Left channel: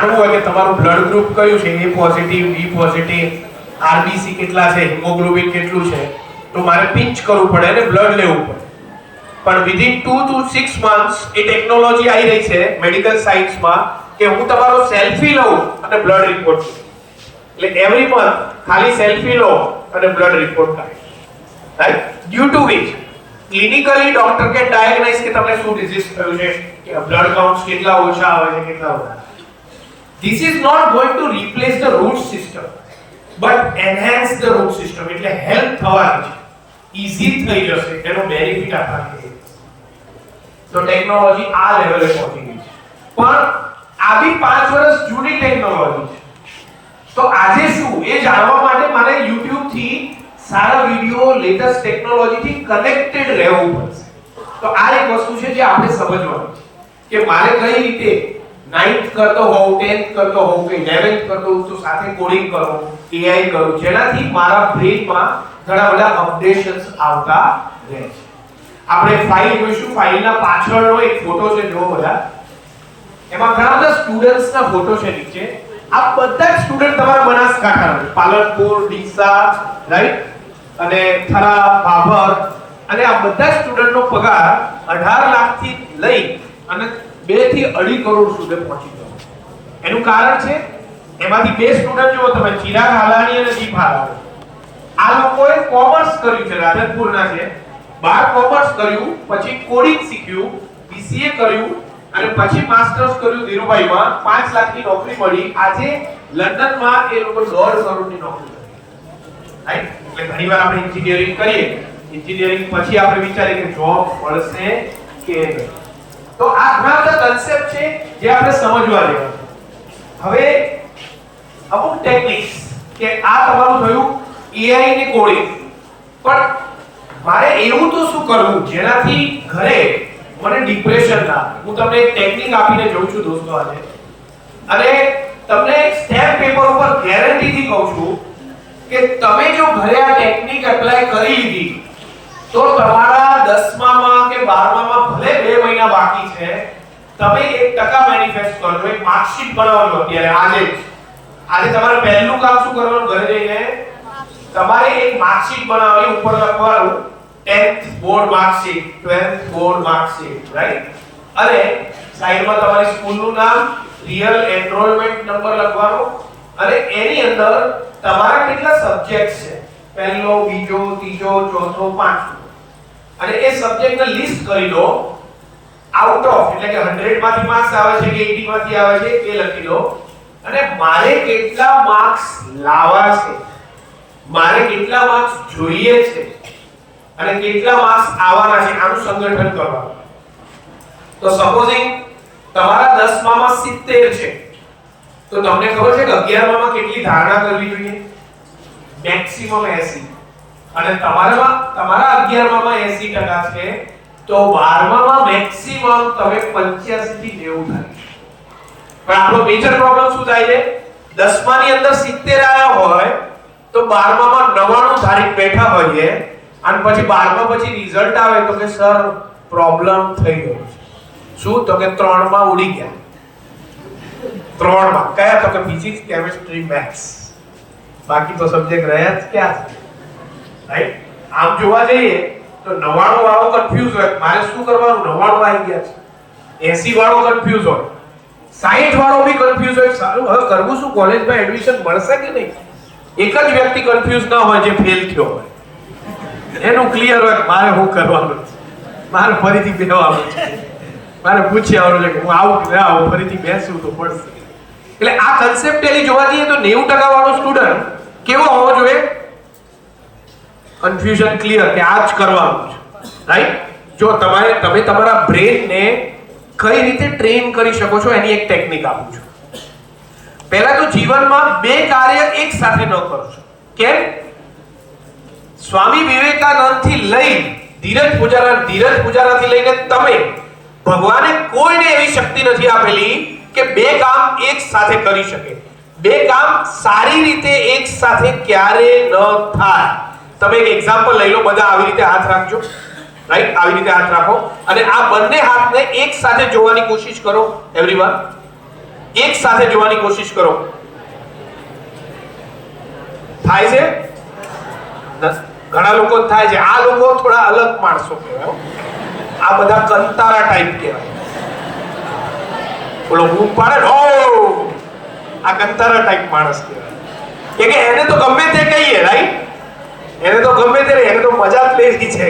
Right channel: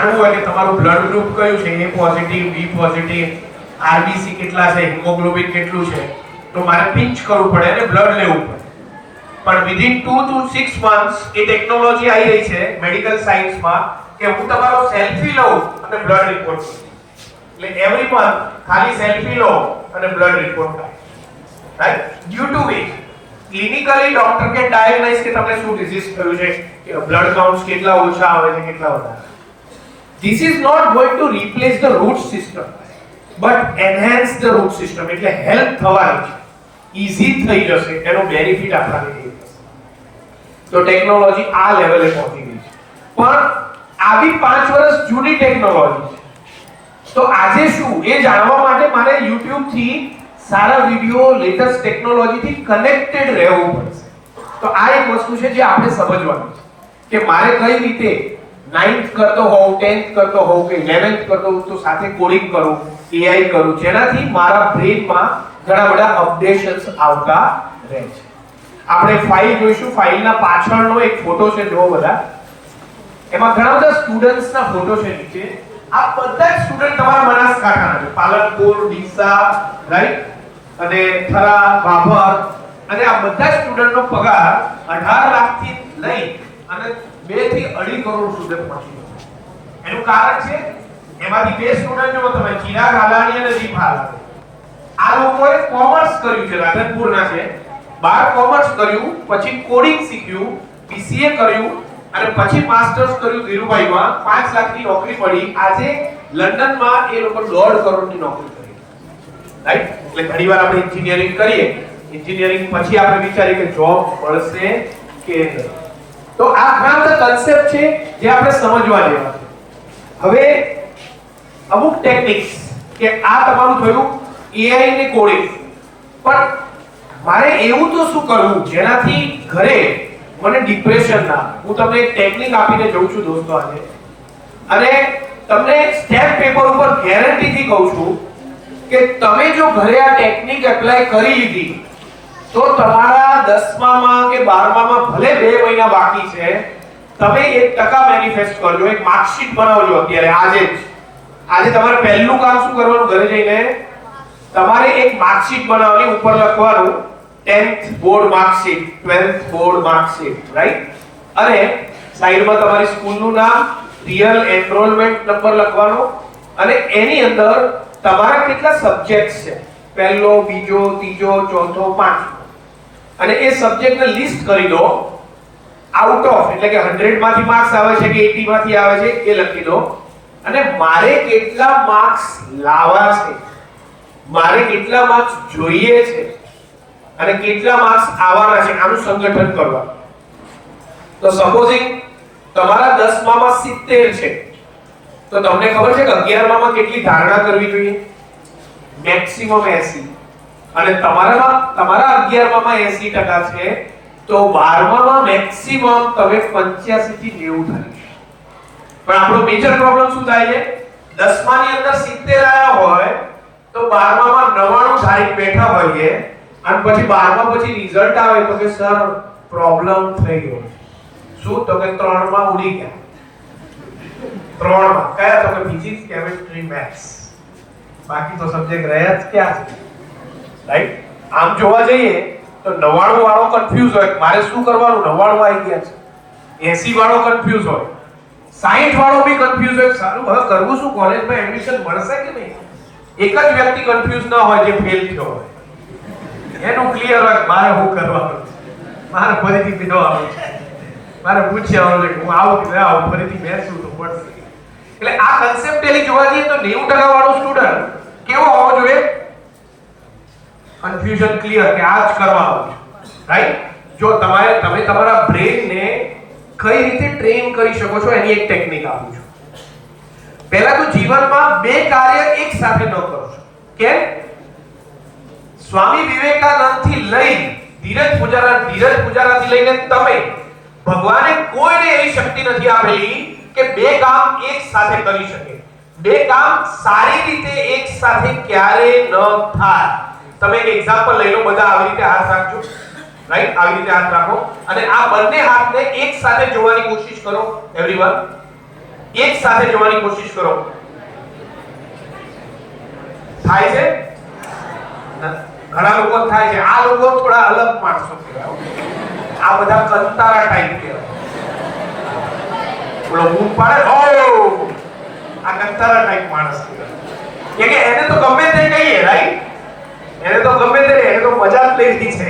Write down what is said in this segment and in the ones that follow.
આવું હોય કે તમારું બ્લડ ગ્રુપ કયું છે, એ પોઝિટિવ, બી પોઝિટિવ, આરબીસી કેટલા છે, હિમોગ્લોબિન કેટલું છે, તો મારે પિંચ કરવું પડે અને બ્લડ લેવું પડે. પણ within 2 to 6 months A technology આવી રહી છે મેડિકલ સાયન્સમાં કે હું તમારો સેલ્ફી લઉં અને બ્લડ રિપોર્ટ કરું. એટલે એવરી મંથ ખાલી સેલ્ફી લો અને બ્લડ રિપોર્ટ થાય. Right? Due to which clinically doctor કે ડાયગ્નોઝ કે તમને શું ડિઝીઝ થયું છે, કે બ્લડ કાઉન્ટ્સ કેટલા ઓછા આવે છે, કેટલા વધારે. This is not going to replace the root system, but enhance the root system. એટલે હેલ્પ થવાની છે, ઈઝી થઈ જશે, એનો બેનિફિટ આપણને મળે. તો ટેકનોલોજી આ લેવલે પહોંચી ગઈ છે. પણ આવી 5 વર્ષ જૂની ટેકનોલોજી છે. તો આજે શું એ જાણવા માટે મારે YouTube થી સારા વિડિયો, લેટેસ્ટ ટેકનોલોજી થી કનેક્ટેડ રહેવું પડશે. તો આ એક વસ્તુ છે જે આપણે સમજવાની છે કે મારે કઈ રીતે 9th કરતો હોઉં, 10th કરતો હોઉં કે 11th કરતો હોઉં તો સાથે કોડિંગ કરું, AI કરું, જેનાથી મારા બ્રેનમાં ઘણા બધા અપડેશન્સ આવતા રહે છે. આપણે ફાઇલ જોઈશું, ફાઇલના પાછળનો એક ફોટો છે, જો બધા એમાં ઘણા બધા સ્ટુડન્ટ્સના ફોટો છે નીચે. આ બધા સ્ટુડન્ટ તમારા બનાસકાંઠાના, પાલનપુર, ડીસા, રાઈટ, અને થરા, ભાભર, અને આ બધા સ્ટુડન્ટનો પગાર 18 લાખથી લઈ અને 2 થી 2.5 કરોડ સુધી પહોંચી ગયો. એનું કારણ છે એમાંથી 2 સ્ટુડન્ટ જો તમે, ચિરાગ હાલાણી અને દીપ હાલાણી, આ લોકોએ કોમર્સ કર્યું છે, રાધનપુરના છે, 12 કોમર્સ કર્યું, પછી કોડિંગ શીખ્યું, BCA કર્યું અને પછી માસ્ટર્સ કર્યું ધીરુભાઈમાં. 5 લાખની નોકરી મળી. આજે લંડનમાં એ લોકો 1.5 કરોડની નોકરી કરી. રાઈટ? એટલે ઘણીવાર આપણે એન્જિનિયરિંગ કરીએ, એન્જિનિયરિંગ પછી આપણે વિચારીએ કે જોબ મળશે કે નહીં. તો આ ઘણા બધા કન્સેપ્ટ છે જે આપણે સમજવા જેવા છે. હવે અમુક ટેકનિક્સ કે આ તમારું થયું AI ને કોડિંગ, પણ મારે એવું તો શું કરવું જેનાથી ઘરે મને ડિપ્રેશન ના આવે. હું તમને એક ટેકનિક આપીને જઉં છું દોસ્તો આજે, અને તમને સ્ટેમ્પ પેપર ઉપર ગેરંટીથી કહું છું કે તમે જો ઘરે આ ટેકનિક એપ્લાય કરી લીધી તો તમારા 10મામાં કે 12મામાં ભલે 2 મહિના બાકી છે, તમે 1% મેનિફેસ્ટ કરજો, એક માર્કશીટ બનાવજો અત્યારે આજે જ. આજે તમારે પહેલું કામ શું કરવાનું, ઘરે જઈને તમારે એક માર્કશીટ બનાવવાની, ઉપર લખવાનું 10th board marksheet, 12th board marksheet, right, અને સાઈડમાં તમારી સ્કૂલનું નામ, રિયલ એનરોલમેન્ટ નંબર લખવાનો, અને એની અંદર તમારા કેટલા સબ્જેક્ટ્સ છે, પહેલો, બીજો, ત્રીજો, ચોથો, પાંચમો, અને એ સબ્જેક્ટને લિસ્ટ કરી દો. આઉટ ઓફ એટલે કે 100 માંથી માર્ક્સ આવે છે કે 80 માંથી આવે છે એ લખી દો, અને મારે કેટલા માર્ક્સ લાવવા છે, મારે કેટલા માર્ક્સ જોઈએ છે અને કેટલા માર્ક્સ આવવાના છે, આનું સંગઠન કરવાનું. તો સપોઝિંગ તમારા 10મામાં 70 છે તો તમને ખબર છે કે 11મામાં કેટલી ધારણા કરવી જોઈએ? મેક્સિમમ 80. અને તમારા 11મામાં 80% છે તો 12મામાં મેક્સિમમ તમે 85 થી 90 થાય. પણ આપણો મેજર પ્રોબ્લેમ શું થાય છે? 10માની અંદર 70 આવ્યા હોય તો 12મામાં 99 ધારી બેઠા હોઈએ, અને પછી 12મા પછી રિઝલ્ટ આવે તો કે સર પ્રોબ્લેમ થઈ ગયો છે. શું? તો કે 3માં ઉડી ગયા. 3માં કયા? તો કે ફિઝિક્સ, કેમિસ્ટ્રી, મેથ્સ. બાકી તો સબ્જેક્ટ રહ્યા જ ક્યાં છે? રાઈટ? આમ જોવા જઈએ તો 99 વાળો કન્ફ્યુઝ હોય, મારે શું કરવાનું? 99 આવી ગયા છે. 80 વાળો કન્ફ્યુઝ હોય, 60 વાળો બી કન્ફ્યુઝ હોય, સારું હવે કરવું શું, કોલેજમાં એડમિશન મળશે કે નહીં? એક જ વ્યક્તિ કન્ફ્યુઝ ના હોય જે ફેલ થયો હોય, એનું ક્લિયર હોય મારે શું કરવાનું છે, મારે ફરીથી બેસવાનું છે, મારે પૂછવાનું છે કે હું આવું કે ના આવું, ફરીથી બેસવું તો પડશે. એટલે આ કન્સેપ્ટલી જોવા જઈએ તો 90% વાળો સ્ટુડન્ટ કેવો હોવો જોઈએ? કન્ફ્યુઝન ક્લિયર કે આ જ કરવાનું છે. રાઈટ? જો તમે તમારા બ્રેનને કઈ રીતે ટ્રેન કરી શકો છો એની એક ટેકનિક આપું છું. પહેલા તો જીવનમાં 2 કાર્ય એક સાથે ન કરો. કેમ? સ્વામી વિવેકાનંદ થી લઈ ધીરજ પૂજારાથી લઈને તમે, ભગવાને કોઈને એવી શક્તિ નથી આપેલી કે 2 કામ એક સાથે કરી શકે. 2 કામ સારી રીતે એક સાથે ક્યારે ન થાય. તમે એક એક્ઝામ્પલ લઈ લો, બધા આવી રીતે હાથ રાખજો, રાઈટ? આવી રીતે હાથ રાખો અને આ બંને હાથને એક સાથે જોવાની કોશિશ કરો. એવરીવન એક સાથે જોવાની કોશિશ કરો. થાય છે? ઘણા લોકો થાય છે. આ લોકો થોડા અલગ માણસો કહેવાય. આ બધા કંતારા ટાઈપ કહેવાય. બોલો હું પાડે આ કંતારા ટાઈપ માણસ કહેવાય. કે એને તો ગમે તે કહીએ, રાઈટ? એને તો ગમે તે, એને તો મજા જ લેવી છે.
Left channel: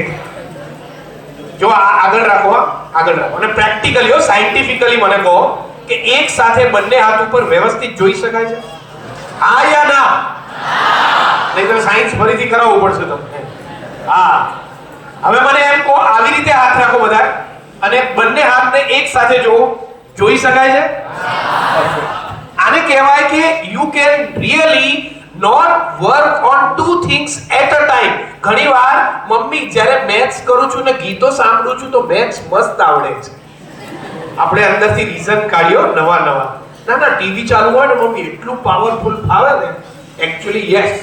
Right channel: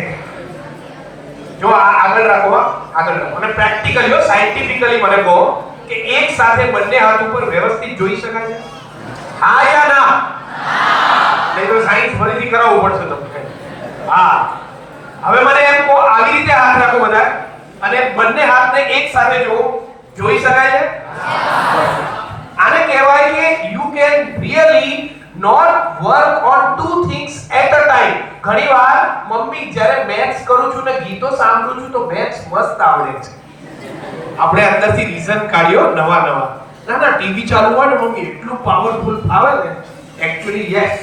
જો આગળ રાખો, આગળ રાખો. અને પ્રેક્ટિકલી સાયન્ટિફિકલી મને કહો કે એક સાથે બંને હાથ ઉપર વ્યવસ્થિત જોઈ શકાય છે? હા યા ના? નહીં તો સાયન્સ ફરીથી કરાવવું પડશે તમને. હા, હવે મને એમ કહો, આવી રીતે હાથ રાખો બધા અને બંને હાથને એક સાથે જોઈ શકાય છે? આને કહેવાય કે you can really not work on two things at a time. ઘણીવાર મમ્મી જ્યારે મેથ્સ કરું છું ને ગીતો સાંભળું છું તો મેથ્સ મસ્ત આવડે છે. આપણે અંદરથી રીઝન કાઢ્યો નવા ના ટીવી ચાલુ હોય ને મમ્મી એટલું પાવરફુલ ફાવે ને. એકચ્યુઅલી યસ,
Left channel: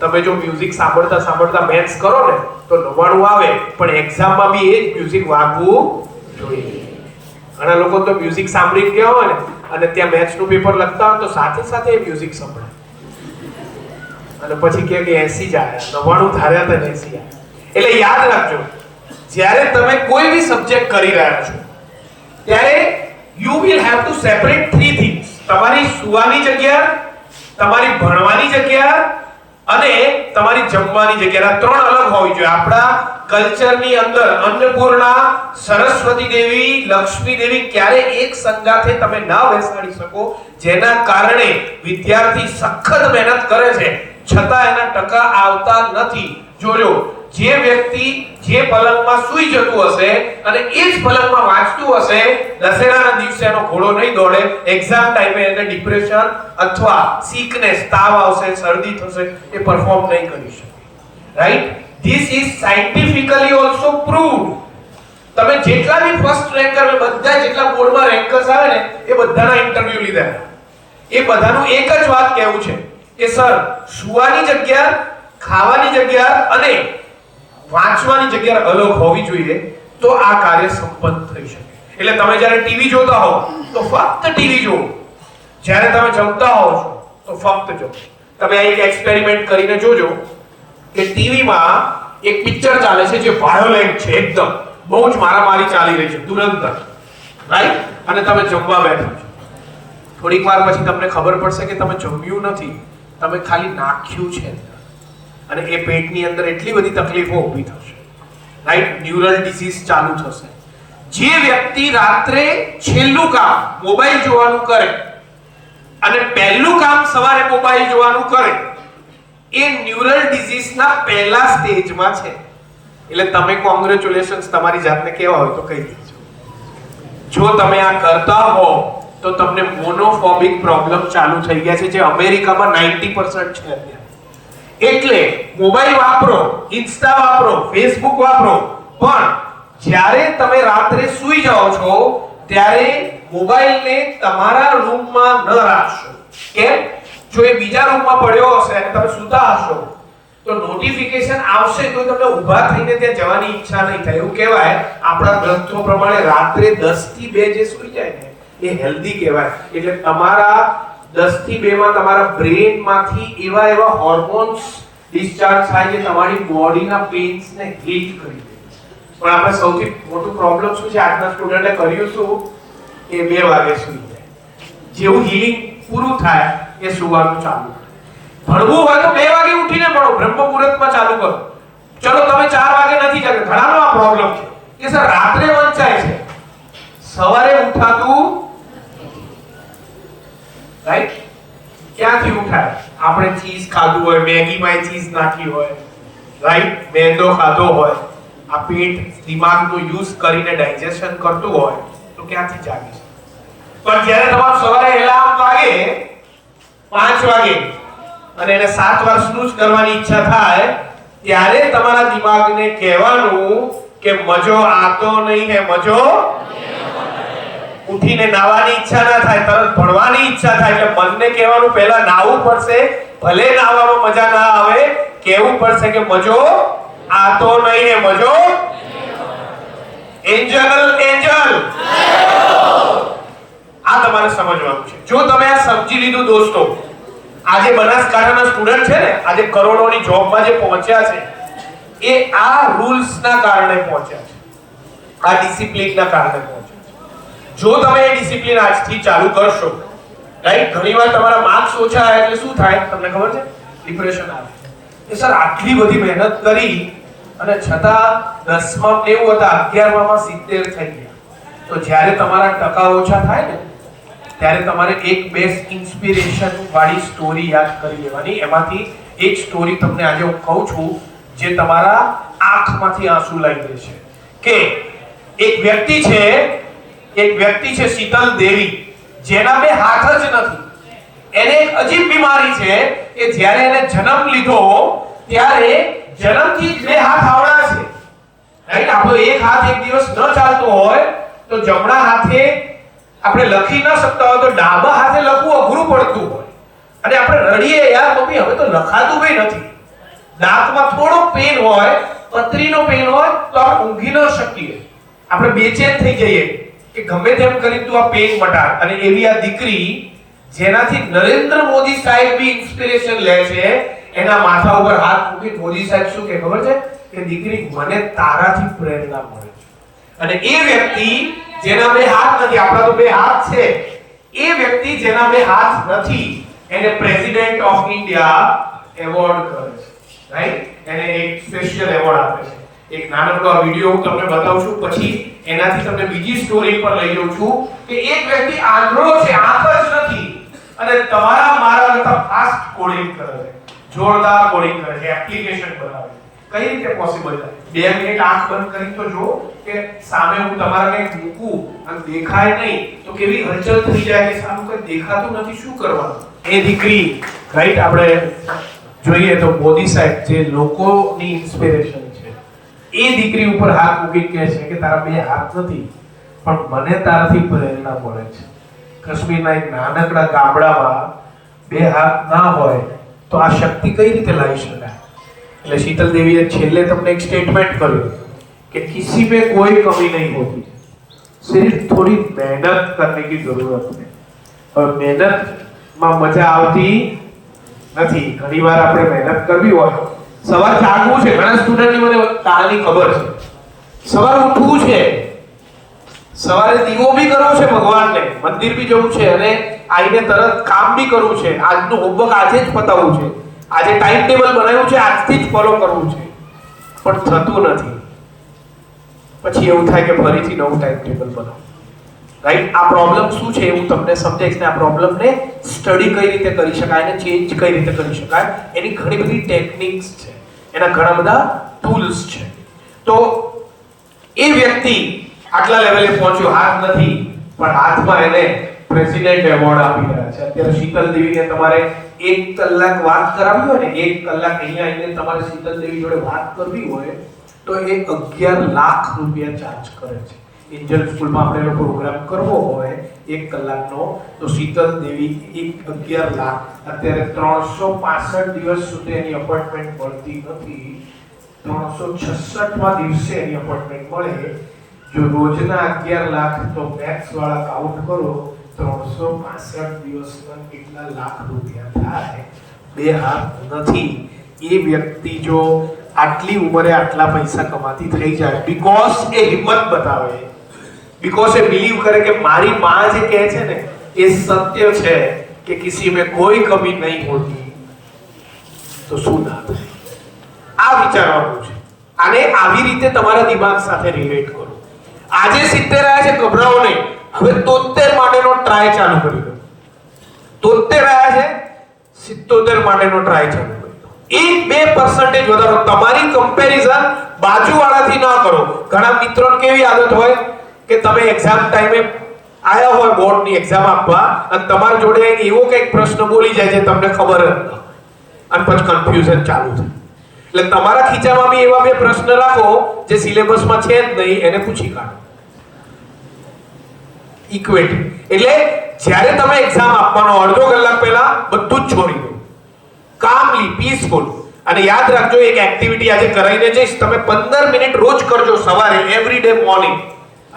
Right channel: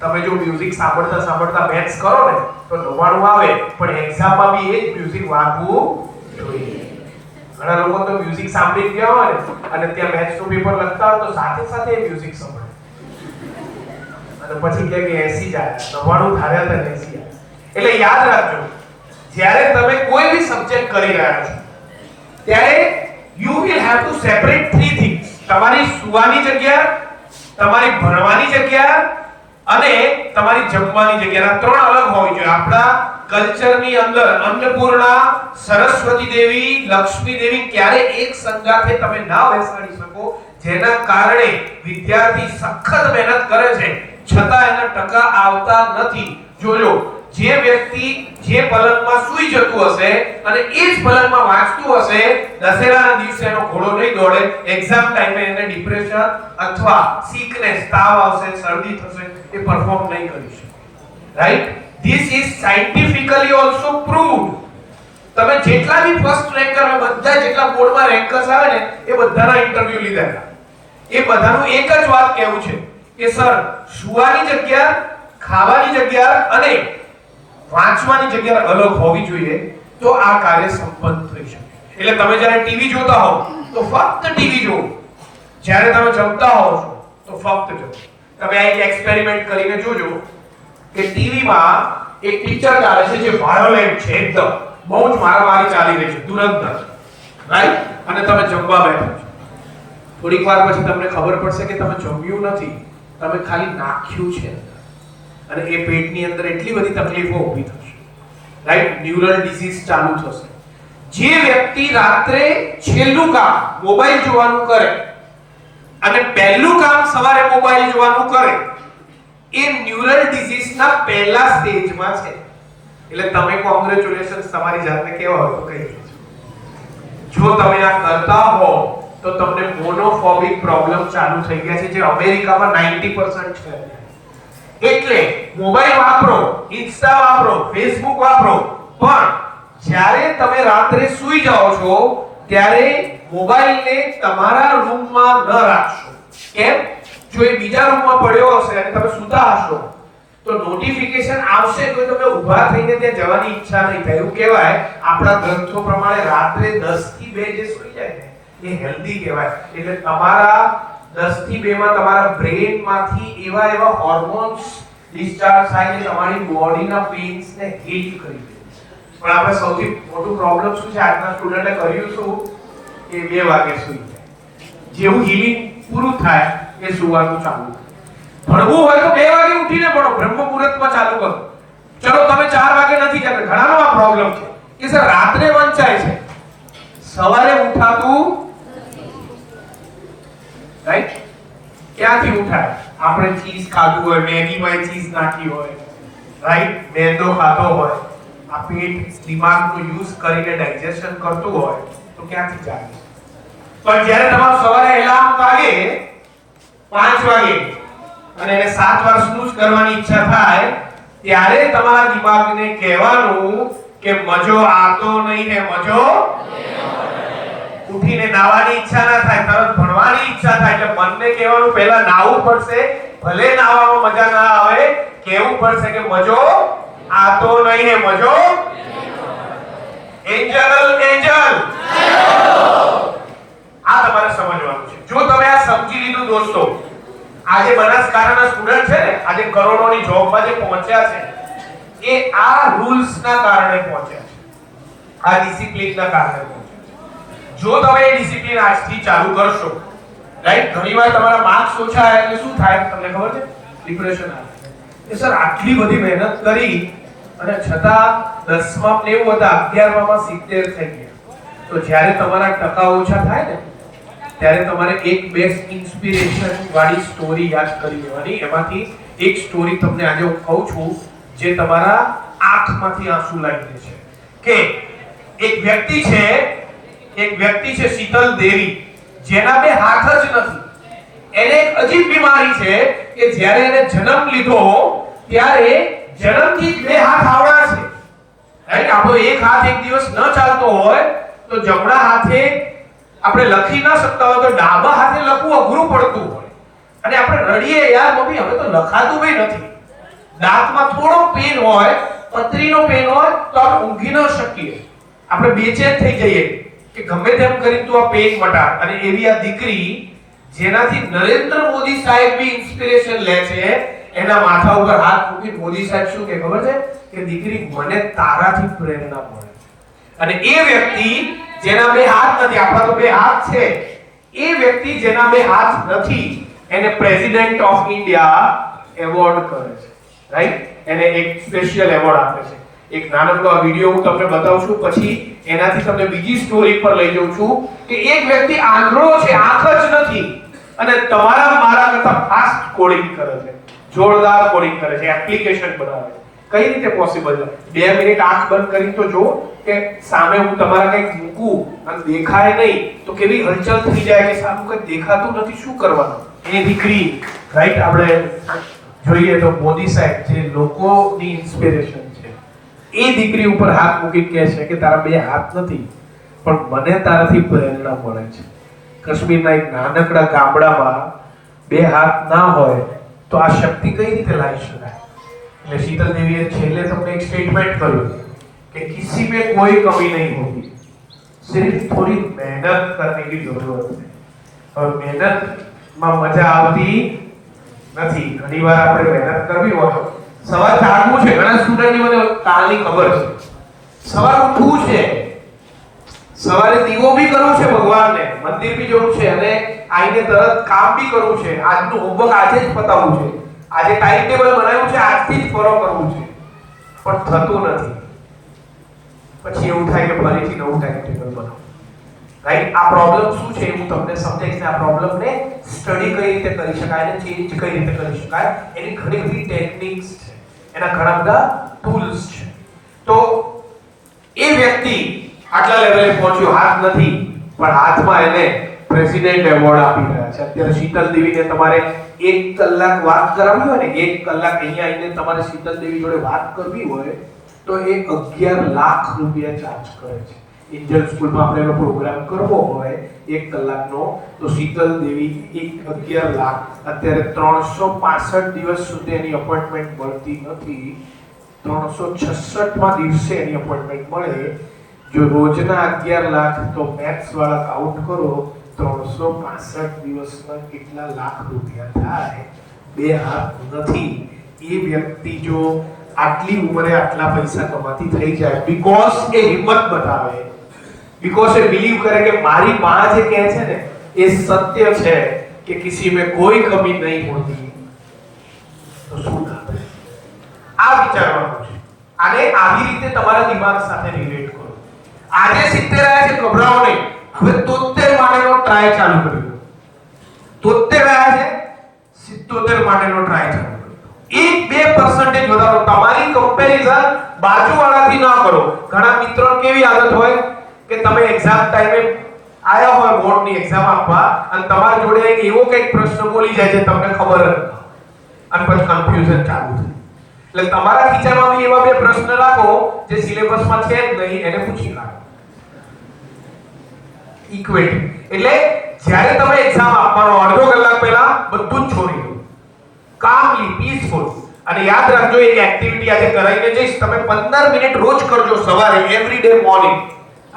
તમે જો મ્યુઝિક સાંભળતા મેથ્સ કરો ને તો 99 આવે, પણ એક્ઝામમાં બી એ જ મ્યુઝિક વાગવું જોઈએ. ઘણા લોકો તો મ્યુઝિક સાંભળીને ગયા હોય ને અને ત્યાં મેથ્સનું પેપર લખતા હોય તો સાથે સાથે એ મ્યુઝિક સાંભળે અને પછી કહે કે 80 જ આવ્યા, 99 ધાર્યા હતા 80 આવ્યા. એટલે યાદ રાખજો, જ્યારે તમે કોઈ બી સબ્જેક્ટ કરી રહ્યા છો ત્યારે you will have to separate three things. તમારી સુવાની જગ્યા, તમારી ભણવાની જગ્યા અને તમારી જમવાની જગ્યા. ત્રણ અલગ હોવી જોઈએ. આપણા કલ્ચરની અંદર અન્નપૂર્ણા, સરસ્વતી દેવી, લક્ષ્મી દેવી ક્યારે એક સંગાથે તમે ના બેસાડી શકો, જેના કારણે વિદ્યાર્થી સખત મહેનત કરે છે છતાં એના ટકા આવતા નથી. જોજો, જે વ્યક્તિ જે પલંગમાં સૂઈ જતું હશે અને એ જ પલંગમાં વાંચતું હશે, દશેરાના દિવસે એનો ઘોડો નહીં દોડે. એક્ઝામ ટાઈમે એને ડિપ્રેશન અથવા સિકનેસ, તાવ આવશે, શરદી થશે, એ પરફોર્મ નહીં કરી શકે. Right? This is scientifically also proved. તમે જેટલા બી ફર્સ્ટ રેન્કર, બધા જેટલા બોર્ડમાં રેન્કર્સ આવે ને એ બધાના ઇન્ટરવ્યુ લીધા. એ બધાનું એક જ વાત કહેવું છે કે સર, સુવાની જગ્યા, ખાવાની જગ્યા અને વાંચવાની જગ્યા અલગ હોવી જોઈએ તો આ કાર્ય સંપન્ન થઈ શકે. એટલે તમે જ્યારે ટીવી જોતા હો તો ફક્ત ટીવી જુઓ, જ્યારે તમે જમતા હો છો તો ફક્ત જમો. તમે એક એક્સપેરિમેન્ટ કરીને જોજો કે ટીવીમાં એક પિક્ચર ચાલે છે જે વાયોલેન્ટ છે, એકદમ બહુ જ મારામારી ચાલી રહી છે ધુરંધર, રાઈટ? અને તમે જમવા બેઠો છો. થોડીક વાર પછી તમને ખબર પડશે કે તમે જમ્યું નથી, તમે ખાલી નાખ્યું છે અને એ પેટની અંદર એટલી બધી તકલીફો ઊભી થશે, રાઈટ? ન્યુરલ ડિસીઝ ચાલુ થશે. જે વ્યક્તિ રાત્રે છેલ્લું કામ મોબાઈલ જોવાનું કરે અને પહેલું કામ સવારે મોબાઈલ જોવાનું કરે, એ ન્યુરલ ડિસીઝના પહેલા સ્ટેજમાં છે. એટલે તમે કોંગ્રેચ્યુલેશન્સ તમારી જાતને કેવા હોય તો કહી દેજો. જો તમે આ કરતા હો તો તમને મોનોફોબિક પ્રોબ્લેમ ચાલુ થઈ ગયા છે, જે અમેરિકામાં 90% છે. એટલે મોબાઈલ વાપરો, ઇન્સ્ટા વાપરો, ફેસબુક વાપરો, પણ જ્યારે તમે રાત્રે સૂઈ જાઓ છો ત્યારે મોબાઈલને તમારા રૂમમાં ન રાખશો. કેમ? જો એ બીજા રૂમમાં પડ્યો હશે અને તમે સૂતા હશો તો નોટિફિકેશન આવશે તો તમે ઊભા થઈને ત્યાં જવાની ઈચ્છા નહીં થાય. એવું કહેવાય આપણા ગ્રંથો પ્રમાણે રાત્રે 10 થી 2 જે સૂઈ જાય ને એ હેલ્ધી કહેવાય. એટલે તમારા 10 થી 2 માં તમારા બ્રેનમાંથી એવા હોર્મોન્સ ડિસ્ચાર્જ થાય છે તમારી બોડીના પેઇન્સને હીલ કરી દે. પણ આપણે સૌથી મોટું પ્રોબ્લેમ શું છે, આજના સ્ટુડન્ટે કર્યું શું કે 2 વાગે સૂઈ જાય. જેવું હીલિંગ પૂરું થાય એ સુવાનું ચાલુ. ભણવું હોય તો 2 વાગે ઉઠીને ભણો, બ્રહ્મ મુહૂર્તમાં ચાલુ કરો. ચલો તમે 4 વાગે નથી કરતા, ઘણાનો આ પ્રોબ્લેમ છે કે સર રાત્રે વંચાય છે, સવારે ઉઠાતું રાઈટ? ક્યાંથી ઉઠાય? આપણે ચીઝ ખાધું હોય, મેગીમાં ચીઝ નાખી હોય, રાઈટ? મેંદો ખાધો હોય, આ પેટ દિમાગનો યુઝ કરીને ડાયજેશન કરતું હોય તો ક્યાંથી જાગે? પણ જ્યારે તમારું સવારે એલાર્મ વાગે 5 વાગે અને એને 7 વાર સ્નૂઝ કરવાની ઈચ્છા થાય ત્યારે તમારા દિમાગને કહેવાનું કે મજો આતો નહીં હે, મજો ઉઠીને નાવાની ઈચ્છા ના થાય, તરત ભણવાની ઈચ્છા થાય. એટલે મનને કહેવાનું પહેલા નાવું પડશે, ભલે નાવામાં મજા ના આવે, કહેવું પડશે કે મજો આતો નહીં હે, મજો. એન્જલ એન્જલ આ તમારે સમજવાનું છે. જો તમે આ સમજી લીધું દોસ્તો, આજે બનાસકાંઠાના સ્ટુડન્ટ છે ને, આજે કરોડોની જોબમાં જે પહોંચ્યા છે એ આ રૂલ્સના કારણે પહોંચ્યા છે, આ ડિસિપ્લિનના કારણે પહોંચ્યા છે. જો તમે એ ડિસિપ્લિન આજથી ચાલુ કરશો, રાઈટ, ઘણીવાર તમારા માર્ક્સ ઓછા આવે એટલે શું થાય તમને ખબર છે? ડિપ્રેશન આવે. એ સર આટલી બધી મહેનત કરી અને છતાં 10માં 90 હતા, 11માં 70 થઈ ગયા. તો જ્યારે તમારા ટકા ઓછા થાય ને ત્યારે તમારે એક બેસ્ટ ઇન્સ્પિરેશન વાળી સ્ટોરી યાદ કરી લેવાની. એમાંથી એક સ્ટોરી તમને આજે હું કહું છું જે તમારા આંખમાંથી આંસુ લાવી દેશે. કે એક વ્યક્તિ છે શીતલ દેવી, જેના બે હાથ જ નથી. એને એક અજીબ બીમારી છે કે જ્યારે એને જન્મ લીધો ત્યારે જન્મથી જ બે હાથ આવડા છે, રાઈટ. આપણો એક હાથ એક દિવસ ન ચાલતો હોય તો જમણા હાથે આપણે લખી ન શકતા હોય તો ડાબા હાથે લખવું અઘરું પડતું હોય અને આપણે રડીએ, યાર મમ્મી હવે તો લખાતું બી નથી. દાંતમાં થોડો પેન હોય, પતરીનો પેન હોય તો આપણે ઊંઘી ન શકીએ, આપણે બેચેન થઈ જઈએ કે ગમે તેમ કરી તું આ પેન મટાડ. અને એવી આ દીકરી જેનાથી નરેન્દ્ર મોદી સાહેબ બી ઇન્સ્પિરેશન લે છે, એના માથા ઉપર હાથ મૂકી મોદી સાહેબ શું કે ખબર છે કે દીકરી મને તારાથી પ્રેરણા મળે છે. અને એ વ્યક્તિ જેના બે હાથ નથી, આપણા તો બે હાથ છે, એ વ્યક્તિ જેના બે હાથ નથી એને પ્રેસિડેન્ટ ઓફ ઇન્ડિયા એવોર્ડ કરે છે, રાઈટ. એને એક સ્પેશિયલ એવોર્ડ આપે છે. એક નાનકડો વિડિયો હું તમને બતાવું છું, પછી એનાથી તમને બીજી સ્ટોરી પર લઈ જાઉં છું કે એક વ્યક્તિ આંધળો છે, આંખ જ નથી અને તમારા મારા કરતા ફાસ્ટ કોડિંગ કરે છે, જોરદાર કોડિંગ કરે છે, એપ્લિકેશન બનાવે છે. કઈ રીતે પોસિબલ છે? 2 મિનિટ આંખ બંધ કરી તો જો કે સામે હું તમારા કંઈક મૂકું અને દેખાય નહીં તો કેવી હલચલ થઈ જાય કે સામે કંઈ દેખાતું નથી, શું કરવાનું? એ દીકરી, રાઈટ, આપણે જોઈએ તો મોદી સાહેબ જે લોકોની ઇન્સ્પિરેશન છે, એ દીકરી ઉપર હાથ મૂકી કહે છે કે તારા બે હાથ નથી પણ મને તારાથી પ્રેરણા મળે છે. કાશ્મીરના એક નાનકડા ગામડામાં બે હાથ ના હોય તો આ શક્તિ કઈ રીતે લાવી શકાય? એટલે શીતલ દેવીએ છેલ્લે તમને એક સ્ટેટમેન્ટ કર્યું कि किसी में कोई कमी नहीं होगी, सिर्फ थोड़ी मेहनत करने की जरूरत है. और मेहनत માં મજા આવતી નથી. ઘણીવાર આપણે મહેનત કરવી હોય, સવાર જાગવું છે, ઘણા સ્ટુડન્ટની મને કાલની ખબર છે, સવારે ઉઠવું છે, સવારે દીવો બી કરવો છે ભગવાનને, મંદિર બી જવું છે અને આઈને તરત કામ બી કરવું છે, આજનું હોમવર્ક આજે જ પતાવવું છે, આજે ટાઈમ ટેબલ બનાવ્યું છે આજથી જ ફોલો કરવું છે, પણ થતું નથી. પછી એવું થાય કે ફરીથી નવું ટાઈમ ટેબલ બનાવો, રાઈટ. આ પ્રોબ્લેમ શું છે એવું તમને સમજાય છે. આ પ્રોબ્લેમને સ્ટડી કઈ રીતે કરી શકાય અને ચેન્જ કઈ રીતે કરી શકાય, એની ઘણી બધી ટેકનિક્સ છે, એના ઘણા બધા ટૂલ્સ છે. તો એ વ્યક્તિ આટલા લેવલે પહોંચ્યો, હાથ નથી પણ હાથમાં એને પ્રેસિડેન્ટ એવોર્ડ આપી રહ્યા છે. અત્યારે શીતલ દેવીને તમારે 1 કલાક વાત કરાવવી હોય ને, 1 કલાક અહીંયા આવીને તમારે શીતલ દેવી જોડે વાત કરવી હોય તો એ 11 લાખ રૂપિયા ચાર્જ કરે છે. એન્જલ સ્કૂલમાં આપણે એનો પ્રોગ્રામ કરવો હોય 1 કલાકનો તો શીતલ દેવી 11 લાખ. અત્યારે 365 દિવસ સુધી એની અપોઇન્ટમેન્ટ મળતી નથી, 366માં દિવસે એની અપોઇન્ટમેન્ટ મળે. જો રોજના 11 લાખ તો મેથ્સ વાળા કાઉન્ટ કરો, 365 દિવસમાં કેટલા લાખ રૂપિયા થાય? બે હાથ નથી. એ વ્યક્તિ જો આટલી ઉંમરે આટલા પૈસા કમાતી થઈ જાય બીકોઝ એ હિંમત બતાવે, બીકોઝ એ બિલીવ કરે કે મારી માં જે કહે છે ને એ સત્ય છે કે કિસી में कोई कमी नहीं होती, તો શું ના થાય? આ વિચારવાનું છે. આને આવી રીતે તમારા દિમાગ સાથે રિલેટ કરો. આજે 70 આવ્યા છે, ગભરાઓ નહીં. હવે 73 માટેનો ટ્રાય ચાલુ કરી દો. 73 આવ્યા છે, 77 માટેનો ટ્રાય ચાલુ કરો. 1-2% વધારો. તમારી કમ્પેરિઝન બાજુવાળાથી ન કરો. ઘણા મિત્રોને કેવી આદત હોય કે તમે એક્ઝામ ટાઈમે આયા હોય બોર્ડની એક્ઝામ આપવા અને તમારા જોડે એવો કંઈક પ્રશ્ન બોલી જાય છે તમને ખબર જ નથી અને પછી કન્ફ્યુઝન ચાલુ થાય. એટલે તમારા ખીચામાં બી એવા 2 પ્રશ્ન રાખો જે સિલેબસમાં છે જ નહીં, એને પૂછી કાઢો. ઇક્વેટી એટલે જ્યારે તમે એક્ઝામ આપવાનો અડધો કલાક પહેલા બધું જ છોડી દો, કામલી પીસફુલ. અને યાદ રાખજો એક એક્ટિવિટી આજે કરાઈને જઈશ, તમે 15 મિનિટ રોજ કરજો સવારે, એવરી ડે મોર્નિંગ.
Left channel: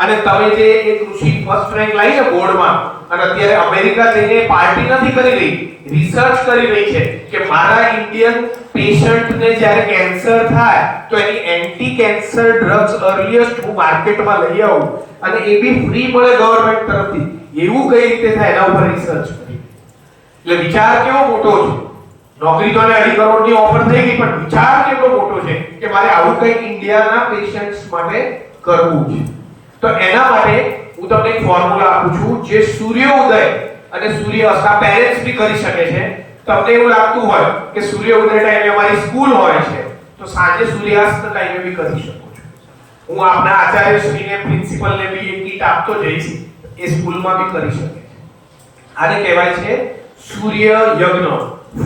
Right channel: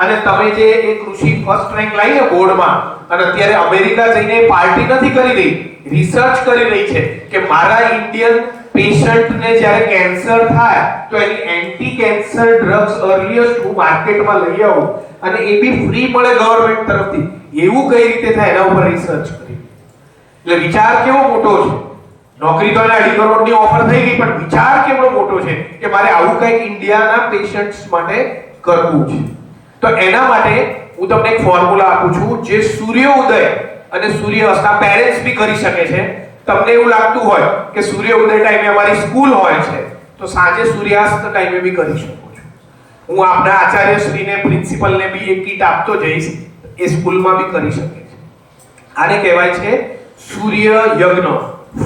અને તમે જે એક ઋષિ ફર્સ્ટ રેન્ક લાવીને બોર્ડમાં અને અત્યારે અમેરિકા જઈને પાર્ટી નથી કરી રહી, રિસર્ચ કરી રહી છે કે મારા ઇન્ડિયન પેશન્ટને જ્યારે કેન્સર થાય તો એની એન્ટી કેન્સર ડ્રગ્સ અર્લીએસ્ટ હું માર્કેટમાં લઈ આવું અને એ બી ફ્રી મળે ગવર્નમેન્ટ તરફથી, એવું કઈ રીતે થાય એના ઉપર રિસર્ચ કરી. એટલે વિચાર કેવો મોટો છે. નોકરી તો 2.5 કરોડની ઓફર થઈ ગઈ, પણ વિચાર કેટલો મોટો છે કે મારે આવું કંઈક ઇન્ડિયાના પેશન્ટ્સ માટે કરવું છે. તો એના માટે હું તમને એક ફોર્મ્યુલા આપું છું જે સૂર્યોદય અને સૂર્યાસ્ત પેરેન્ટ્સ બી કરી શકે છે. તમને એવું લાગતું હોય કે સૂર્યોદય ટાઈમે અમારી સ્કૂલ હોય છે તો સાંજે સૂર્યાસ્ત ટાઈમે બી કરી શકો છો. હું આપણા આચાર્યશ્રીને પ્રિન્સિપલને બી એક કીટ આપતો જઈશ, એ સ્કૂલમાં બી કરી શકે છે. આને કહેવાય છે સૂર્ય યજ્ઞ,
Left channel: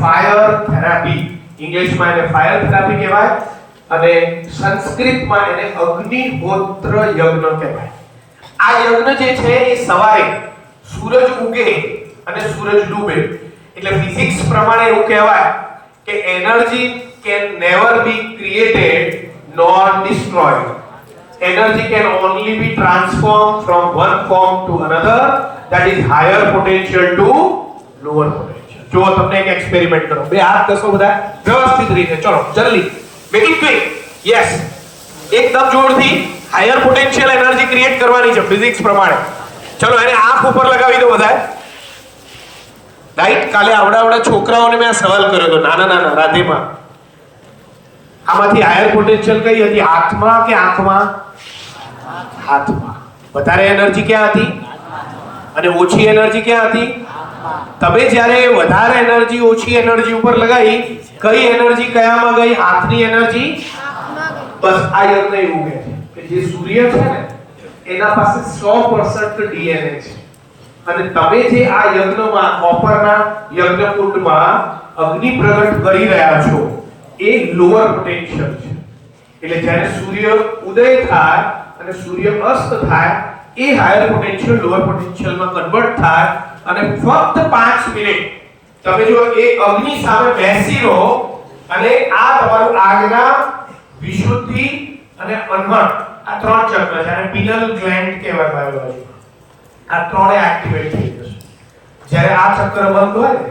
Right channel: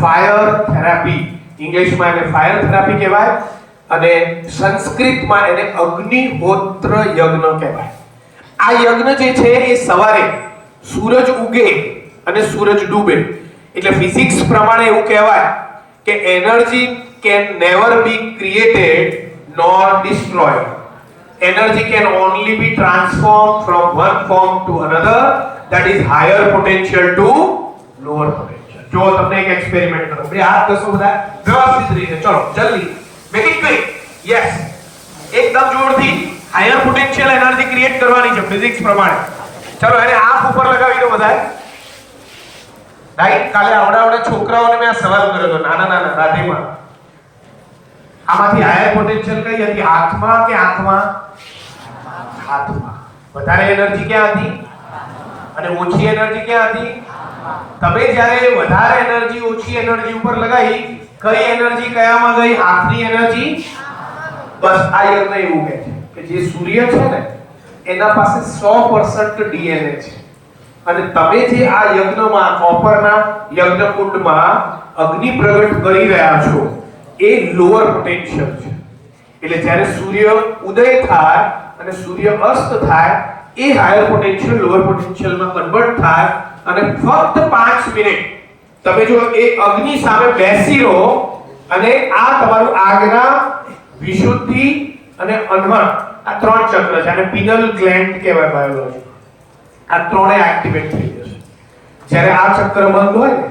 ફાયર થેરાપી. ઇંગ્લિશમાં એને ફાયર થેરાપી કહેવાય અને સંસ્કૃતમાં એને અગ્નિહોત્ર યજ્ઞ કહેવાય. આ યજ્ઞ જે છે એ સવારે સૂરજ ઉગે અને સૂરજ ડૂબે, એટલે ફિઝિક્સ પ્રમાણે એવું કહેવાય કે energy can never be created nor destroyed. Energy can only be transform from one form to another, that is higher potential to lower potential. જો તમને એક એક્સપેરિમેન્ટ કરો, બે હાથ કરશો બધા વ્યવસ્થિત રીતે, ચલો જલ્દી, મેક ઇટ ક્વિક. યસ, એકદમ જોરથી હાયર પોટેન્શિયલ એનર્જી ક્રિએટ કરવાની છે ફિઝિક્સ પ્રમાણે. ચલો એને આંખ ઉપર લગાવી દો બધા. રાઈટ, કાલે આવડા છોકરાઓને મેં આ સવાલ કર્યો હતો, નાના રાધેમાં. આમાંથી હાયર પોટેન્શિયલ કઈ હતી, હાથમાં કે આંખમાં? હાથમાં. વધારે એનર્જી ક્યાં હતી અને ઓછી એનર્જી ક્યાં હતી? તમે જ્યારે વધારે એનર્જી ઓછી એનર્જી ઉપર લગાવી, કઈ એનર્જી કયામાં ગઈ? હાથની એનર્જી. બસ આ યજ્ઞ એવું કહે છે કે જે સૂર્ય છે ને એના પાસે 100% ડીએનએ છે અને તમે જે આ યજ્ઞમાં કોપરના યજ્ઞકુંડમાં અગ્નિ પ્રગટ કરી રહ્યા છો એ લોઅર પોટેન્શિયલ છે. એટલે જ્યારે સૂર્ય ઉદય થાય અને સૂર્ય અસ્ત થાય એ હાયર પોટેન્શિયલ લોઅર પોટેન્શિયલમાં કન્વર્ટ થાય અને ફક્ત 5 મિનિટ તમે જો એ અગ્નિ સામે બેસી રહો અને આ તમારું આજ્ઞા, વિશુદ્ધિ અને અનહત, આ 3 ચક્ર છે અને પિનલ ગ્લેન્ડ કહેવાય. આ ત્રણેય એક્ટિવેટ થઈ જશે. જ્યારે આ ચક્ર બંધ હોય ને,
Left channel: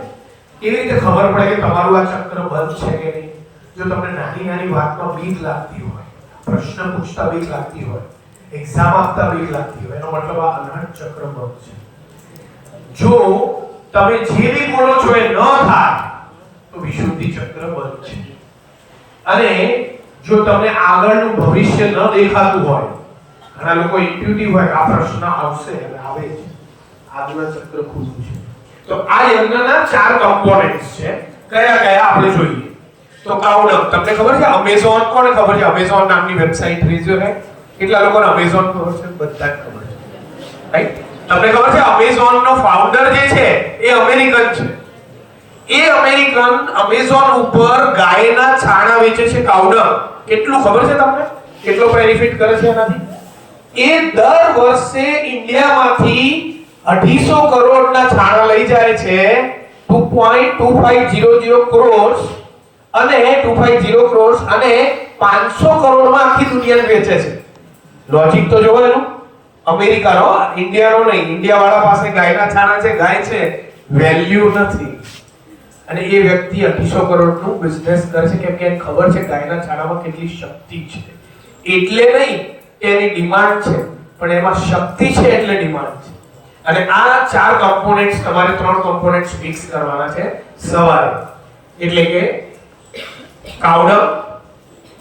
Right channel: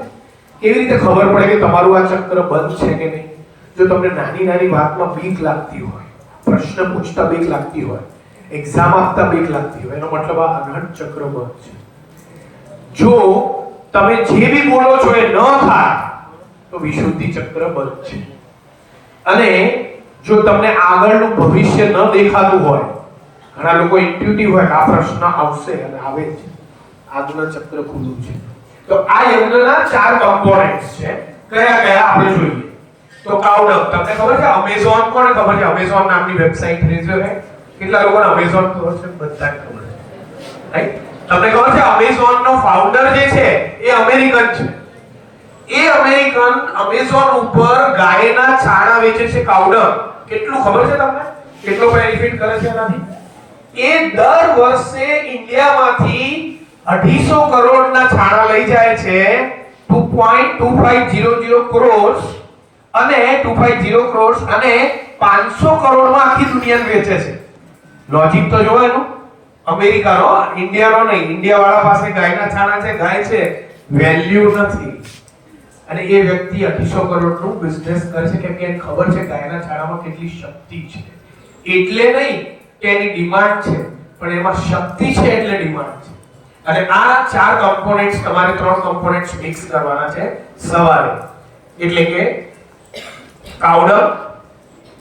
કેવી રીતે ખબર પડે કે તમારું આ ચક્ર બંધ છે કે નહીં? જો તમને નાની વાતમાં બીક લાગતી હોય, પ્રશ્ન પૂછતા બીક લાગતી હોય, એક્ઝામ આપતા બીક લાગતી હોય, એનો મતલબ આ અનહત ચક્ર બંધ છે. જો તમે જે બી બોલો છો એ ન થાય તો વિશુદ્ધિ ચક્ર બંધ છે. અને જો તમને આગળનું ભવિષ્ય ન દેખાતું હોય, ઘણા લોકો ઇન્ટ્યુટિવ હોય, આ પ્રશ્ન આવશે અને આવે છે, આગળનું ચક્ર ખુલ્લું છે. તો આ યજ્ઞના 4 કમ્પોનેન્ટ્સ છે. કયા આપણે જોઈએ તો કાઉડંગ. તમને ખબર છે અમેઝોન? કોને ખબર છે અમેઝોન નામની વેબસાઈટ? રેઝ્યુ હે કેટલા લોકોને અમેઝોન ખબર છે? બધા ખબર છે, રાઈટ? તમને ખબર છે અમેઝોન નો ફાઉન્ડર જે છે એ અમેરિકન છે. એ અમેરિકન અમેઝોન ઉપર ગાયના છાણા વેચે છે, કાઉડંગ. કેટલું ખબર છે તમને? કેટલો બેનિફિટ કરે છે એનાથી? એ દર વર્ષે ઇન્ડિયામાંથી 250 કરોડના છાણા લઈ જાય છે, 2.2500 કરોડ અને 250 કરોડ અને 500 કરોડમાં આખી દુનિયાને વેચે છે. લોજિક તો જોવાનું, અમેરિકાનો, ઇન્ડિયાનો નહીં. ઇન્ડિયા વાળા પાસે ગાયના છાણા છે, ગાય છે, વેલ્યુ નથી. અને એ વ્યક્તિ 250 કરોડનું બિઝનેસ કરે છે કેમ કે એને ખબર છે ગાયના છાણામાં કેટલી શક્તિ છે. એટલે નહીં કે એની ડિમાન્ડ છે, પણ એમાં શક્તિ છે એટલે ડિમાન્ડ છે. અને આ 4 કમ્પોનેન્ટ્સ, તમારે 3 કમ્પોનેન્ટ્સ મિક્સ કરવાના છે સવારે. એટલે કે કાઉડંગ,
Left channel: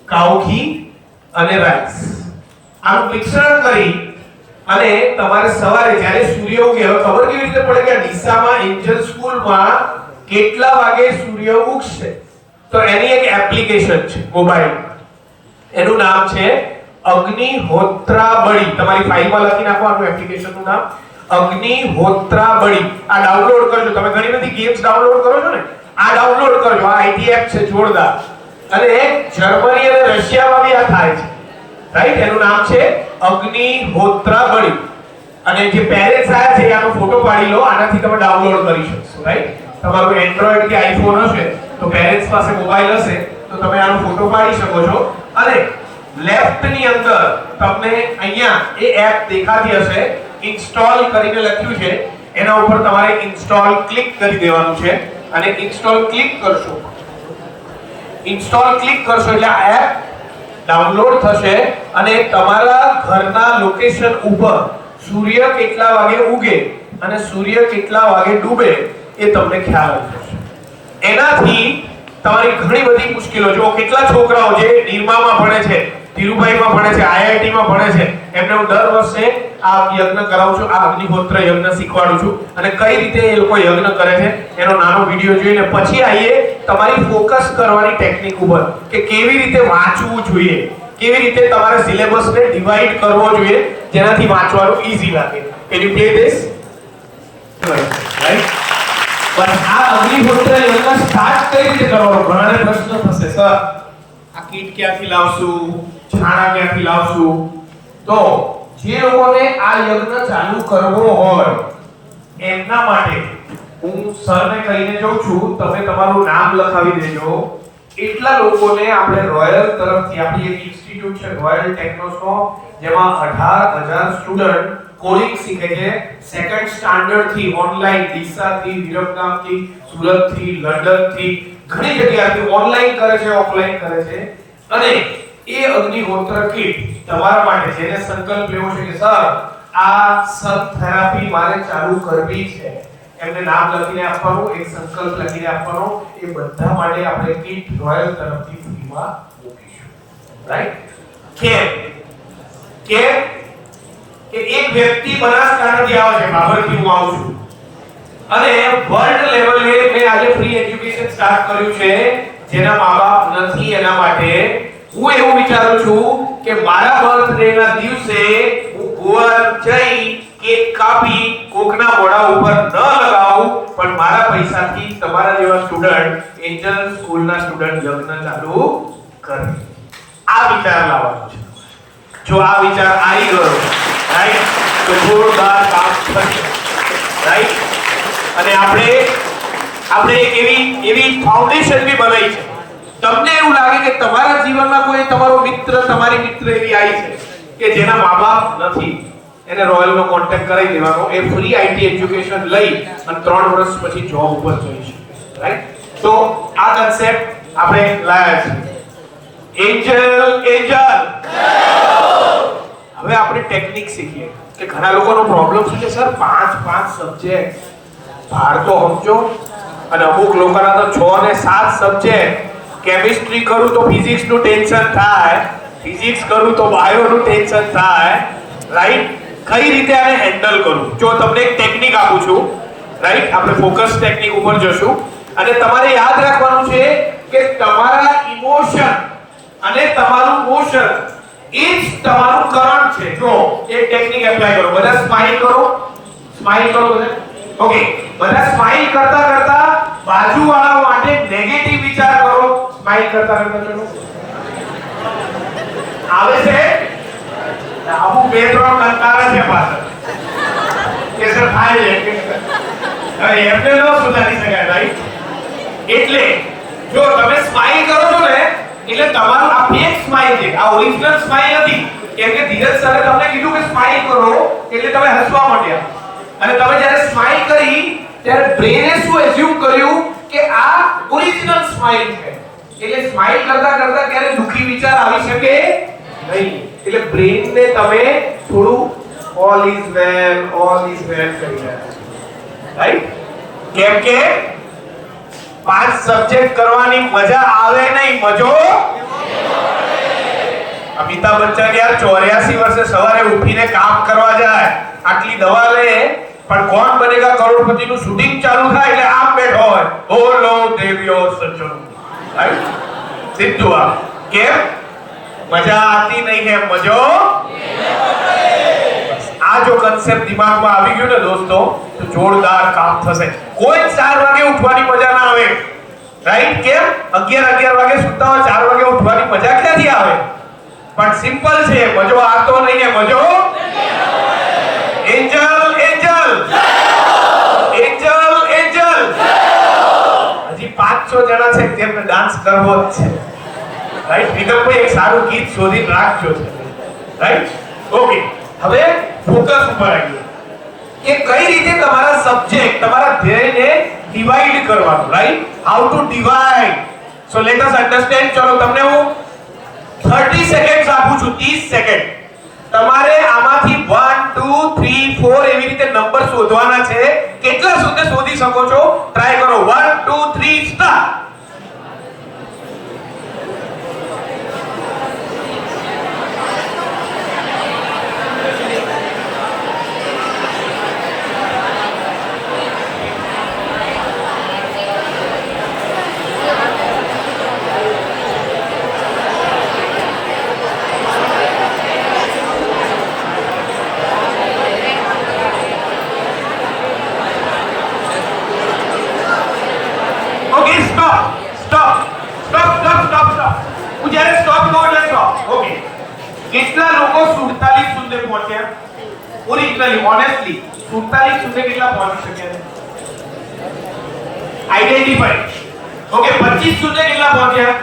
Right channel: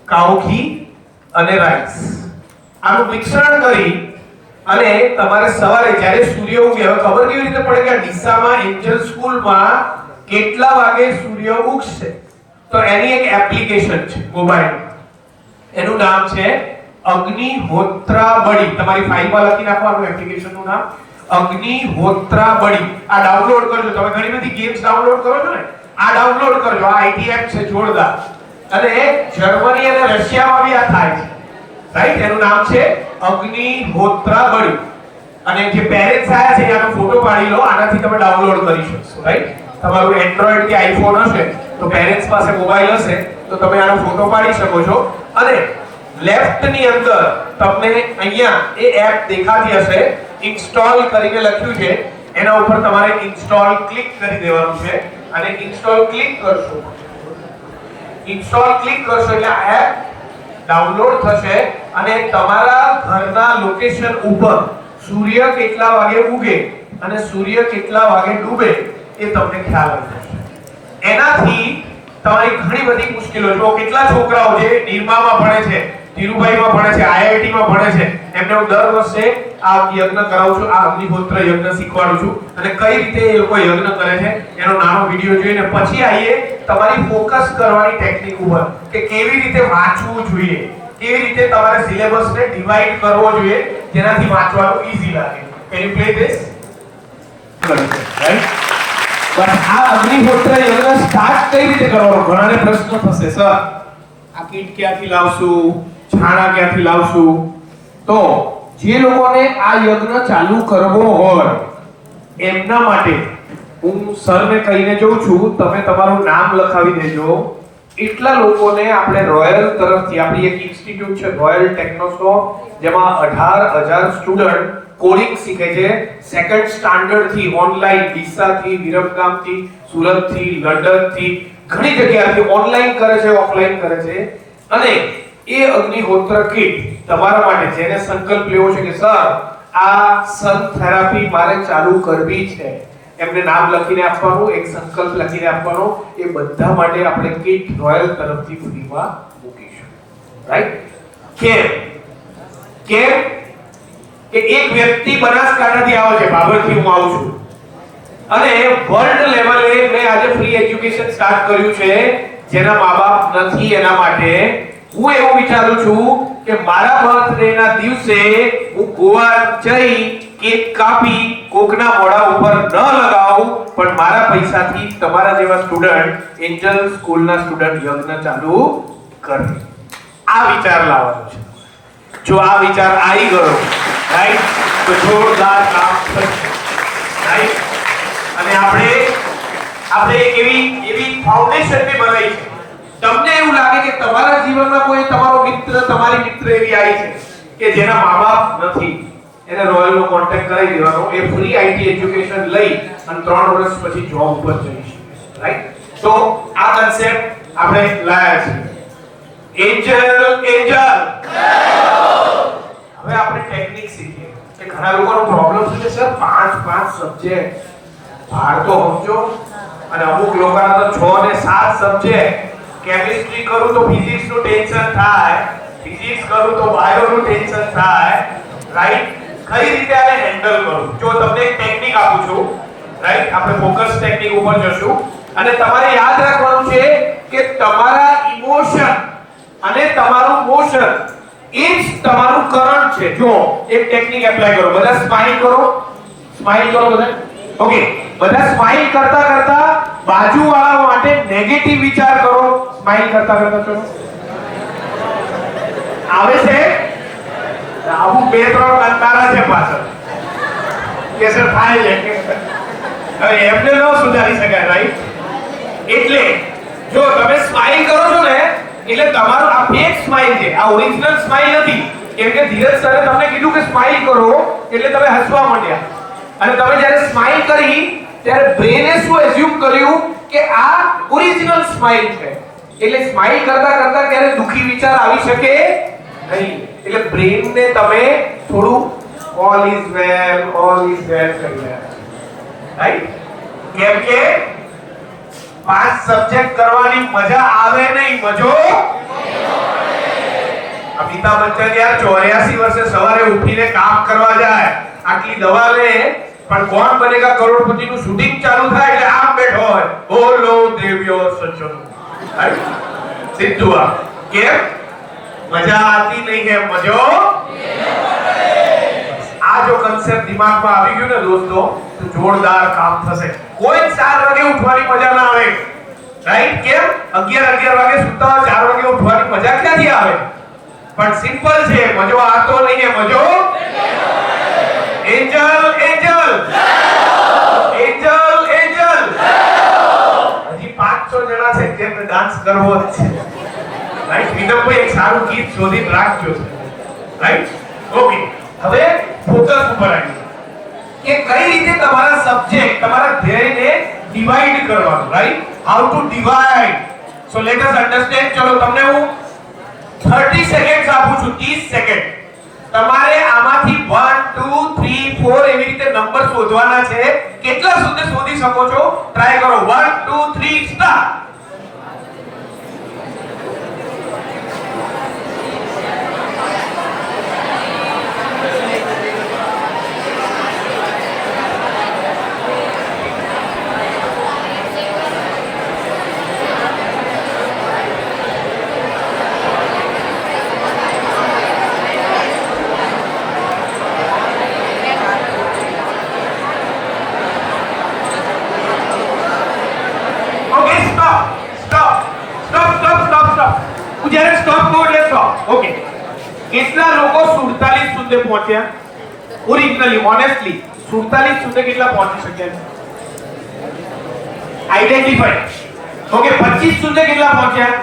કાઉ ઘી અને રાઈસ. આનું મિશ્રણ કરી અને તમારે સવારે જ્યારે સૂર્ય ઉગે, હવે ખબર કેવી રીતે પડે કે ડીસામાં એન્જલ સ્કૂલમાં કેટલા વાગે સૂર્ય ઉગશે? તો એની એક એપ્લિકેશન છે મોબાઈલ, એનું નામ છે અગ્નિહોત્રાબળી. તમારી ફાઈલમાં લખી નાખો આનું એપ્લિકેશનનું નામ, અગ્નિહોત્રાબળી. આ ડાઉનલોડ કરજો. તમે ઘણી બધી ગેમ્સ ડાઉનલોડ કરો છો ને, આ ડાઉનલોડ કરજો. આ આઈટી એપ છે જોરદાર. અને જર્મની અને રશિયામાં બી આ થાય છે, રાઈટ? એનું નામ છે અગ્નિહોત્રાબળી. અને જે પેરેન્ટ્સ આયા છે આનો ફોટો પાડી લો, આનાથી તમે ડાઉનલોડ કરી શકશો, રાઈટ? તમારું એન્ડ્રોઈડ કે આઈફોન હશે તો પેરેન્ટ્સ પાસે મોબાઈલ હશે તો તમે આનો ફોટો પાડી શકો છો. અને લેફ્ટ ની અંદર તમને અહીંયા એ એપ દેખાતી હશે, ઇન્સ્ટોલ કરીને લખ્યું છે એના ઉપર તમારે ઇન્સ્ટોલ ક્લિક કરી દેવાનું છે અને ઇન્સ્ટોલ ક્લિક કરશો એટલે આ એપ ડાઉનલોડ થશે અને તમારા ઘરના લોકેશન ઉપર સૂર્ય કેટલા વાગે ઉગે અને સૂર્ય કેટલા વાગે ડૂબે એ તમને ખ્યાલ આવી જશે. એનાથી તમારી ઘણી બધી મુશ્કેલો, જો કેટલા છોકરાઓ જે નિરમામાં ભણે છે, ધીરુભાઈમાં ભણે છે, આઈઆઈટીમાં ભણે છે, એમને હું દર વર્ષે આ યજ્ઞ કરાવું છું, આ અગ્નિહોત્ર યજ્ઞ શીખવાડું છું અને કઈ રીતે એ લોકો યજ્ઞ કરે છે એનો નાનો વિડિયો જોઈને પછી આવીએ તમારી ફોકસ કરવાની ટેકનિક ઉપર કે કેવી રીતે વાંચવું જોઈએ, કેવી રીતે તમારે સિલેબસને ડિવાઈડ કરવો જોઈએ જેનાથી વાંચવાનું ઈઝી લાગે. Can you play this? Right. પણ આ અગ્નિહોત્ર યજ્ઞ સ્ટાર્ટ કઈ રીતે કરવાનો? ઘણાને પ્રશ્ન થશે, સર આ કીટ ક્યાંથી લાવશું, છાણા ક્યાંથી લાવશું? તો જે લોકોને આ યજ્ઞ ચાલુ કરવો હોય એમના માટે હું સરને કહીને જાઉં છું, તમે તમારું નામ લખાવી દેજો. એટલા લોકોને આપણે રોયલ તરફથી આપણી એક ઇન્સ્ટિટ્યૂટ છે રોયલ ટેકનોસોફ્ટ, જેમાં 18,000 સ્ટુડન્ટ કોડિંગ શીખે છે સેકન્ડ સ્ટાન્ડર્ડ થી ઓનલાઈન, ડીસાથી, વિરમગામથી, સુરતથી, લંડનથી, ઘણી જગ્યાએથી ઓનલાઈન કરે છે, ઓફલાઈન કરે છે. અને એ અગ્નિહોત્ર કીટ તમારા માટે જેને સંકલ્પ લેવો છે કે સર આ સન થેરાપી મારે ચાલુ કરવી છે, એમને નામ લખીને આપવાનું, એક સંકલ્પ લખીને આપવાનો. એ બધા માટે આપણે કીટ રોયલ તરફથી ફ્રીમાં મૂકીશું. રાઈટ? કેમ કે એક વ્યક્તિ બનાસકાંઠાથી આવે છે, બાબરથી હું આવું છું, અને વર્લ્ડ લેવલે મેં આજે ફ્રી એજ્યુકેશન સ્ટાર્ટ કર્યું છે જેના મા-બાપ નથી એના માટે. હું એવું વિચારું છું કે મારા બર્થડે ના દિવસે હું ગોવા જઈ કેક કાપી કોકના મોઢા ઉપર ન લગાવું, પણ મારા પૈસાથી તમારા જેવા સ્ટુડન્ટ, એન્જલ સ્કૂલના સ્ટુડન્ટ યજ્ઞ ચાલુ કરે. આ વિચાર લાવવાનો છે. જો આ વિચાર આવી ગયો, રાઈટ, તો જોરદાર કામ થશે. રાઈટ? અને આપણે એક એવી ફાઉન્ડેશન બી બનાવી છે. તમને એવું લાગે કે તમારા જીવનમાં કોઈ તમારો મિત્ર, તમારી મિત્ર એવી આવી છે કે જેના મા-બાપ નથી, એને રોયલનો કોન્ટેક્ટ કરાવી દેવાનો. એ ફ્રી આઈટી એજ્યુકેશન લઈ અને 3 વર્ષ પછી જોબ ઉપર જઈ શકે. રાઈટ? તો આ કન્સેપ્ટ આપણે લાયા છે. એન્જલ હવે આપણે ટેકનિક શીખીએ કે ઘણા લોકોનો પ્રોબ્લેમ શું છે, સર 5 સબ્જેક્ટ ભાર તો સમજો, અને અમુક લોકોના તો 6 અને 7 સબ્જેક્ટ. કેમિસ્ટ્રી કરું તો ફિઝિક્સ નું ટેન્શન થાય, ફિઝિક્સ કરું તો બાયો નું ટેન્શન થાય. રાઈટ? કઈ રીતે આને હેન્ડલ કરું? જો તમને એક ટેકનિક આપું છું, રાઈટ, આપણે ફોકસ ટેકનિક ઉપર જશું અને તમારે યાદ રાખવાનું છે કે તમારા ઇમોશન અને તમારું મોશન એ જ તમારું કરંટ છે. જો એક ટેકનિક એપ્લાય કરો, બધા સ્માઈલ કરો બધા. ઓકે, બધા સ્માઈલ કરતા બાજુવાળા માટે નેગેટિવ વિચાર કરો. સ્માઈલ કરતા ચલો આવે છે અમુક 2-3 લંકારા છે પાછળ કે સર ફાઇલ છે, હવે એમને ન સુધારી શકાય. રાઈટ? એટલે જો તમે સ્માઈલ કરો છો ને એટલે તમારું આ ફેક સ્માઈલ છે, આ ઓરિજિનલ સ્માઈલ નથી. કેમ કે ધીરજ સરે તમને કીધું કે સ્માઈલ કરો એટલે તમે હસવા માંડ્યા, અને તમે જ્યારે સ્માઈલ કરી ત્યારે બ્રેને શું એઝ્યુમ કર્યું કે આ ઓરિજિનલ સ્માઈલ છે. એટલે સ્માઈલ કરતા ત્યારે દુખી વિચાર આવી શકે નહીં. એટલે બ્રેનને તમે થોડું ઓલ ઇઝ વેલ કહી દે. રાઈટ? કેમ કે 5 સબ્જેક્ટ કરવાની મજા આવે નહીં, મજો અમિતાભ બચ્ચન યાર 84 વર્ષે સવારે ઉઠીને કામ કરવા જાય, આટલી દવા લે, પણ કોણ બનેગા કરોડપતિ નું શૂટિંગ ચાલુ થાય એટલે આમ બેઠો હોય, બોલો દેવ્યો સજ્જનો. રાઈટ? સીધું આ કેમ મજા આતી નહીં હે, મજો. આ જો કન્સેપ્ટ દિમાગમાં આવી ગયું ને દોસ્તો તો જોરદાર કામ થશે. કોઈ 4 વાગે ઉઠવાની મજા ના આવે. રાઈટ? કેમ 11 વાગે સુતા હોય, 4 વાગે ઉઠવાની મજા ક્યાંથી આવે? પણ સિમ્પલ છે, મજો આતો નહીં હે, મજો એન્જલ હજી 5-6 જણા છે તેમને ડાન્સ કરવો જ છે. રાઈટ? વિદમભાઈ એક સારું ગીત શોધી રાખજો છે. રાઈટ? ઓકે, હવે ફોકસ ઉપર આવ્યું. કે કઈ રીતે તમારા સબ્જેક્ટ તમારા ધ્યેયને ડિવાઇડ કરવાનું, right? How to divide. So let us understand. ચલો તમને હું 30 સેકન્ડ્સ આપું છું, 30 સેકન્ડ. તમારે આમાંથી 1 2 3 4 એવી રીતે નંબર શોધવાના છે. કેટલા સુધી શોધી શકો છો ટ્રાય કરો. 1 2 3 સ્ટાર્ટ. કેટલા લોકો 47 સુધી પહોંચ્યા? ઓરિજિનલી ઓનેસ્ટલી 47 સુધી કેટલા પહોંચી શક્યા? આઈડેન્ટિફાઈ. ઓકે, 25 સુધી કેટલા પહોંચ્યા?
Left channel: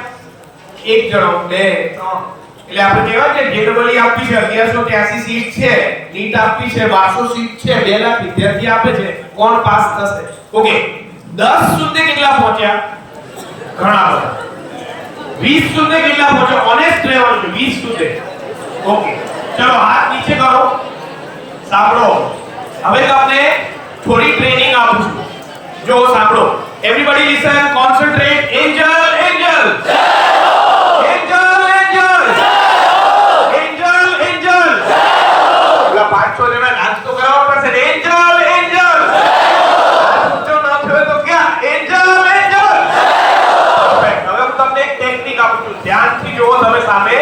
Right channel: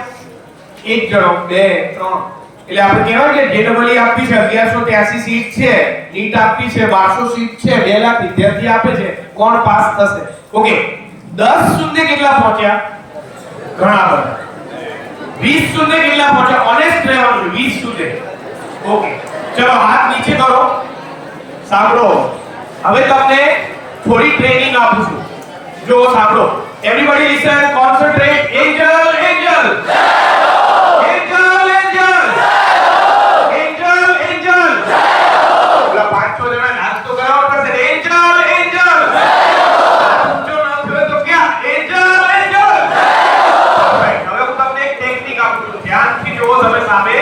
એક જણો, બે, ત્રણ. એટલે આપણે કહેવાય કે જેડબલઈ આપી છે 1183 સીટ છે, નીટ આપી છે 1200 સીટ છે, 2 લાખ વિદ્યાર્થી આપે છે, કોણ પાસ થશે? ઓકે, 10 સુધી કેટલા પહોંચ્યા? ઘણા બધા. 20 સુધી કેટલા પહોંચ્યા? ઓનેસ્ટ રહેવાનું છે. 20 સુધી. ઓકે, ચલો હાથ નીચે કરો. સાંભળો, હવે તમને થોડી ટ્રેનિંગ આપું છું. જો સાંભળો, everybody listen, concentrate. Angel angel angel angel angel angel. ઓલા 5-6 જણા ડાન્સ તો કરવા પડશે. Angel angel. જો ન થયો તો ક્યાં? Angel angel. હવે હું તમને એક ટેકનિક આપું છું, ધ્યાનથી જોવો તમે સામે.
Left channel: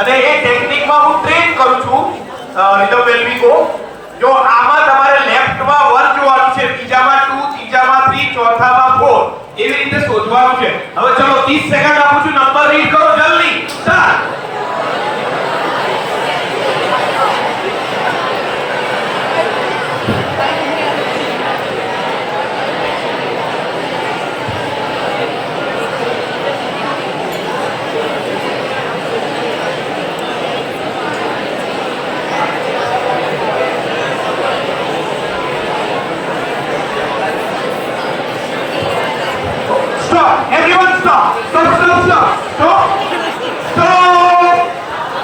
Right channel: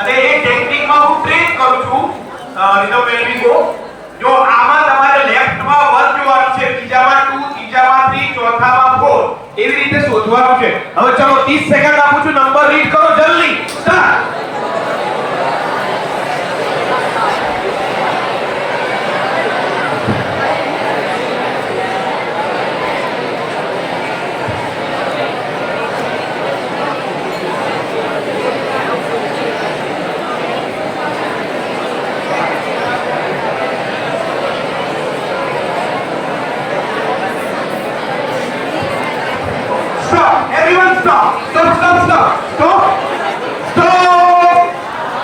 અને એ ટેકનિકમાં હું ટ્રેન કરું છું. રીધમ વેલવી ગો. જો આમાં તમારે લેફ્ટમાં 1 જોવાનું છે, બીજામાં 2, ત્રીજામાં 3, ચોથામાં 4 એવી રીતે શોધવાનું છે. હવે ચલો 30 સેકન્ડ આપું છું, નંબર રીડ કરો જલ્દી. Start. Stop! Everyone stop! Stop! Stop! Stop! Stop! Stop!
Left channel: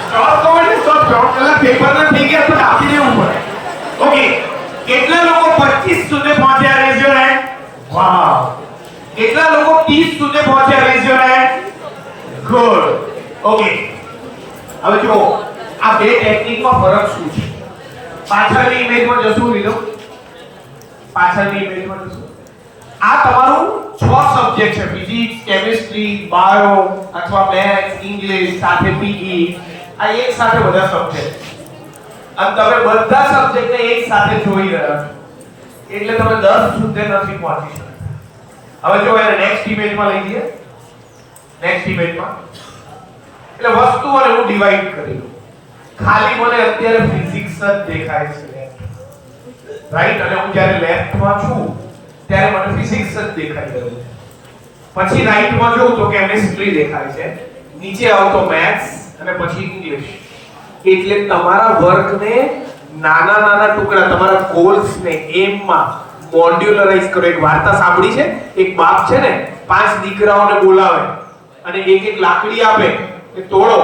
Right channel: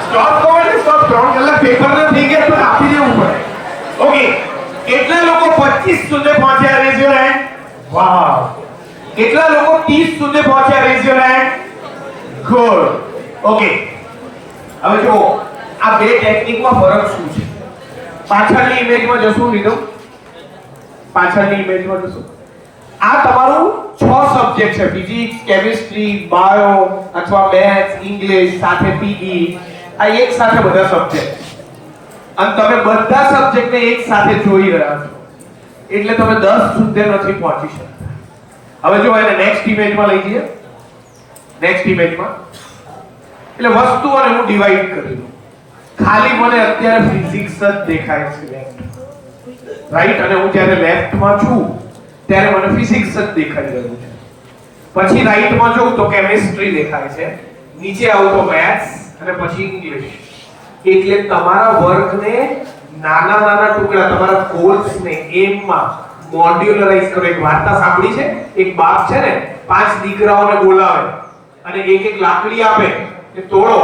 Stop! Stop! પેલા પેપરને થઈ ગયા તો આપી દેવું પડે. ઓકે, કેટલા લોકો 25 સુધી પહોંચ્યા? Raise your hand. વાવ. કેટલા લોકો 30 સુધી પહોંચ્યા? Raise your hand. Good. Okay, હવે જો આ બે ટેકનિકમાં ફરક શું છે? પાછળની ઇમેજમાં જશું લીધો. પાછળની ઇમેજમાં જશું. આ તમારું 6 સબ્જેક્ટ છે. ફિઝિક્સ, કેમિસ્ટ્રી, બાયો અથવા મેથ્સ, ઇંગ્લિશ સાથે પીઈ. આ એક સાથે બધા સબ્જેક્ટ. અને તમે બધા સબ્જેક્ટને એક સાથે જોઈ રહ્યા છો. એટલે તમે 10 સુધી નથી પહોંચી શકતા. હવે જો એને નેક્સ્ટ ઇમેજમાં લઈ જઈએ. નેક્સ્ટ ઇમેજમાં એટલે વસ્તુઓને હું ડિવાઈડ કરી. ખાલી મને અત્યારે ફિઝિક્સ જ દેખાય છે લેફ્ટ, રાઈટ? અને હું જ્યારે લેફ્ટમાં છું ત્યારે મને ફિઝિક્સ જ દેખાઈ રહ્યું છે. પછી રાઈટમાં જોઉં તો કેમિસ્ટ્રી દેખાય છે, નીચે આવું તો મેથ્સ અને પછી ઇંગ્લિશ. એટલે તમારા વર્કને નાના નાના ટુકડા, તમારા ગોલ્સને એમમાં મોડ્યુલરાઇઝ કરો. એક વાર્તા સાંભળી છે, એક બાપ છે ને 5 દીકરાઓને બોલાવે અને એક એક લાકડી આપે કે તોડો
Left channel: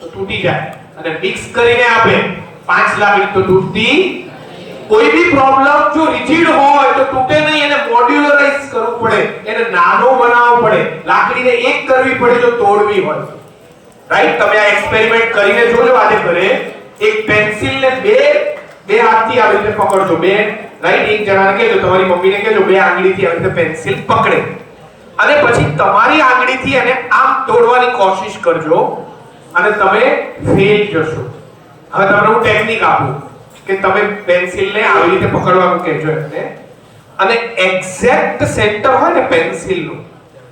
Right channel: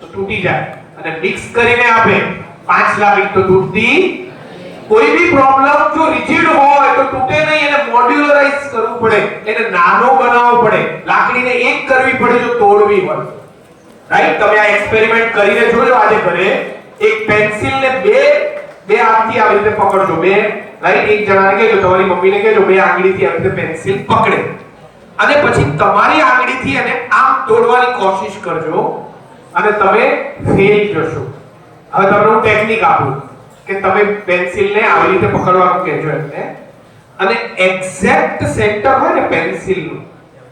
તો તૂટી જાય, અને મિક્સ કરીને આપે 5 લાકડી તો તૂટતી. કોઈ બી પ્રોબ્લેમ જો રિજિડ હોય તો તૂટે નહીં, એને મોડ્યુલરાઇઝ કરવું પડે, એને નાનો બનાવવો પડે, લાકડીને એક કરવી પડે જો તોડવી હોય, રાઈટ? તમે આ એક્સપેરિમેન્ટ કરીને જોજો આજે ઘરે. એક પેન્સિલને બે હાથથી આવી રીતે પકડજો, બે, રાઈટ? એક જણાને કહેજો, તમારી મમ્મીને કહેજો, બે આંગળીથી આવી રીતે પેન્સિલ પકડે અને પછી તમારી આંગળીથી એને આમ તોડવાની કોશિશ કરજો અને તમે ફેલ જશો. હવે તમને હું ટેકનિક આપું કે તમે પેન્સિલને આવી રીતે પકડવાનું કહેજો એમને, અને એક્ઝેક્ટ સેન્ટર હોય ને પેન્સિલનું,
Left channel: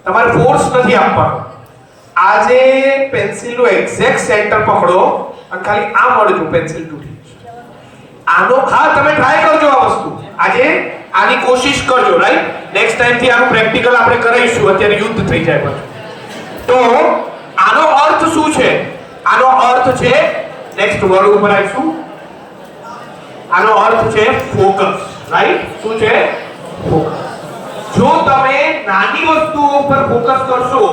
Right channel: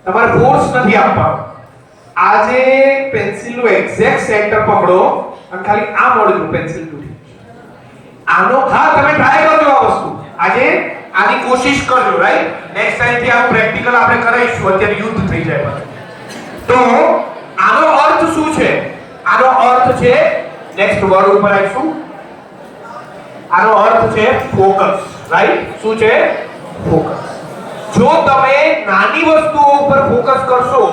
તમારે ફોર્સ નથી આપવાનો. આજે પેન્સિલનું એક્ઝેક્ટ સેન્ટર પકડો અને ખાલી આ મળજો, પેન્સિલ તૂટી જશે. આનો હા તમે ટ્રાય કરજો આ વસ્તુ. આજે આની કોશિશ કરજો, રાઈટ? નેક્સ્ટ ટાઈમ થી આનું પ્રેક્ટિકલ આપણે કરાવીશું. અત્યારે યુદ્ધ થઈ જાય પાછું. તો આનો અર્થ શું છે? આનો અર્થ છે, નેક્સ્ટ વર્ડ ઉપર આવીશું. આનો અર્થ છે ફોકસ. રાઈટ? શું છે? ફોકસ. જો તમે નાની વસ્તુઓ ઉપર ફોકસ કરશો,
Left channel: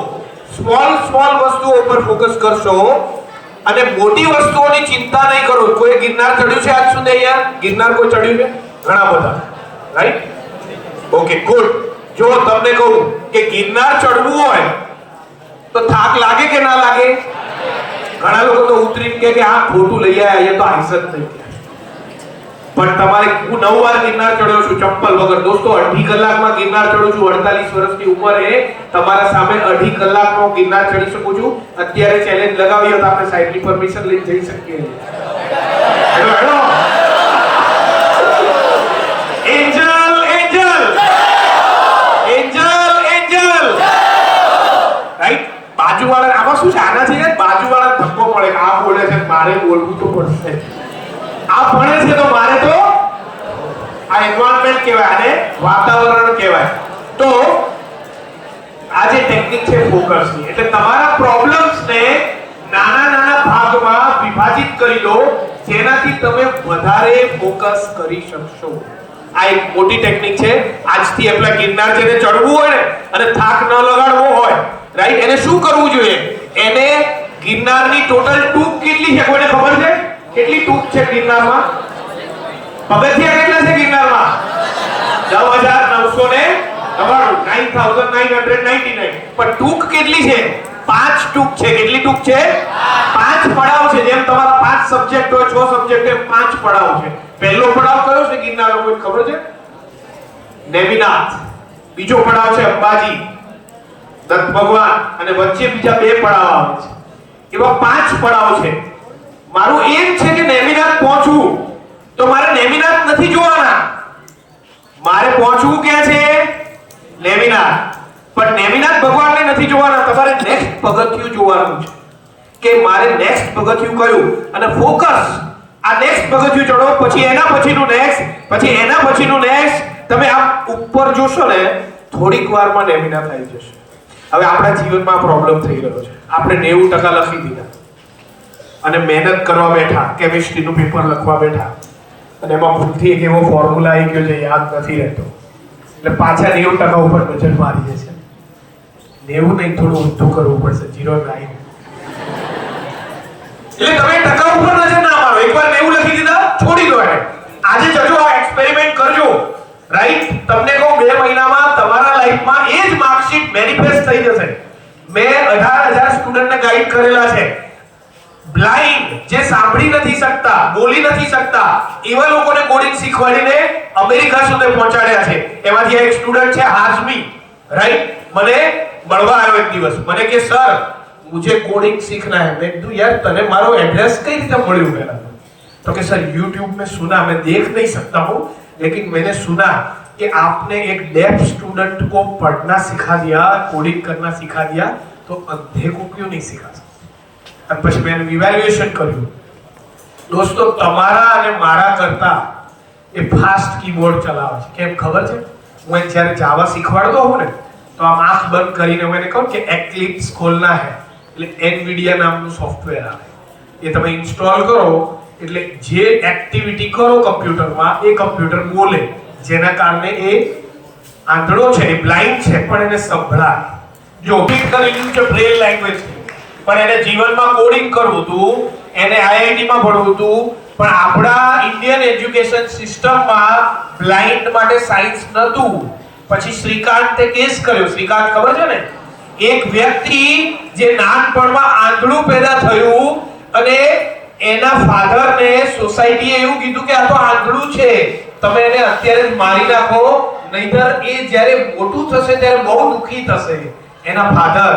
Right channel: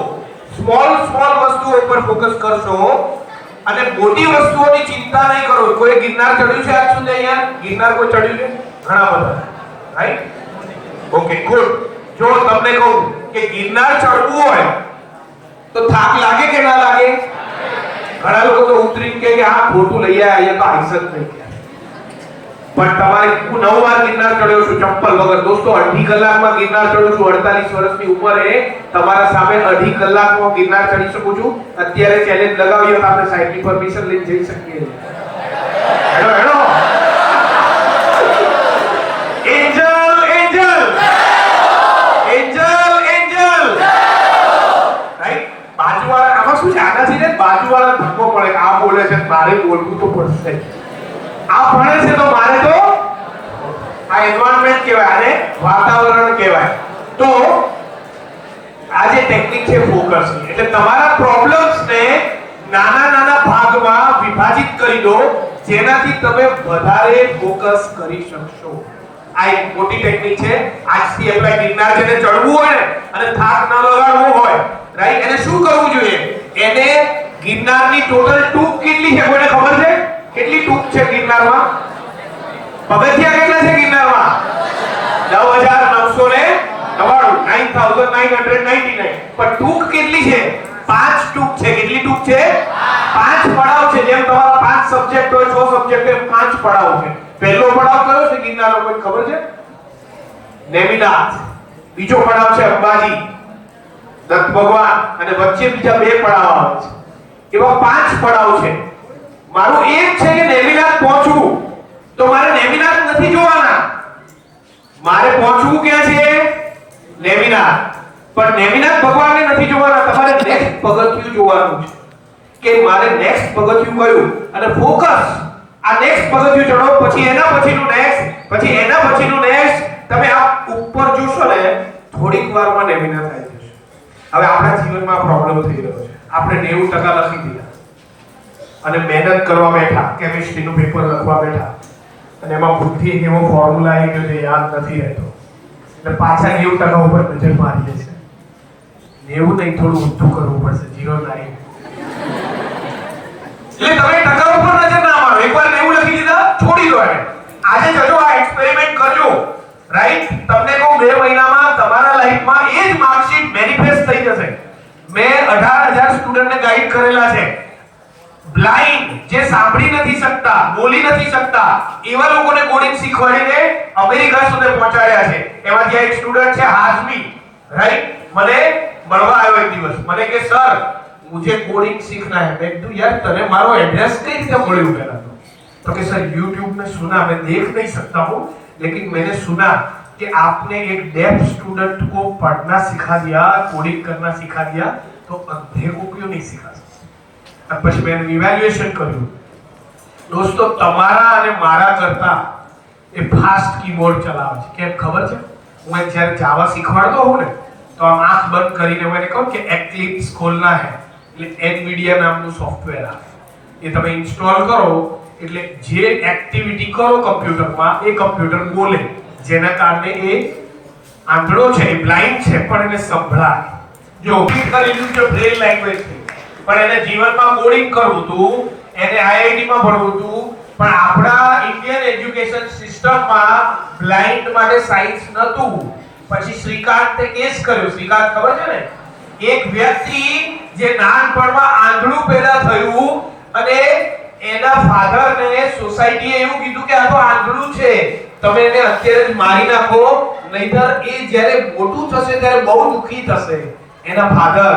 સ્મોલ વસ્તુઓ ઉપર ફોકસ કરશો અને મોટી વસ્તુઓની ચિંતા નહીં કરો. કોઈ ગિરનાર ચડ્યું છે આજ સુધી? અહીંયા ગિરનાર કોઈ ચડ્યું છે? ઘણા બધા, રાઈટ? Okay, good. જો તમને કહું કે ગિરનાર ચડવું હોય તો થાક લાગે કે ના લાગે? ઘણા લોકો તો ઉતરીને કે આ ખોટું લઈ આવ્યા, તો આંસ જ નહીં. પણ તમારે, હું 9 વાર ગિરનાર ચડ્યો છું ચંપલ વગર. દોસ્તો, 2.5 કલાકમાં ગિરનાર ચડું છું. 48 વર્ષની ઉંમરે તમારા સામે 2.5 કલાકમાં ગિરનાર ચડી શકું છું. અત્યારે ચેલેન્જ લગાવી હોય તો આપણે સાઈડની પરમિશન લઈને જઈ શકીએ. Hello hello Angel right? બાજુવાળા આમાં શું છે? આનાથી બાજુવાળા ધક્કો પડે. આ બોલે છે, મારે બોલવું તો પડશે. આ ભણે છે તો મારે તો, આ એન્વાયરમેન્ટ કહેવાય અને વાતાવરણ કહેવાય. તો આ જે ટેકનિક છે ફોકસની, એટલે તમારા પ્રોબ્લેમ્સને નાના ભાગમાં વિભાજિત કરી દો, જેનાથી તમે વધારે ફોકસ કરી શકશો. આ એક મોટી ટેકનિક છે. આજથી આપણા ગિરનાર જેને ચડવું હોય ને અને થાક ન લગાડવો હોય, રાઈટ, એને શું કરવું જોઈએ? એને ગિરનારની ટોટલ ટૂંક કેટલી છે કોઈને ખબર છે? કેટલી ટૂંક છે ગિરનારમાં? પગથિયા કેટલા છે ગિરનારમાં? 10999. 9999. પણ ટૂંક કેટલી છે? 5 ટૂંક છે. કેટલી ટૂંક છે? 5 પડાવ છે. જેમ તમારા 5 સબ્જેક્ટ હોય, 6 સબ્જેક્ટ હોય, 5 પડાવ છે. પહેલો પડાવ કયો છે ગિરનારનો? કોઈ ખબર છે? નેમિનાથ. બીજો પડાવ છે અંબાજી, દત્ત ભગવાન, અને વચ્ચે બીજા 2 પડાવ આવે છે. એવા 5 પડાવ છે. મારું એમ છે કે નેમિનાથ પહોંચવું, તો મારે નેમિનાથ નથી જોવાના. મારે પહોંચવું ક્યાં છે? નેમિનાથ. પણ નેમિનાથ ભગવાનને નથી જોવાના. તમારે નેક્સ્ટ પગથિયું જોવાનું છે કે મારે નેક્સ્ટ પગથિયું કયું, અને ફોકસ. આ નેક્સ્ટ પગથિયું ચડો, પછી એના પછીનું નેક્સ્ટ, પછી એના પછીનું નેક્સ્ટ. તમે આ ઉપર જોશો ને, થોડીક વારમાં નેમિનાથ આવી જશે. હવે આપણા જીવનમાં પ્રોબ્લેમ થઈ રહ્યો છે. આપણે 90% લખી દીધા અને મહેનત કરવા બેઠા, કેમિસ્ટ્રીનું પેપર લખવા બેઠા, અને એમાં ભૂલથી એક એવો ફોર્મ્યુલા આવી ગયો જે યાદ નથી રહેતો, એટલે પાછા 90% ઉપર નજર મારીએ છે. 90 નહીં, થોડું ઊંધું કરવું પડશે, 09. એટલે તમે ટકા ઉપર નજર ના મારો. એકવાર 90 લખી દીધા, છોડી દો એને. આજે જજો, આ એક્સપેરિમેન્ટ કરજો, રાઈટ? તમને કહું, 2 મહિનામાં તમારા લાઈફમાં એ જ માર્કશીટ મેનિફેસ્ટ થઈ જશે. મેં 18,000 સ્ટુડન્ટને ગાઈડ કરેલા છે. બ્લાઇન્ડ, જે સાંભળી નથી શકતા, બોલી નથી શકતા, એવા લોકોને કોડિંગ શીખવાડીને અમેરિકા સુધી પહોંચાડ્યા છે. એમાંથી આ એક સ્ટુડન્ટ છે હાશમી, રાઈટ? મને મળવા આવ્યો એક દિવસ. મને કે સર, मुझे कोडिंग सीखना है. मैं कहा यार तने मारो एड्रेस कई रीते મળ્યું પહેલા? तो कि सर YouTube में सुना, मैं देख नहीं सकता हूँ, लेकिन मैंने सुना कि आपने एक डेफ स्टूडेंट को पढ़ना सिखा दिया, कोडिंग करना सिखा दिया, तो अंधे को क्यों नहीं सिखा सकते? અને પછી મેં ઇવેલ્યુએશન કર્યું. દોસ્તો, તમારા અને મારા કરતા એ ફાસ્ટ કીબોર્ડ ચલાવે છે. કેમ ખબર છે? હું જ્યારે જાવા શીખવાડતો હોઉં ને, તો આમ આંખ બંધ કરીને હું એને કહું કે એક્લિપ્સ ખોલના હે, એટલે NVIDIA નામનું સોફ્ટવેર આવે. એ તમે ઇન્સ્ટોલ કરો એટલે જે એક્ટિવિટી કરો કમ્પ્યુટરમાં, એ કમ્પ્યુટર બોલે, જેના કારણે એ આંધળો છે, એ બ્લાઇન્ડ છે, પણ એને સંભળાય. જો ઓપરેટ કરી લીધું છે બ્રેલ લેંગ્વેજ, પણ એને જીવનમાં કોડિંગ કરવું હતું, એને IIT માં ભણવું હતું, પણ આપણા ઇન્ડિયન એજ્યુકેશન સિસ્ટમમાં બ્લાઇન્ડ માટે સાયન્સ નહોતું. પછી શ્રીકાંતે કેસ કર્યો. શ્રીકાંત ખબર છે ને? એક વ્યક્તિ જે નાનપણમાં આંધળું પેદા થયું અને એના ફાધરને સોસાયટીએ એવું કીધું કે આ તો આંધળું છે, તમે એને અત્યારે જ મારી નાખો, નહીતર એ જ્યારે મોટું થશે ત્યારે બહુ દુઃખી થશે. એના ફાધર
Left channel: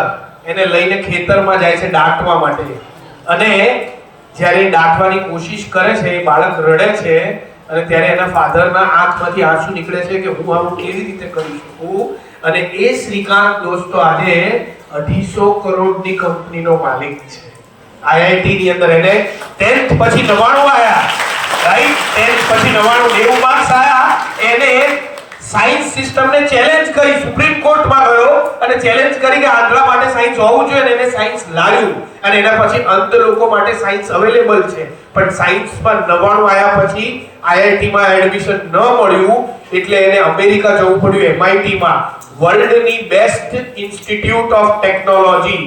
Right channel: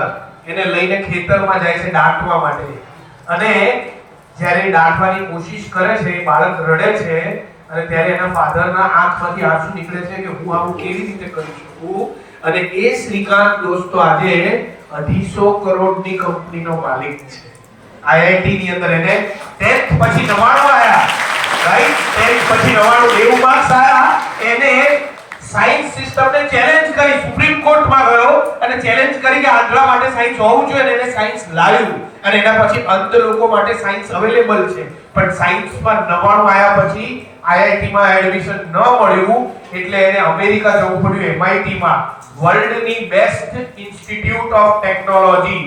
એને લઈને ખેતરમાં જાય છે દાટવા માટે, અને જ્યારે દાટવાની કોશિશ કરે છે, એ બાળક રડે છે, અને ત્યારે એના ફાધરના આંખમાંથી આંસુ નીકળે છે કે હું આવું કેવી રીતે કરી શકું. અને એ શ્રીકાંત દોસ્તો આજે 250 કરોડની કંપનીનો માલિક છે. IIT ની અંદર એને 10th પછી 99 આયા, રાઈટ? 10th પછી 99 માર્ક્સ આયા. એને સાયન્સ સિસ્ટમને ચેલેન્જ કરી, સુપ્રીમ કોર્ટમાં ગયો અને ચેલેન્જ કરી કે આંધળા માટે સાયન્સ હોવું જોઈએ, અને એને સાયન્સ લાવ્યું, અને એના પછી અંધ લોકો માટે સાયન્સ અવેલેબલ છે. પણ સાયન્સમાં 99 આયા પછી IIT માં એડમિશન ન મળ્યું એટલે એને અમેરિકા જવું પડ્યું, MIT માં, વર્લ્ડની બેસ્ટ ઇન્સ્ટિટ્યૂટ ઓફ ટેકનોલોજી.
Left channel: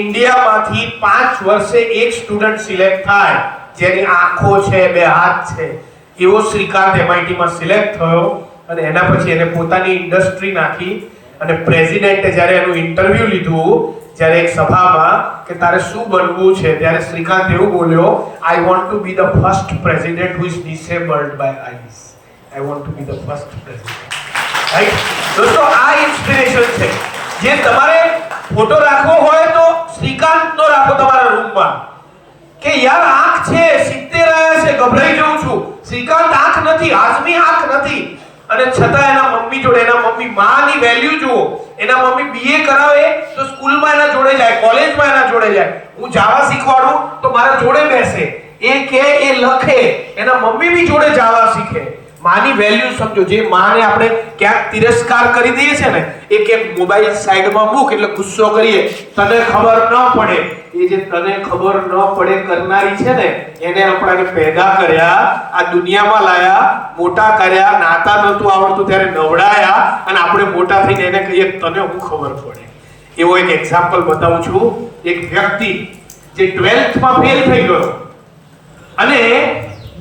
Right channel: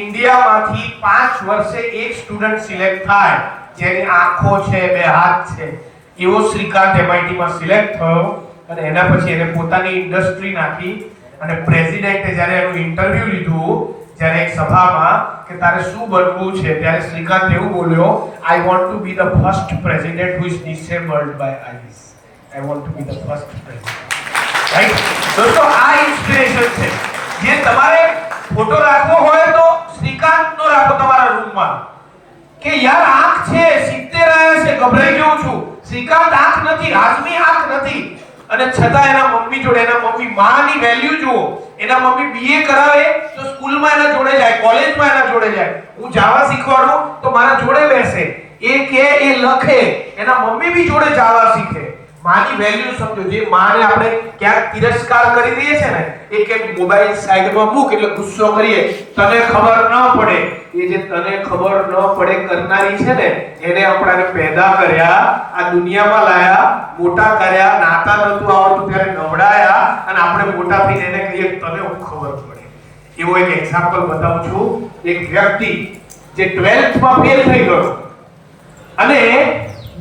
ઇન્ડિયામાંથી 5 વર્ષે એક સ્ટુડન્ટ સિલેક્ટ થાય જેની આંખો છે, 2 હાથ છે. એવો શ્રીકાંત MIT માં સિલેક્ટ થયો, અને એના પછી એને પોતાની ઇન્ડસ્ટ્રી નાખી. અને પ્રેસિડેન્ટે જ્યારે એનું ઇન્ટરવ્યુ લીધું, જ્યારે એક સભામાં કે તારે શું બનવું છે, ત્યારે શ્રીકાંત એવું બોલ્યો, I want to be the first president who is disabled by eyes. I want to be the first president. Right દોસ્તો, આ ઇન્સ્પિરેશન છે. જે તમારે ફોટો રાખવો હોય તો શ્રીકાંતનો રાખો તમારા રૂમમાં, કે યાર આંખ છે, 70 રહ્યા છે, ગભરાઈ જાઉં છું. શ્રીકાંત આંખ નથી, હાજમી આંખ નથી, અને છતાં એના મમ્મી જોડે, એના મમ્મી માની વેલ્યુ જુઓ. એના મમ્મી BA કરાવે તો સ્કૂલમાં એના જોડે જાય, કોલેજમાં એના જોડે જાય. હું જાવા શીખવાડું તો મારા જોડે બેસે, એ કે એ લખે, એના મમ્મી બી જોડે જાવા શીખે. માની વેલ્યુ સમજો. જે માને આપણે ક્યાંક તિરસ્કાર કરી દઈએ છે ને, એ કે મોબાઈલ સાઈડમાં મૂક એટલે ગુસ્સો કરીએ, તને ખબર ન પડે. એ જે તને ખબર ન પડે કરનારી છે ને, એને આપણે પેદા કર્યા, આ દુનિયામાં લાયા, મોટા કર્યા, નાતા નતું આવડતું ત્યારે નવડાયા, અને આપણે મોટા થઈને એને કહીએ તને હું ખબર પડે. એવો એક એક્ઝામ્પલ બતાવું છું. એક વ્યક્તિ જે 12th માં ફેલ થઈ ગયો અને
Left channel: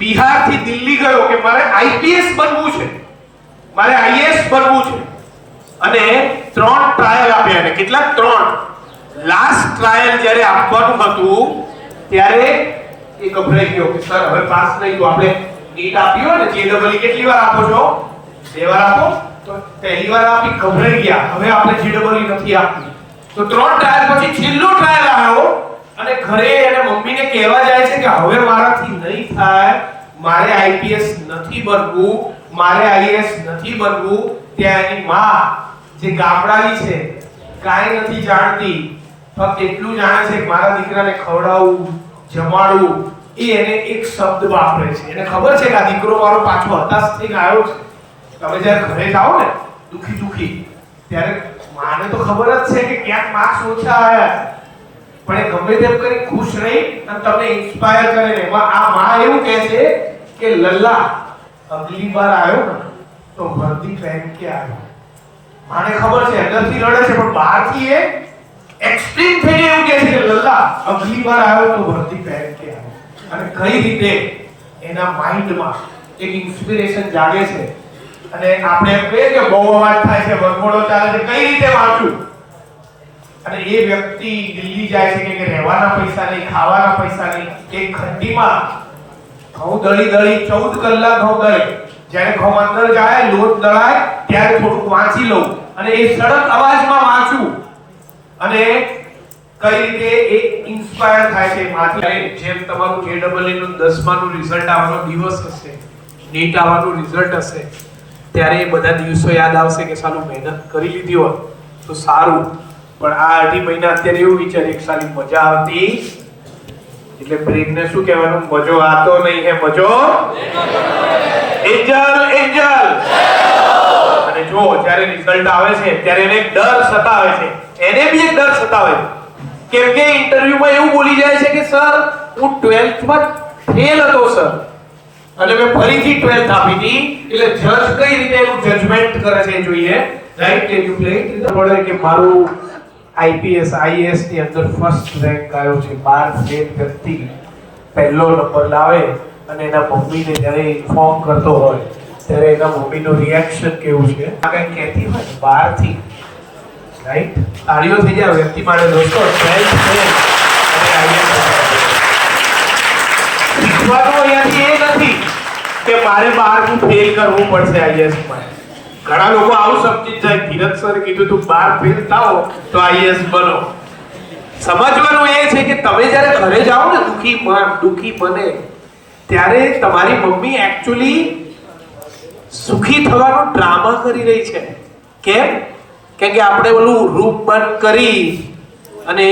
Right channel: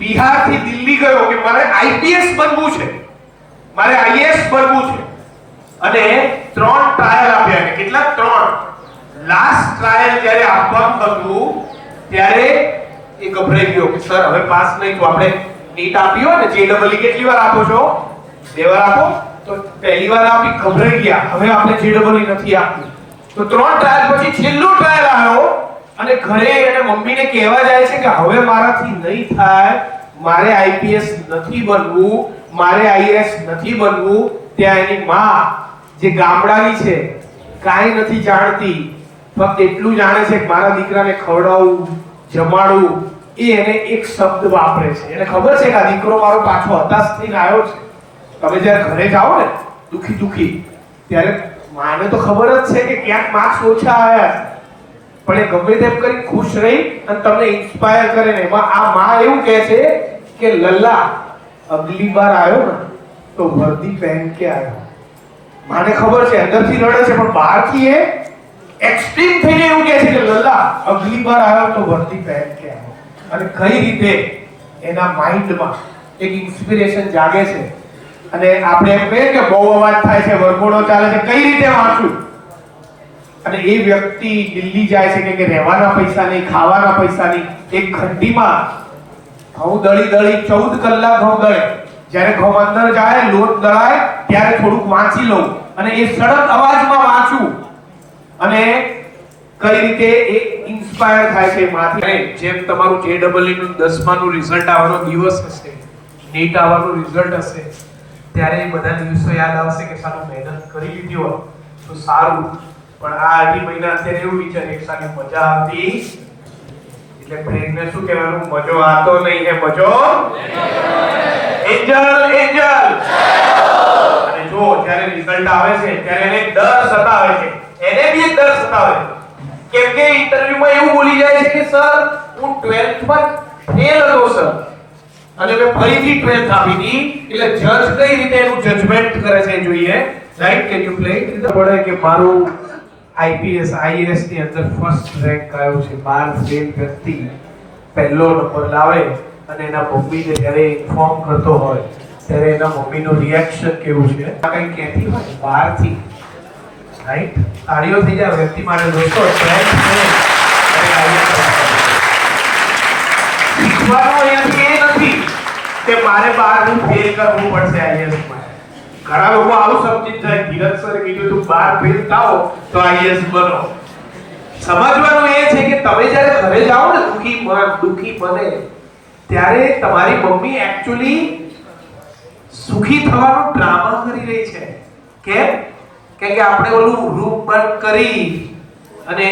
બિહારથી દિલ્હી ગયો કે મારે IPS બનવું છે, મારે IAS બનવું છે, અને 3 ટ્રાયલ આપ્યા. એને કેટલા? 3. લાસ્ટ ટ્રાયલ જ્યારે આપવાનું હતું ત્યારે એ ગભરાઈ ગયો કે સર હવે પાસ નહીં તો આપણે નીટ આપ્યો ને, JEE કેટલી વાર આપો છો? 2 વાર આપો. તો પહેલી વાર આપી, ગભરાઈ ગયા, હવે આપણે JEE નથી આપવું. તો 3 ટ્રાયલ પછી છેલ્લો ટ્રાયલ આવ્યો, અને ઘરે એને મમ્મીને કહેવા જાય છે કે હવે મારાથી નહીં થાય, મારે IPS નથી બનવું, મારે IAS નથી બનવું. ત્યાં એની માં જે ગામડાની છે, કાંઈ નથી જાણતી, ફક્ત એટલું જાણે છે કે મારા દીકરાને ખવડાવવું, જમાડવું. એ એને એક શબ્દ વાપરે છે. એને ખબર છે કે આ દીકરો મારો પાછો હતાશ થઈને આવ્યો છે. તમે જ્યારે ઘરે જાઓ ને દુખી ત્યારે માને તો ખબર જ છે કે ક્યાંક માર્ક્સ ઓછા આવ્યા, પણ એ ગમે તેમ કરી ખુશ રહી અને તમને ઇન્સ્પાયર કરે ને. આ માં એવું કહે છે કે લલ્લા અગલી બાર આવ્યો ને તો વર્દી પહેન કે આવ્યો. માને ખબર છે અંદરથી રડે છે, પણ બહારથી એ એક્સ્ટ્રીમ થઈને એવું કહે છે કે લલ્લા અગલી બાર આવ્યો તો વર્દી પહેન કે આવ્યો. અને કઈ રીતે એના માઇન્ડમાં એક ઇન્સ્પિરેશન જાગે છે. અને આપણે એમ કહીએ કે બહુ વાત થાય છે, વરઘોડો ચાલે છે, કઈ રીતે વાંચું? અને એ વ્યક્તિ દિલ્હી જાય છે કે રહેવાના પૈસા નહીં, ખાવાના પૈસા નહીં. એક ખંડીમાં ઘઉં દળી 14 કલાક ઘઉં દળે. જ્યારે ઘઉં અંદર જાય, લોટ દળાય, ત્યારે થોડુંક વાંચી લઉં, અને એ સડક અવાજમાં વાંચું. અને કઈ રીતે એ ઇન્સ્પાયર થાય છે માથી. જેમ તમારું JEE નું 10માનું રિઝલ્ટ આવવાનો દિવસ હશે, નીટ આવવાનું રિઝલ્ટ હશે, ત્યારે બધા દિવસો યાદ આવશે કે સાલું મહેનત કરી લીધી હોત તો સારું. પણ આ 8 મહિના અત્યારે એવું વિચારે કે સાલી મજા આવતી, એટલે બ્રેકને શું કહેવાનું? મજો આતો નહીં હે, મજો એન્જલ એન્જલ. અને જો જ્યારે રિઝલ્ટ આવે છે ત્યારે એને એક ડર સતાવે છે, એને બી એક ડર સતાવે, કેમ કે ઇન્ટરવ્યુમાં એવું બોલી જાય છે કે સર હું 12th માં ફેલ હતો સર, અને મેં ફરીથી 12th આપી હતી. એટલે જજ કઈ રીતે એનું જજમેન્ટ કરે છે જોઈએ, રાઈટ? કે યુ પ્લે પડે કે મારું IPS IAS ની અંદર ફર્સ્ટ રેન્ક આવ્યો છે. 12 ફેલ વ્યક્તિ પહેલો નંબર લાવે અને એના મમ્મીને જ્યારે ઇન્ફોર્મ કરતો હોય ત્યારે એના મમ્મીનો રિએક્શન કેવું છે? આ કંઈ કહેતી હોય 12 થી, રાઈટ? તાળીઓ થઈ જાય વ્યક્તિ માટે દોસ્તો. શીખવાનું અહીંયાથી એ નથી કે મારે 12 ફેલ કરવું પડશે IAS માં. ઘણા લોકો આવું સમજી જાય, ધીરજ સર કીધું તું 12 ફેલ થાઓ તો IAS બનો. સમજવાનું એ છે કે તમે જ્યારે ઘરે જાઓ ને દુખી મને, ત્યારે તમારી મમ્મી એક્ચ્યુઅલી સુખી થવાનો ડ્રામા કરી રહી છે. કેમ? કે આપણે પેલું રૂમ બંધ કરી અને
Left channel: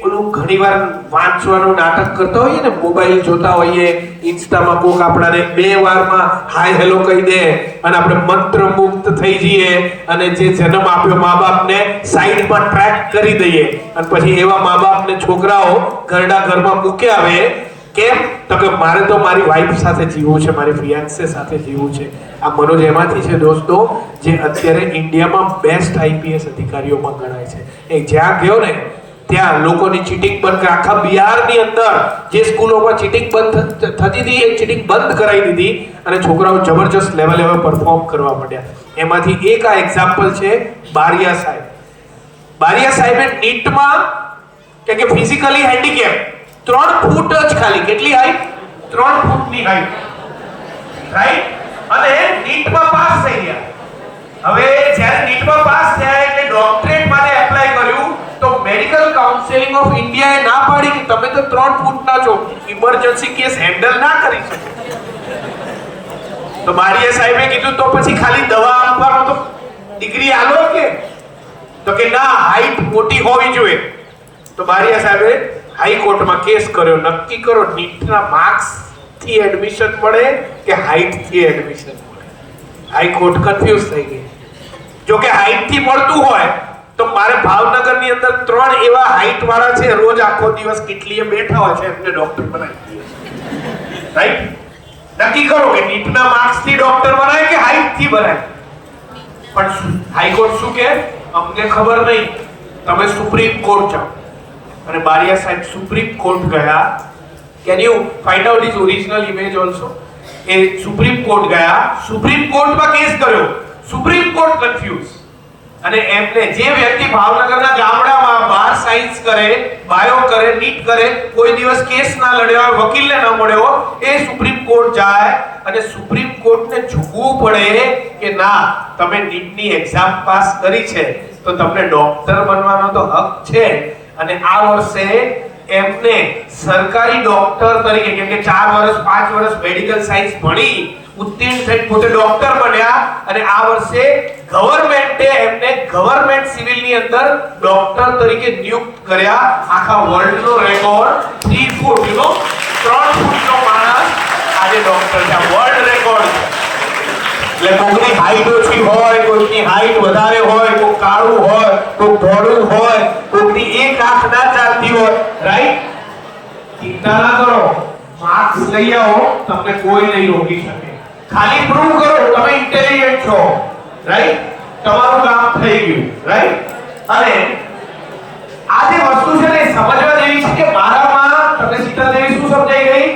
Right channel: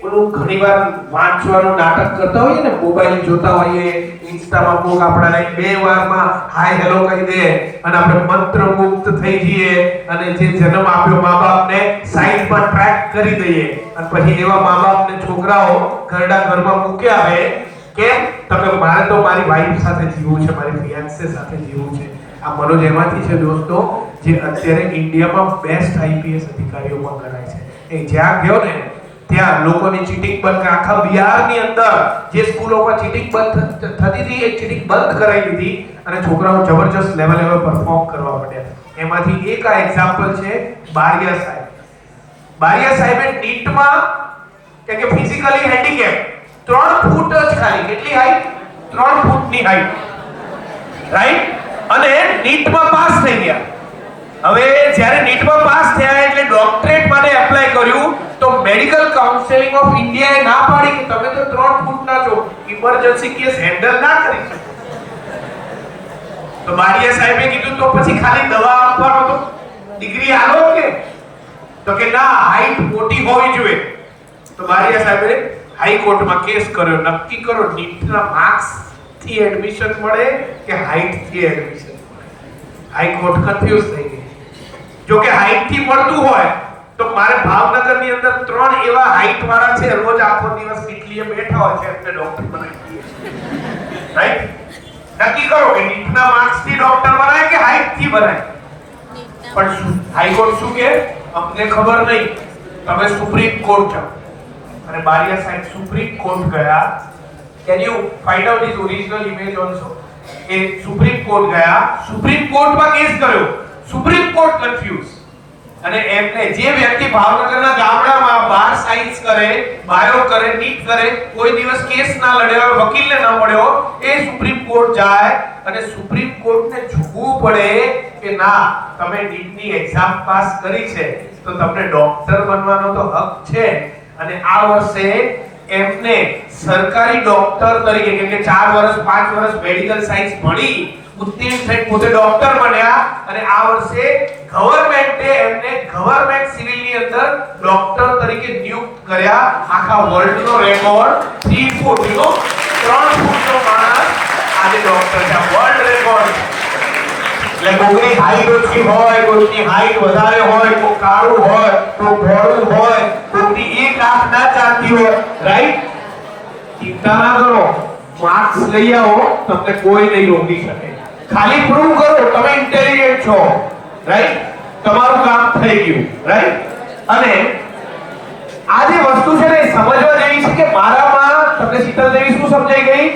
પેલું ઘણીવાર વાંચવાનું નાટક કરતા હોઈએ ને, મોબાઈલ જોતા હોઈએ, ઇન્સ્ટામાં કોક આપણને 2 વારમાં હાય હેલો કહી દે અને આપણે મંત્રમુગ્ધ થઈ જઈએ, અને જે જન્મ આપ્યો મા બાપને સાઈડ કરી દઈએ અને પછી એવા મા બાપને છોકરાઓ ઘરના ઘરમાં મૂકી આવે. કેમ? તો કે મારે તો મારી વાઈફ સાથે જીવવું છે, મારી ફિયાન્સે સાથે જીવવું છે. આ મનોજ એમાંથી છે દોસ્તો જે અત્યારે ઇન્ડિયામાં બેસ્ટ આઈપીએસ અધિકારીઓમાં ગણાય છે. એ જ્યાં ગયો ને ત્યાં લોકોની ચીટિંગ બંધ કરી, આખા બિહારની અંદર જે સ્કૂલોમાં ચીટિંગ બંધ થતી હતી એ ચીટિંગ બંધ કરાવી દીધી અને છોકરાઓ જબરજસ્ત લેવલે પરફોર્મ કરવા માંડ્યા. એમાંથી એક આ એક્ઝામ્પલ છે બારિયા સાહેબ. બારિયા સાહેબે નીટમાં કે ફિઝિકલી હેન્ડીકેપ 3 ફૂટ જ ખાલી, કેટલી હાઈટ? 3 ફૂટની હાઈટ, રાઈટ? અને નીટમાં પાસ થઈ ગયા. હવે જ્યારે નીટમાં પાસ થયા એટલે ડોક્ટરેટ માટે એપ્લાય કર્યું તો મેડિકલ કાઉન્સિલ ઓફ ઇન્ડિયાએ ના પાડી કે તમે તો 3 ફૂટના છો, ઇમરજન્સી કેસ હેન્ડલ ના કરી શકો. તો બારિયા સાહેબે કીધું તો પછી ખાલી દવા આપવાનો તો ડિગ્રી આલો કે? તો કે ના, હાઈટ મોટી હોવી જોઈએ. તો બારિયા સાહેબે હાઈકોર્ટમાં કેસ કર્યો, નક્કી કરો નીટના માર્ક્સ થી એડમિશન મળે કે હાઈટ થી એડમિશન મળે. હાઈકોર્ટ કન્ફ્યુઝ થઈ ગઈ. જો કે હાઈટ થી મળતું હોય તો મારે ભાવનગરની અંદર 3 એવા હાઈટ વાળા છે, રોજ આખો દિવસ કેટલીએ બેઠા હોય છે, એમને ડોક્ટર બનાવી દઈએ, રાઈટ? નક્કી કરો કે નીટના માર્ક્સ થી ડોક્ટર બનાય કે હાઈટ થી બનાય. પણ હાઈકોર્ટ શું કે? અમને ખબર નહીં, તમે સુપ્રીમ કોર્ટ જાઓ. અને બારિયા સાહેબ સુપ્રીમ કોર્ટ ગયા. Can you find out his original image also? A supreme court ગયા, સુપ્રીમ કોર્ટમાં કેસ કર્યો, સુપ્રીમ કોર્ટ કન્ફ્યુઝ. અને એમને જે વ્યક્તિ ભાવનગરના ગામડામાં 12 સાયન્સ કરે, બાયો કરે, નીટ કરે, કોઈ દિવસ કેસ ના લડ્યા, વકીલને ન મળ્યો, એ સુપ્રીમ કોર્ટ જાય અને સુપ્રીમ કોર્ટને ઝૂકવું પડે કે ના, તમે નીટની એક્ઝામ પાસ કરી છે તો તમને ડોક્ટર બનવાનો તો હક છે. અને આ વર્ષે એમને સરકારી ડોક્ટર તરીકે, કેમ કે 4 વર્ષ 5 વર્ષ મેડિકલ સાયન્સ ભણી ઉત્તીર્ણ થઈ પોતે ડોક્ટર બન્યા અને આ વર્ષે ગવર્નમેન્ટે એમને ગવર્નમેન્ટ સિવિલની અંદર ડોક્ટર તરીકે નિયુક્ત કર્યા. આખા વર્લ્ડનો રેકોર્ડ 3 ફૂટ, 3 ફૂટનો માણસ આજે ડોક્ટર છે. World record. એટલે કોઈની હાઈટ ઓછી હોય, કોઈની હાઈટ વધારે હોય, કોઈ કાળું હોય, કોઈ ધોળું હોય, કોઈની એક આંખ ના ચાલતી હોય, રાઈટ? ચિંતા ના કરો, માર્ક્સ લઈ આવો, તમને કોઈ નહીં રોકી શકે. ખાલી પ્રૂવ કરો તમે ઇન્ટેલિજન્ટ છો, રાઈટ? તમારું કામ થઈ ગયું, રાઈટ? અને આ જે વસ્તુ છે ને સમજવા જેવી છે કે મારામાં તમને શીતલ દેવી શું સમજાઈ ગઈ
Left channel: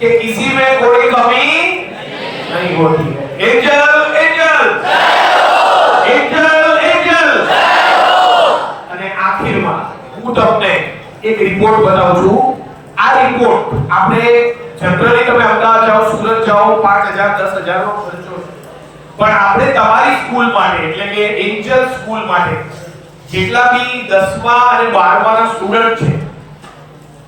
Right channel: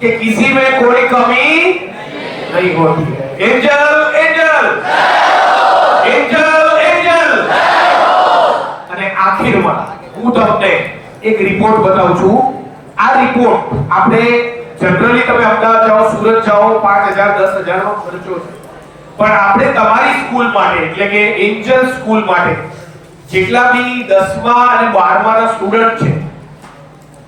કે કિસી में कोई कमी नहीं होती है. Angel angel angel angel. અને આખિરમાં હું તમને એક રિપોર્ટ બતાવું છું. આ રિપોર્ટ આપણે જનરલી તમે અમદાવાદ જાઓ, સુરત જાઓ, 5000 10000 નો ખર્ચો, પણ આપણે તમારી સ્કૂલ માટે એટલે કે એન્જલ સ્કૂલ માટે જેટલા બી 10મા અને 12માના સ્ટુડન્ટ છે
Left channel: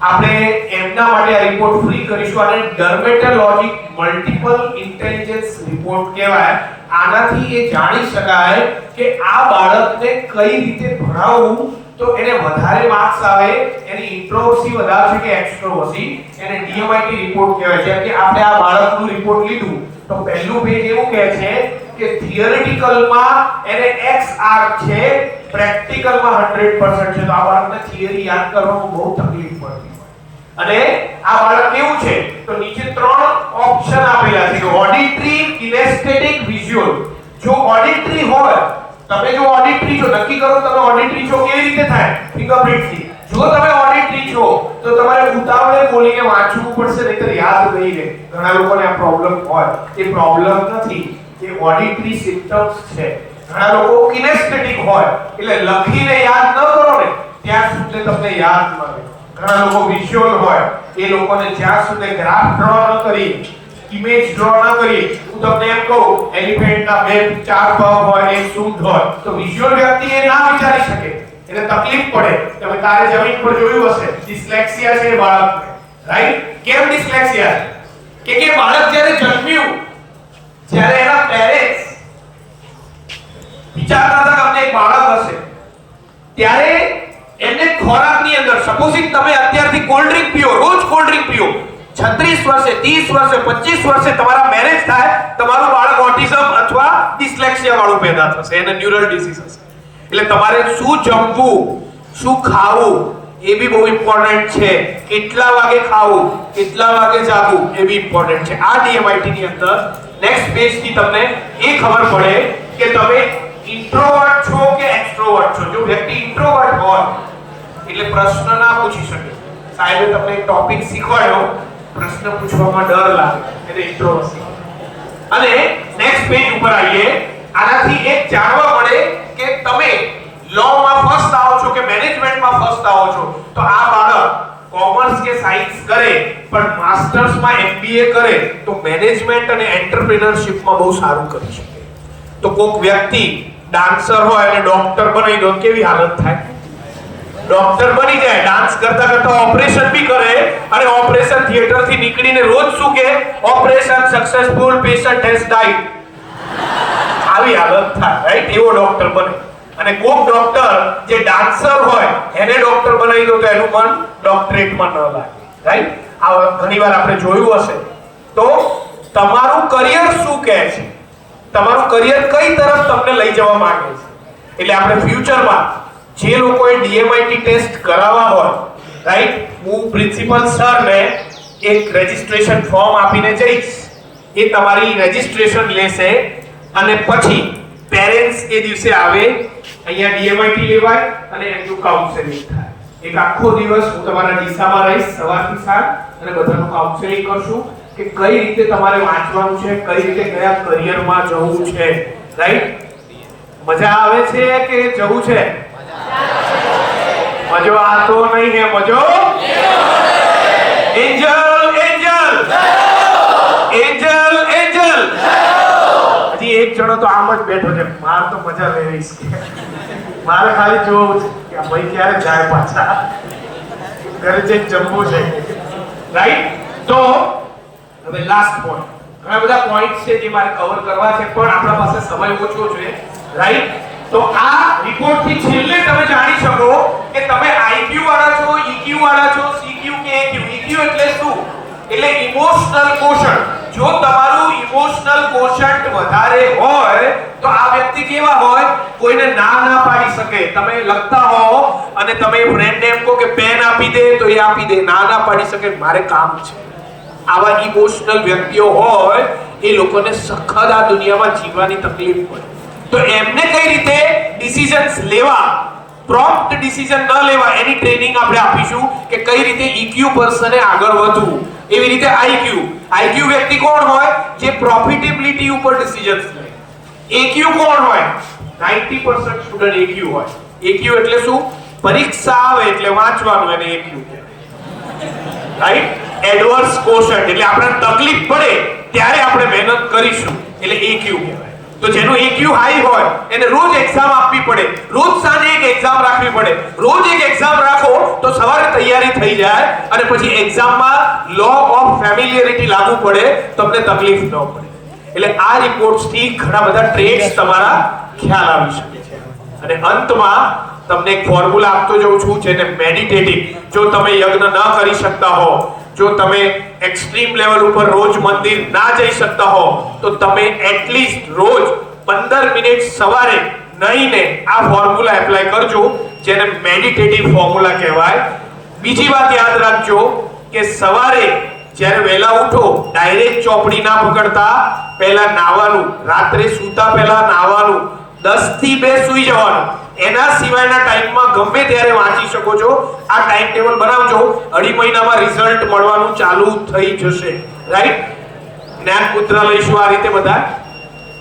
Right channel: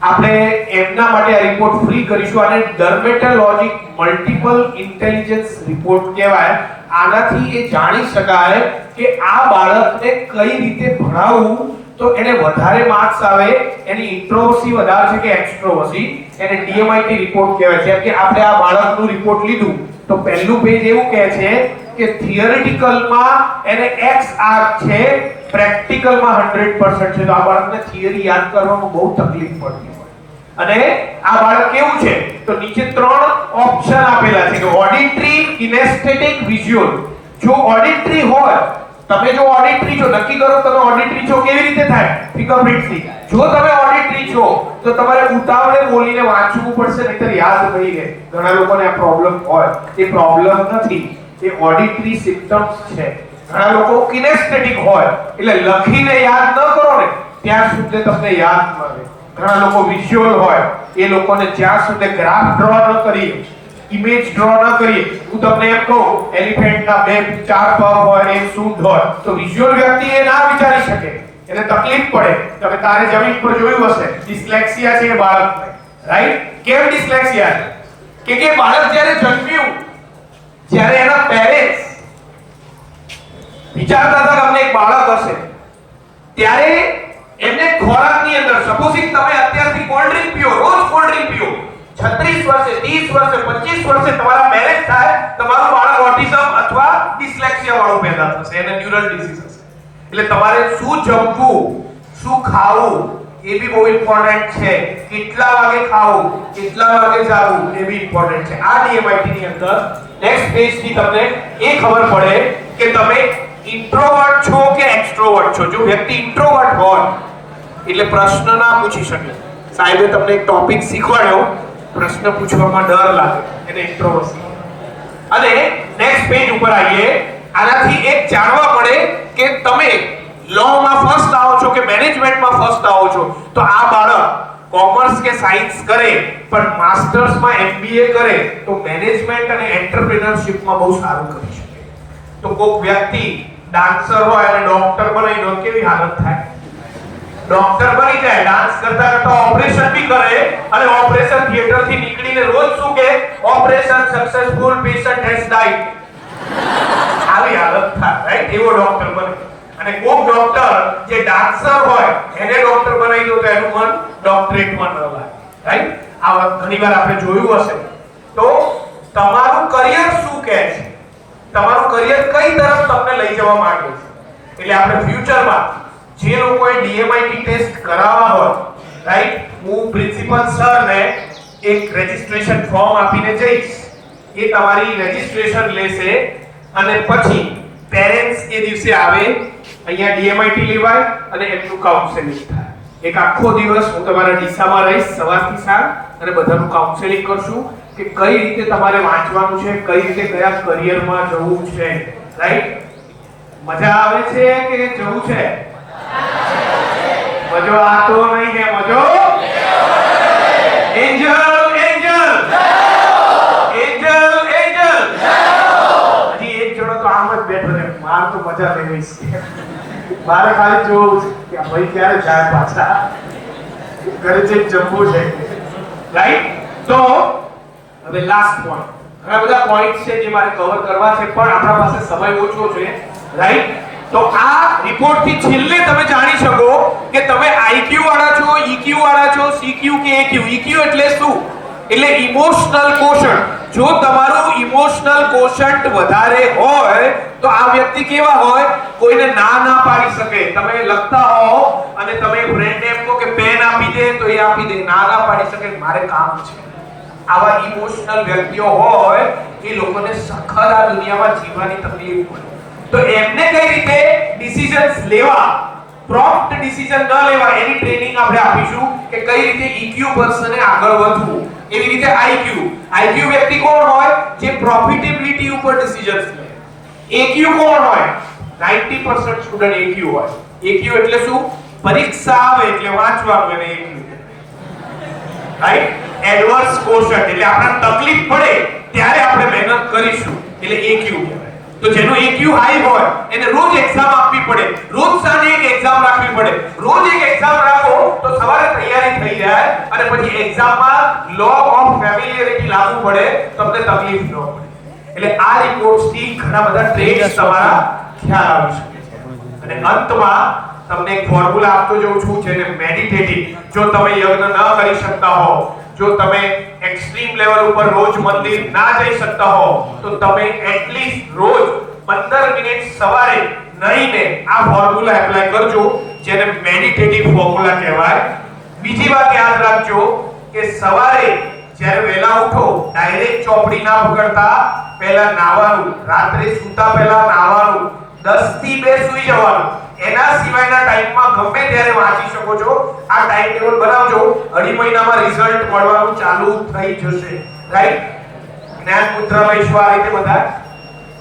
આપણે એમના માટે આ રિપોર્ટ ફ્રી કરીશું. અને ડર્મેટોલોજી મલ્ટીપલ ઇન્ટેલિજન્સ રિપોર્ટ કહેવાય. આનાથી એ જાણી શકાય કે આ બાળકને કઈ રીતે ભણાવવું તો એને વધારે માર્ક્સ આવે, એની ઇન્ટ્રોવર્સી વધારે છે કે એક્સ્ટ્રોવર્સી, એને ડીએમઆઈટી રિપોર્ટ કહેવાય. જેમ કે આપણે આ બાળકનું રિપોર્ટ લીધું તો પહેલું પેજ એવું કહે છે કે થિયરિટિકલમાં એને x આર છે, પ્રેક્ટિકલમાં 100% છે. તો આ બાળકને થિયરી યાદ કરવામાં બહુ તકલીફ પડતી. અને આ બાળક કેવું છે તો નીચે 3 ઓપ્શન આપેલા છે કે ઓડિટરી, કિનેસ્થેટિક, વિઝ્યુઅલ. જો ઓડિટરી હોય, તમે જો ઓડિટરી છો, નક્કી કરો તમે ઓડિટરી છો કેવી રીતે થાય ફિંગરપ્રિન્ટથી. જો તમે ઓડિટરી છો તો તમારે ઉતાવળે બોલીને વાંચવું પડશે, નહીતર યાદ નહીં રહે. ઘણા લોકોને આ પ્રોબ્લેમ હોય. એ પ્રોબ્લેમ નથી, એ ઓડિટરી સિમ્પટમ્સ છે. ઘણા લોકો કિનેસ્થેટિક હોય એટલે લખીને યાદ ન કરો ને ત્યાં સુધી તમને યાદ ન રહે. ઘણા લોકો વિઝ્યુઅલ હોય, એ લોકોને જ્યાં સુધી ગ્રાફ ડ્રો ન કરી, ઇમેજ ડ્રો ન કરી, હું તમને એમ કહું એલિફન્ટના 2 4 પગ હોય, એક સૂંઢ હોય, તો વિઝ્યુઅલ વ્યક્તિ એ ના વિચારી શકે, એને તકલીફ પડે. તમે તારે જમીન પર જોયું હશે ડિસ્લેક્સિયા છે બાળકને, રાઈટ? કેમ ડિસ્લેક્સિયા છે? કે બાળક જ્યારે જન્મ્યું, જ્યારે એના પેરેન્ટ્સ વિચારતા હતા અમને એક બાળક હશે, ત્યારે એમને ખોરાકની અંદર સપોઝિંગ તમે અત્યારથી કોલ્ડ ડ્રિંક પીઓ, રોજ કોલ્ડ ડ્રિંક પીઓ, 36 વર્ષે 30 વર્ષે 25 વર્ષે તમારા મેરેજ થાય, તમારું બાળક ઓટિઝમ અથવા ડિસ્લેક્સિયા વાળું પેદા થશે, એને ન્યુરલ ડિસીઝ હશે. એટલે તમારે શું જમવું, શું ખાવું એ બી બહુ ઇમ્પોર્ટન્ટ છે, કેટલા વાગે ખાવું, કેટલા વાગે જાગવું એ બી ઇમ્પોર્ટન્ટ છે. આ DMIT ની અંદર નેક્સ્ટ પેજ થી તમને એ ખબર પડે કે તમે ઇન્ટ્રોવર્ટ છો કે એક્સ્ટ્રોવર્ટ છો. જો વ્યક્તિ ઇન્ટ્રોવર્ટ હોય એટલે પ્રશ્ન ના પૂછી શકે. સાહેબે તમને એક ટોપિક શીખવાડ્યો, પ્રશ્ન પૂછવામાં ડર લાગે એટલે ઇન્ટ્રોવર્સી. અને નેક્સ્ટ પેજ ઉપર આવીએ. આનાથી એક જાણવા મળે કે તમે લોમાં ફર્સ્ટ આવો છો કે મેનેજમેન્ટમાં ફર્સ્ટ આવો છો. તો આ બાળક કોમર્સ કે સાયન્સ કરે પણ માસ્ટર્સમાં MBA કરે તો મેનેજમેન્ટ અને એન્ટરપ્રેન્યોરશિપમાં બહુ સારું કરી શકે. તો કોઈક વ્યક્તિ ડાન્સર હોય અને ડોક્ટર બનાવી દો કેવી હાલત થાય? ડોક્ટર બની જાય, ડાન્સ કરતા કરતા ઓપરેશન બી કરે અને ઓપરેશન થિયેટર થી નીકળીને રોજ શું કહે? Operation successful, patient has died. આવી હાલત થાય, રાઈટ? એવો ડોક્ટર બને. અને કોઈક ડોક્ટર જે ડાન્સર હોય એને ડોક્ટર બનાવી દો તો એનું મન ડોક્ટરેટમાં ન લાગે, રાઈટ? આ ઘણીવાર આપણે જોયું હશે. તો તમારું કરિયર શું કહે છે? તમારું કરિયર કઈ તરફ તમને લઈ જવા માંગે છે? એટલે આપણે ફ્યુચરમાં જે લોકોએ DMIT ટેસ્ટ કરાવવા હોય, રાઈટ, હું પ્રિન્સિપલ સરને એક રજિસ્ટ્રેશન ફોર્મ આપીને જઈશ. એ તમારી રજિસ્ટ્રેશન લેશે અને પછી પેરેન્ટ્સ એ દિવસે આવે, અહીંયા DMIT લેવાય અને એમનું કાઉન્સેલિંગ થાય. એક આખો દિવસ હું તમારા ડીસામાં રહીશ સવારથી સાંજ અને બધાનું કાઉન્સેલિંગ કરશું કે કઈ રીતે તમારે વાંચવાનું છે, કઈ રીતે કયા કરિયરમાં જવું છે, રાઈટ? મજા આવે છે કે જવું છે? મજો આતો નહીં હે, મજો એન્જલ એન્જલ એન્જલ એન્જલ. હજી એક જણો તો આમ જ બેઠો છે, માર તો મજા લેવી છે, મારે ખાલી જોવું છે કે ભાઈ ક્યારે જાય પાછા, ઘરે જઈને જમવું છે, રાઈટ? તો હવે લાસ્ટ પોઈન્ટ. ઘણા બધા પોઈન્ટ છે જે મારે કવર કરવા છે પણ આપણા પાસે સમય ઓછો છે, રાઈટ? તો આ રિપોર્ટ થી છેલ્લે તમે જાણી શકો કે તમે IQ વાળા છો, EQ વાળા છો, CQ કે AQ. EQ એટલે શું? એટલે ઇમોશનલ કોશન્ટ. જો તમારું ઇમોશનલ કોશન્ટ વધારે હોય તો આ વ્યક્તિ કેવા હોય? કોઈને ના પાડી શકે. તમે લખતા હો અને તમે ફ્રેન્ડને એમ કહો કે પેન આપી દે તો એ આપી દે, ના પાડી શકે, મારે કામ છે. આવા ઇમોશનલ વ્યક્તિઓ હોય એ લોકોને સખત આ દુનિયામાં જીવવાની તકલીફ પડે. તો એમને કઈ રીતે ડિસિઝન્સ લેવા, પ્રોમ્પ્ટ ડિસિઝન ન લેવા એની ટ્રેનિંગ આપણે આપીશું કે કઈ રીતે EQ પર્સને આગળ વધવું. એવી રીતે IQ વ્યક્તિ કોણ હોય? જે પ્રોફિટેબિલિટી ઉપર ડિસિઝન્સ લે. AQ કોણ હોય? 90% સ્ટુડન્ટ AQ હોય. AQ એટલે શું? પરીક્ષા આવે એટલે વાંચવાનું, એને AQ કહેવાય, રાઈટ? એડવર્સ કોશન્ટ એટલે આપણને તકલીફ પડે ત્યારે આપણે મહેનત કરીશું એટલે AQ કહેવાય. તો જેનો EQ હાઈ હોય એને રોજ એક્ઝામ આપવી પડે, રોજ સાંજે એક એક્ઝામ રાખવી પડે, રોજ એક એક્ઝામ રાખો તો સવારે તૈયારી થઈ જાય અને પછી એક્ઝામમાં લો ઓફ ફેમિલિયરિટી લાગુ પડે, તમને તકલીફ ન પડે. એટલે આ રિપોર્ટ્સ થી ઘણા બધા ટ્રેડ્સ તમારા ખ્યાલ આવી શકે છે. અને અંતમાં તમને એક ફોર્મ્યુલા આપતો જાઉં છું જેને મેડિટેટિવ. જો તમે યજ્ઞ ન કરી શકતા હો, જો તમે એક્સ્ટ્રીમ લેવલ ઉપર રોજ મંદિર ના જઈ શકતા હો તો તમે એટલીસ્ટ રોજ 15 મિનિટ સવારે નહીને આ ફોર્મ્યુલા એપ્લાય કરજો જેને મેડિટેટિવ ફોર્મ્યુલા કહેવાય. બીજી વાત યાદ રાખજો કે સવારે જ્યારે વહેલા ઉઠો ડાયરેક્ટ ચોપડી ના પકડતા, પહેલા નાવાનું, રાત્રે સૂતા પહેલા નાવાનું, 10 થી 2 સૂઈ જવાનું. એના સિવાયના ટાઈમમાં ગમે ત્યારે વાંચી શકો છો. આ ટાઈમ ટેબલ બનાવજો, અઢી મહિનામાં રિઝલ્ટ મળવાનું ચાલુ થઈ જશે, રાઈટ? જ્ઞાન પુત્ર લઈશું આ રીતે બધા.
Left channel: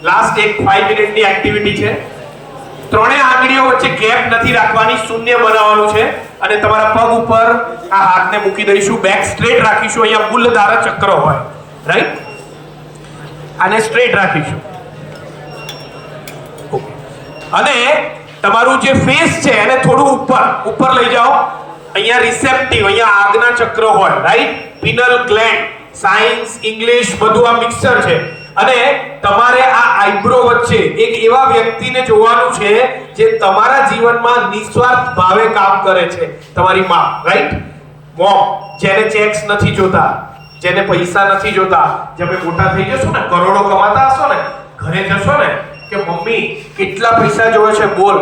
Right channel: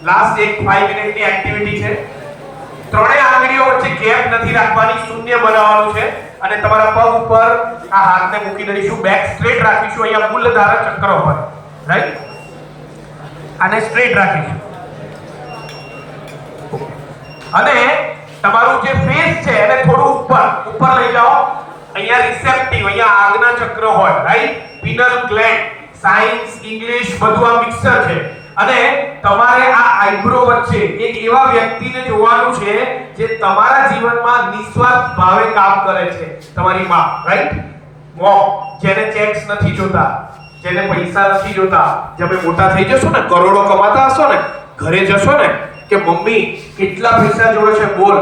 લાસ્ટ એક 5 મિનિટની એક્ટિવિટી છે. ત્રણેય આંગળીઓ વચ્ચે ગેપ નથી રાખવાની, શૂન્ય બનાવવાનું છે અને તમારા પગ ઉપર આ હાથને મૂકી દઈશું, બેક સ્ટ્રેટ રાખીશું. અહીંયા મૂલધારા ચક્ર હોય, રાઈટ? આને સ્ટ્રેટ રાખીશું અને તમારું જે ફેસ છે એને થોડું ઉપર લઈ જાઓ. અહીંયા રિસેપ્ટિવ, અહીંયા આજ્ઞા ચક્ર હોય, right? Penal gland, science, English બધું આ મિક્સર છે. અને તમારે આ આઈબ્રો વચ્ચે એક એવા વ્યક્તિને જોવાનું છે જે તમારા જીવનમાં નિસ્વાર્થ ભાવે કામ કરે છે. તમારી માં, રાઈટ? મોમ, જેને ચેક્સ નથી જોતા, જેને પૈસા નથી જોતા. જ્યારે મોટા થઈ જશો ને, કરોડો કમાતા હશો ને, ઘરે જશો ને કે મમ્મી કેટલા પૈસા જોવે છે બોલ,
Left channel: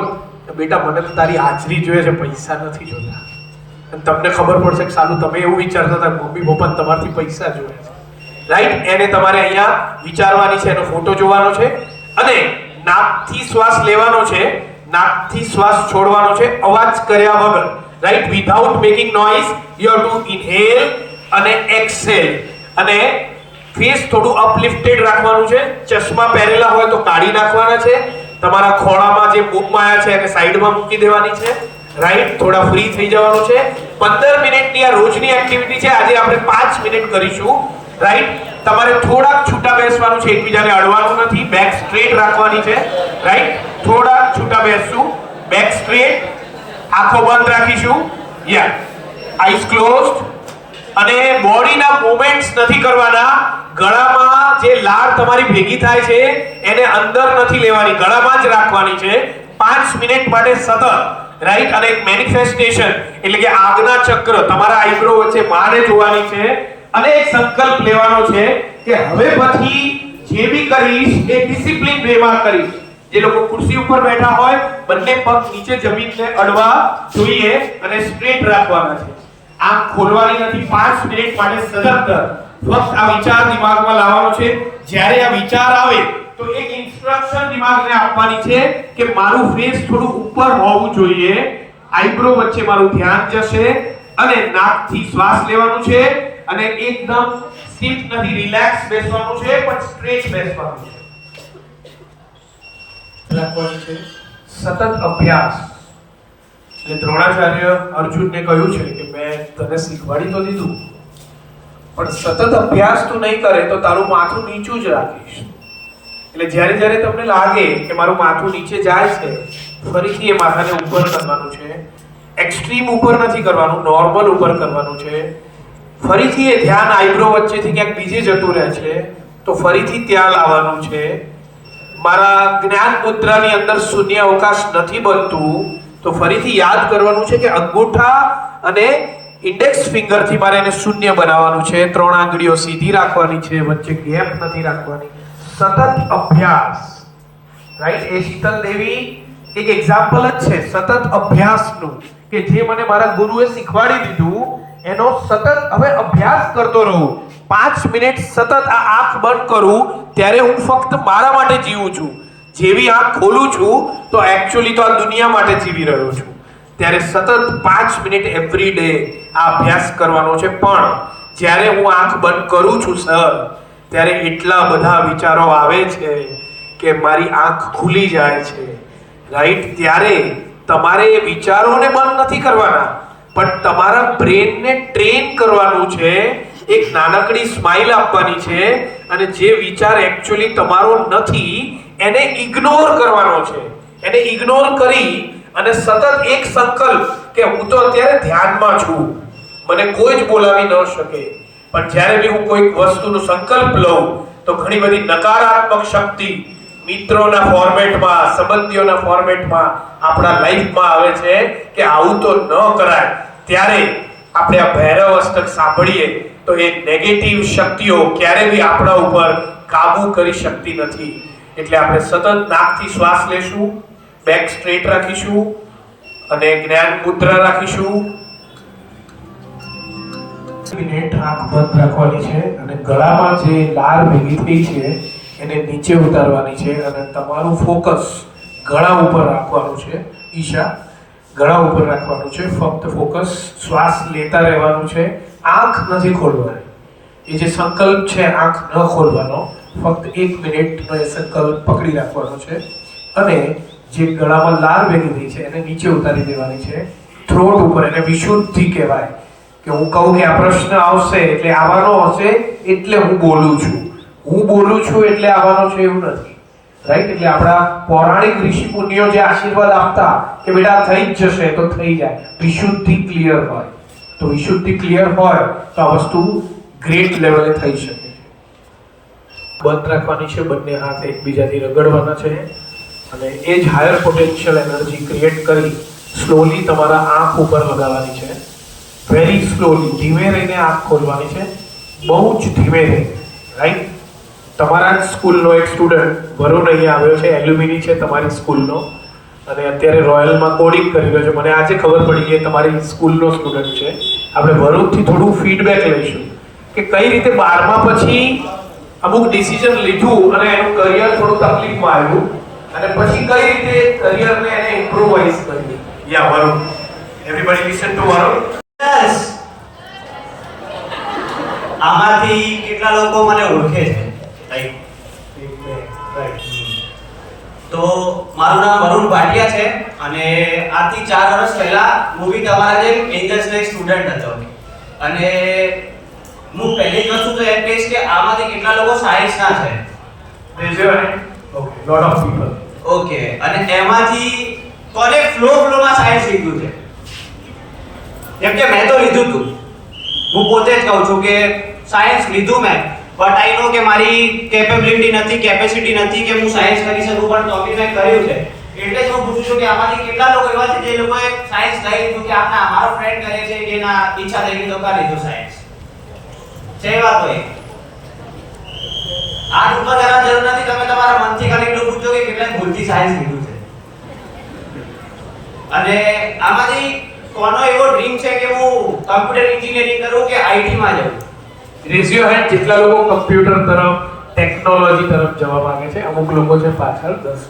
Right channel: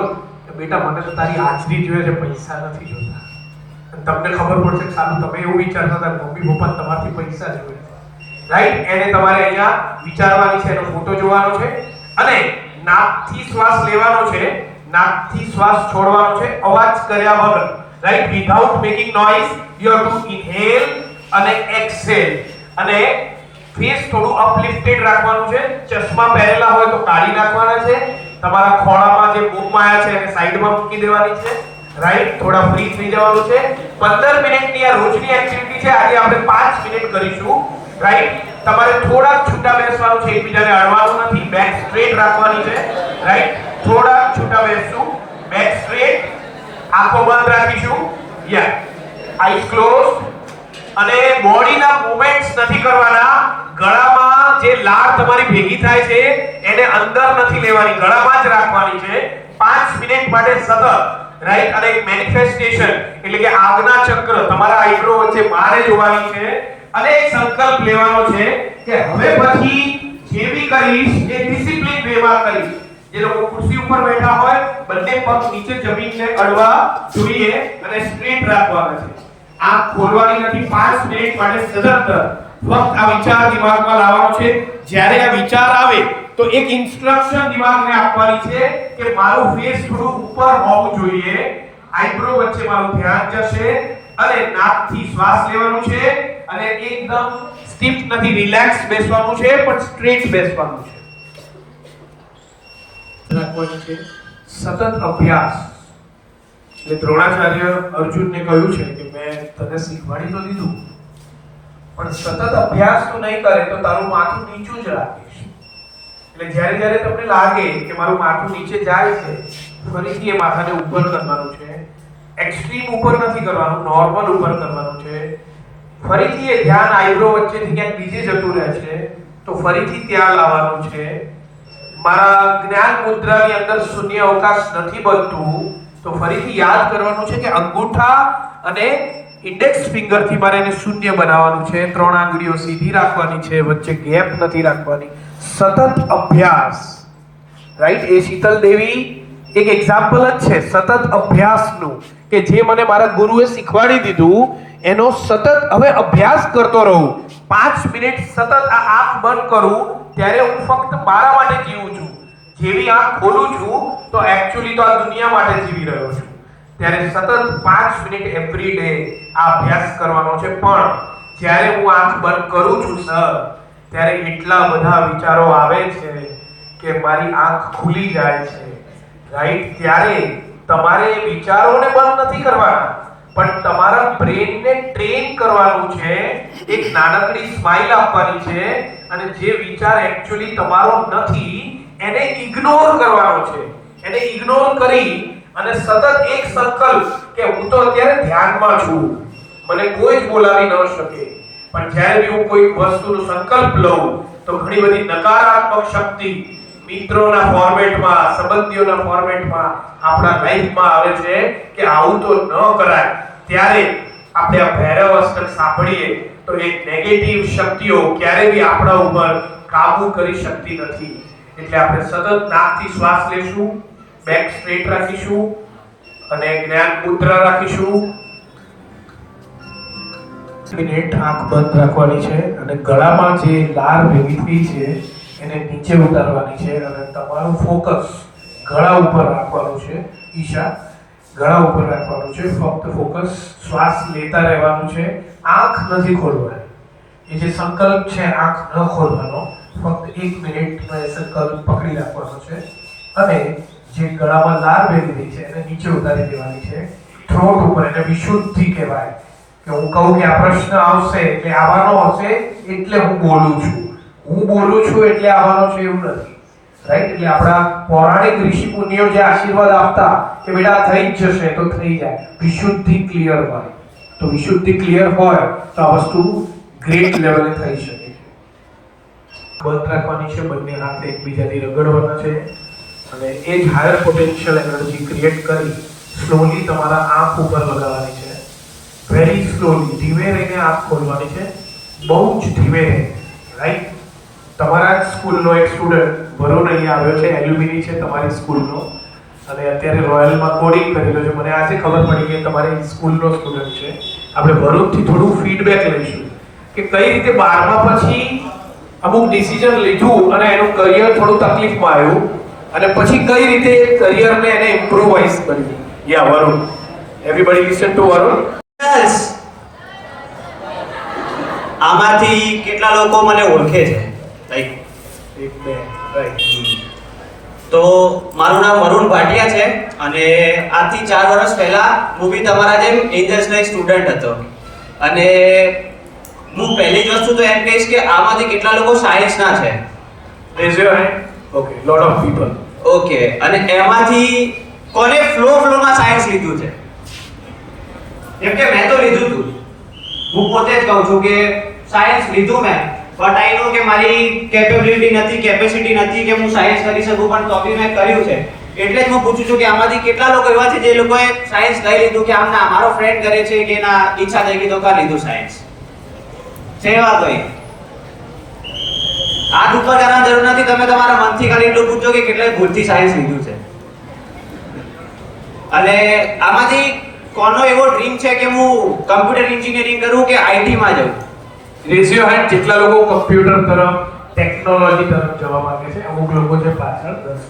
બેટા મને તો તારી હાજરી જોઈએ છે, પૈસા નથી જોતા. અને તમને ખબર પડશે કે સાલું તમે એવું વિચારતા હતા મમ્મી પપ્પા તમારથી પૈસા જોઈએ છે, રાઈટ? એને તમારે અહીંયા વિચારવાની છે, એનો ફોટો જોવાનો છે અને નાકથી શ્વાસ લેવાનો છે, નાકથી શ્વાસ છોડવાનો છે અવાજ કર્યા વગર, right? Without making noise you have to inhale અને એક્સહેલ. અને ફેસ થોડું અપલિફ્ટેડ રાખવાનું છે. ચશ્મા પહેરેલા હોય તો કાઢી નાખવાના છે. તમારા ખોળામાં જે બુક માયા છે એને સાઈડમાં મૂકી દેવાની છે, રાઈટ? થોડા ફ્રી થઈ જવાનું છે. 15 મિનિટની આ રોજની એક્ટિવિટી છે. આજે આપણે 5 મિનિટ કરીશું, રાઈટ? તમારે થોડા છૂટા બેસવાનું છે, એકબીજાને અડવાનું નથી. બેક સ્ટ્રેટ રાખવાની છે, રાઈટ? થોડા છૂટા બેસશું, બેક સ્ટ્રેટ, આંખો બંધ રાખીશું, યા આઈઝ ક્લોઝડ. અને બોડીના મૂવમેન્ટ્સ નથી કરવાના. ગળામાં જે લાળ તમારી ભેગી થાય છે એને અંદર નથી લેવાની, ગળામાં જ રાખવાની છે 5 મિનિટ માટે સતત, રાઈટ? અને એક મેનિફેસ્ટેશન એટલે કે આગના ચક્ર તમારા આઈબ્રો વચ્ચે મારે જોવાની છે અને એક સંકલ્પ લેવાનો છે કે હવે પછી જે બી કરીશ એ ડિસિપ્લિન વેમાં કરીશ. જે લોકો ખુરશી ઉપર બેઠા હોય બંને પગ નીચે જમીનને અડવા જોઈએ અને સ્ટ્રેટ રાખવાના છે. આંખ ખોલવાની નથી 5 મિનિટ માટે સતત. ફક્ત આ વિચાર દિમાગમાં લાવવાનો છે. જ્યારે આ વિચાર આવે તો એક ઇન્સ્ટ્રક્શન દિમાગને આપવાની છે કે મારું ફેસ થોડું ઉપર હોવું જોઈએ, આઈબ્રો વચ્ચે મારું ધ્યાન જશે અને નાકથી શ્વાસ લેવાનું છે અને એકદમ સ્ટીફ નથી, રિલેક્સ બેસવાનું છે પણ સ્ટ્રેટ બેસવાનું છે. રાખવાની છે સતત અભ્યાસ. એટલે દ્રોણાચાર્ય અર્જુનને કહ્યું છે કે મેં તને શીખવાડી તો દીધું પણ સતત અભ્યાસ તું નહીં કરે તો તારું માથું નીચું જ રાખીશ. એટલે જ્યારે જ્યારે તમને લાગે કે મારું માથું નીચે જાય છે ફરીથી એ માથાને ઉપર કરવાનું છે. એક્સ્ટ્રીમ ઉપર નથી કરવાનું, નોર્મલ ઉપર કરવાનું છે. ફરીથી એ ધ્યાન આઈબ્રો વચ્ચેથી ક્યાંક બીજે જતું રહે છે તો ફરીથી ત્યાં લાવવાનું છે. મારા જ્ઞાન મુદ્રાની અંદર શૂન્ય અવકાશ નથી બનતું તો ફરીથી યાદ કરવાનું છે કે અંગૂઠા અને ઇન્ડેક્સ ફિંગર થી મારે એને શૂન્ય બનાવવાનું છે. 3 આંગળીઓ સીધી રાખવાની છે, વચ્ચે ગેપ નથી રાખવાની. સતત અભ્યાસ, રાઈટ? એ શીતલ દેવી એક એક્ઝામ્પલ જ છે સતત અભ્યાસનું કે જે મને મારા ગુરુએ શીખવાડી દીધું એનો સતત હવે અભ્યાસ કરતો રહું. 5 મિનિટ સતત આ આંખ બંધ કરું ત્યારે હું ફક્ત મારા માટે જીવું છું. જેવી આંખ ખોલું છું તો એક્ચ્યુઅલી તો આ દુનિયા માટે જીવી રહ્યો છું. ત્યારે સતત 5 મિનિટ એવરી ડે આ અભ્યાસ કરવાનો છે. પણ જ્યારે હું આંખ બંધ કરું છું સર ત્યારે એટલા બધા વિચારો આવે છે કે મારી આંખ ખુલી જાય છે, રાઈટ? ત્યારે તમારે એ વિચારોને બંધ નથી કરવાના પણ તમારા બ્રેનને ટ્રેન કરવાનું છે. એક નાનકડી સ્માઈલ આપવાની છે અને જે વિચાર એક્ચ્યુઅલી તમારો નથી એને ઇગ્નોર કરવાનો છે. એને ઇગ્નોર કરી અને સતત એક સંકલ્પ કે હું તો અત્યારે ધ્યાનમાં છું, મને કોઈ જ બોલાવી ન શકે. પણ જ્યારે બી હું કોઈ વસ્તુનો સંકલ્પ લઉં તો ઘણી બધી નકારાત્મક શક્તિ મિત્રોના ફોર્મેટમાં, સંબંધીઓના ફોર્મેટમાં આપણા લાઈફમાં આવે છે કે આવું તો ન કરાય. ત્યારે આપણે આ ભૈરવ અષ્ટક સાંભળીએ તો એ નેગેટિવ શક્તિઓ ક્યારે બી આપણા ઉપર કાબુ કરી શકતી નથી. એટલે આપણે સતત નાકથી શ્વાસ લેશું, બેક સ્ટ્રેટ રાખીશું અને જ્ઞાન મુદ્રા રાખીશું. મિનિટ આંખ બંધ રાખવાની છે અને ગળામાં જે લાળ ભેગી થઈ છે એને નીચે ઉતારવાની છે અને તમારું ફોકસ ગળા ઉપર રાખવાનું છે. ઈશા ગળા ઉપર રાખવાનું છે. ફક્ત ફોકસ શ્વાસ લેતા રહેવાનું છે. આંખ નથી ખોલવાની. એ જે સંકલ્પ છે આંખ ન ખોલવાનો, ફક્ત 1 મિનિટનો એ સંકલ્પ પકડી રાખવાનો છે અને જે ગળામાં લાળ ભેગી થઈ છે એને નીચે ઉતારી દેવાની છે. થ્રોટ ઉપર, એને વિશુદ્ધિ કહેવાય કે હું કહું કે આ પ્રશ્ન આવશે એટલે આવવાનો હશે એટલે હું બોલું છું, હું બોલું છું એટલે આવવાનો છે એવું નથી, રાઈટ? એટલે આપણા પૌરાણિક ઋષિ મુનિઓ જે આશીર્વાદ આપતા કે બેટા થઈ જ જશે તો થઈ જાય. વિશુદ્ધિ ક્લિયર હોય તો વિશુદ્ધિ ક્લિયર હોય તો આ વસ્તુ ગ્રેટ લેવલે થઈ શકે છે. બંધ રાખવાની છે, બંને હાથ એકબીજાથી રગડવાના છે અને એ જ હાયર પોટેન્શિયલ એનર્જી ક્રિએટ કરી સ્લોલી તમારા આંખ ઉપર લગાવવાની છે. વેરી સ્લોલી, ધીમે રહીને આંખ ખોલવાની છે, બહુ જ ધીમે રહીને, રાઈટ? તમારા જ સ્કૂલનો એક સ્ટુડન્ટ વરુણ અહીંયા આવ્યો છે, એલ્યુમિની છે તમારી સ્કૂલનો. અને અત્યારે રોયલમાં કોડિંગ કરી રહ્યો છે. મને આજે ખબર પડી કે તમારી સ્કૂલનો સ્ટુડન્ટ છે. આપણે ભરૂચથી થોડું ફીડબેક લઈશું કે કઈ રીતે 12મા પછી અમુક ડિસિઝન લીધું અને એનું કરિયર થોડું તકલીફમાં આવ્યું અને પછી કઈ રીતે કરિયરને એને ઇમ્પ્રોવાઇઝ કર્યું. Yeah Varun, everybody listen to Varun. આમાંથી કેટલા લોકો મને ઓળખે છે? તો મારું નામ વરુણ ભાટિયા છે અને આજથી 4 વર્ષ પહેલા હું બી તમારા જેમ એન્જલ્સનો એક સ્ટુડન્ટ હતો. અને હું પહેલી જ વસ્તુ તો એમ કહીશ કે આમાંથી કેટલા લોકો સાયન્સના છે? Rays your hand. Okay, lot of people. Okay, અને એમાંથી કોને ફ્લોમાં સાયન્સ લીધું છે? જેમ કે મેં તો લીધું હતું, હું પોતે જ કહું છું કે સાયન્સ લીધું મેં, બટ આઈ નો કે મારી કેપેસિટી નથી કે હું સાયન્સ કરી શકું, પણ તો બી મેં કર્યું છે. એટલે જ હું પૂછું છું કે આમાંથી કેટલા લોકો એવા છે જે લોકોએ સાયન્સ લઈ લીધું કે આમ ના મારો ફ્રેન્ડ કરે છે કે ના ઈચ્છા થઈ ગઈ તો કરી લીધું સાયન્સ? છે એવા કોઈ? આ ઉપર કરવાની જરૂર નથી, તમે તમારા મનથી ખાલી એટલું પૂછો કે કેટલાય ભૂલથી સાયન્સ લીધું છે. અને આમાંથી કોનો એવો ડ્રીમ છે કે હું કમ્પ્યુટર એન્જિનિયરિંગ કરું કે આઈટી માં જાઉં? Rays your hand. જેટલા લોકો કમ્પ્યુટર તરફ, ટેકનોલોજી તરફ જવા માંગે છે. અમુક લોકો છે પાછળ 10.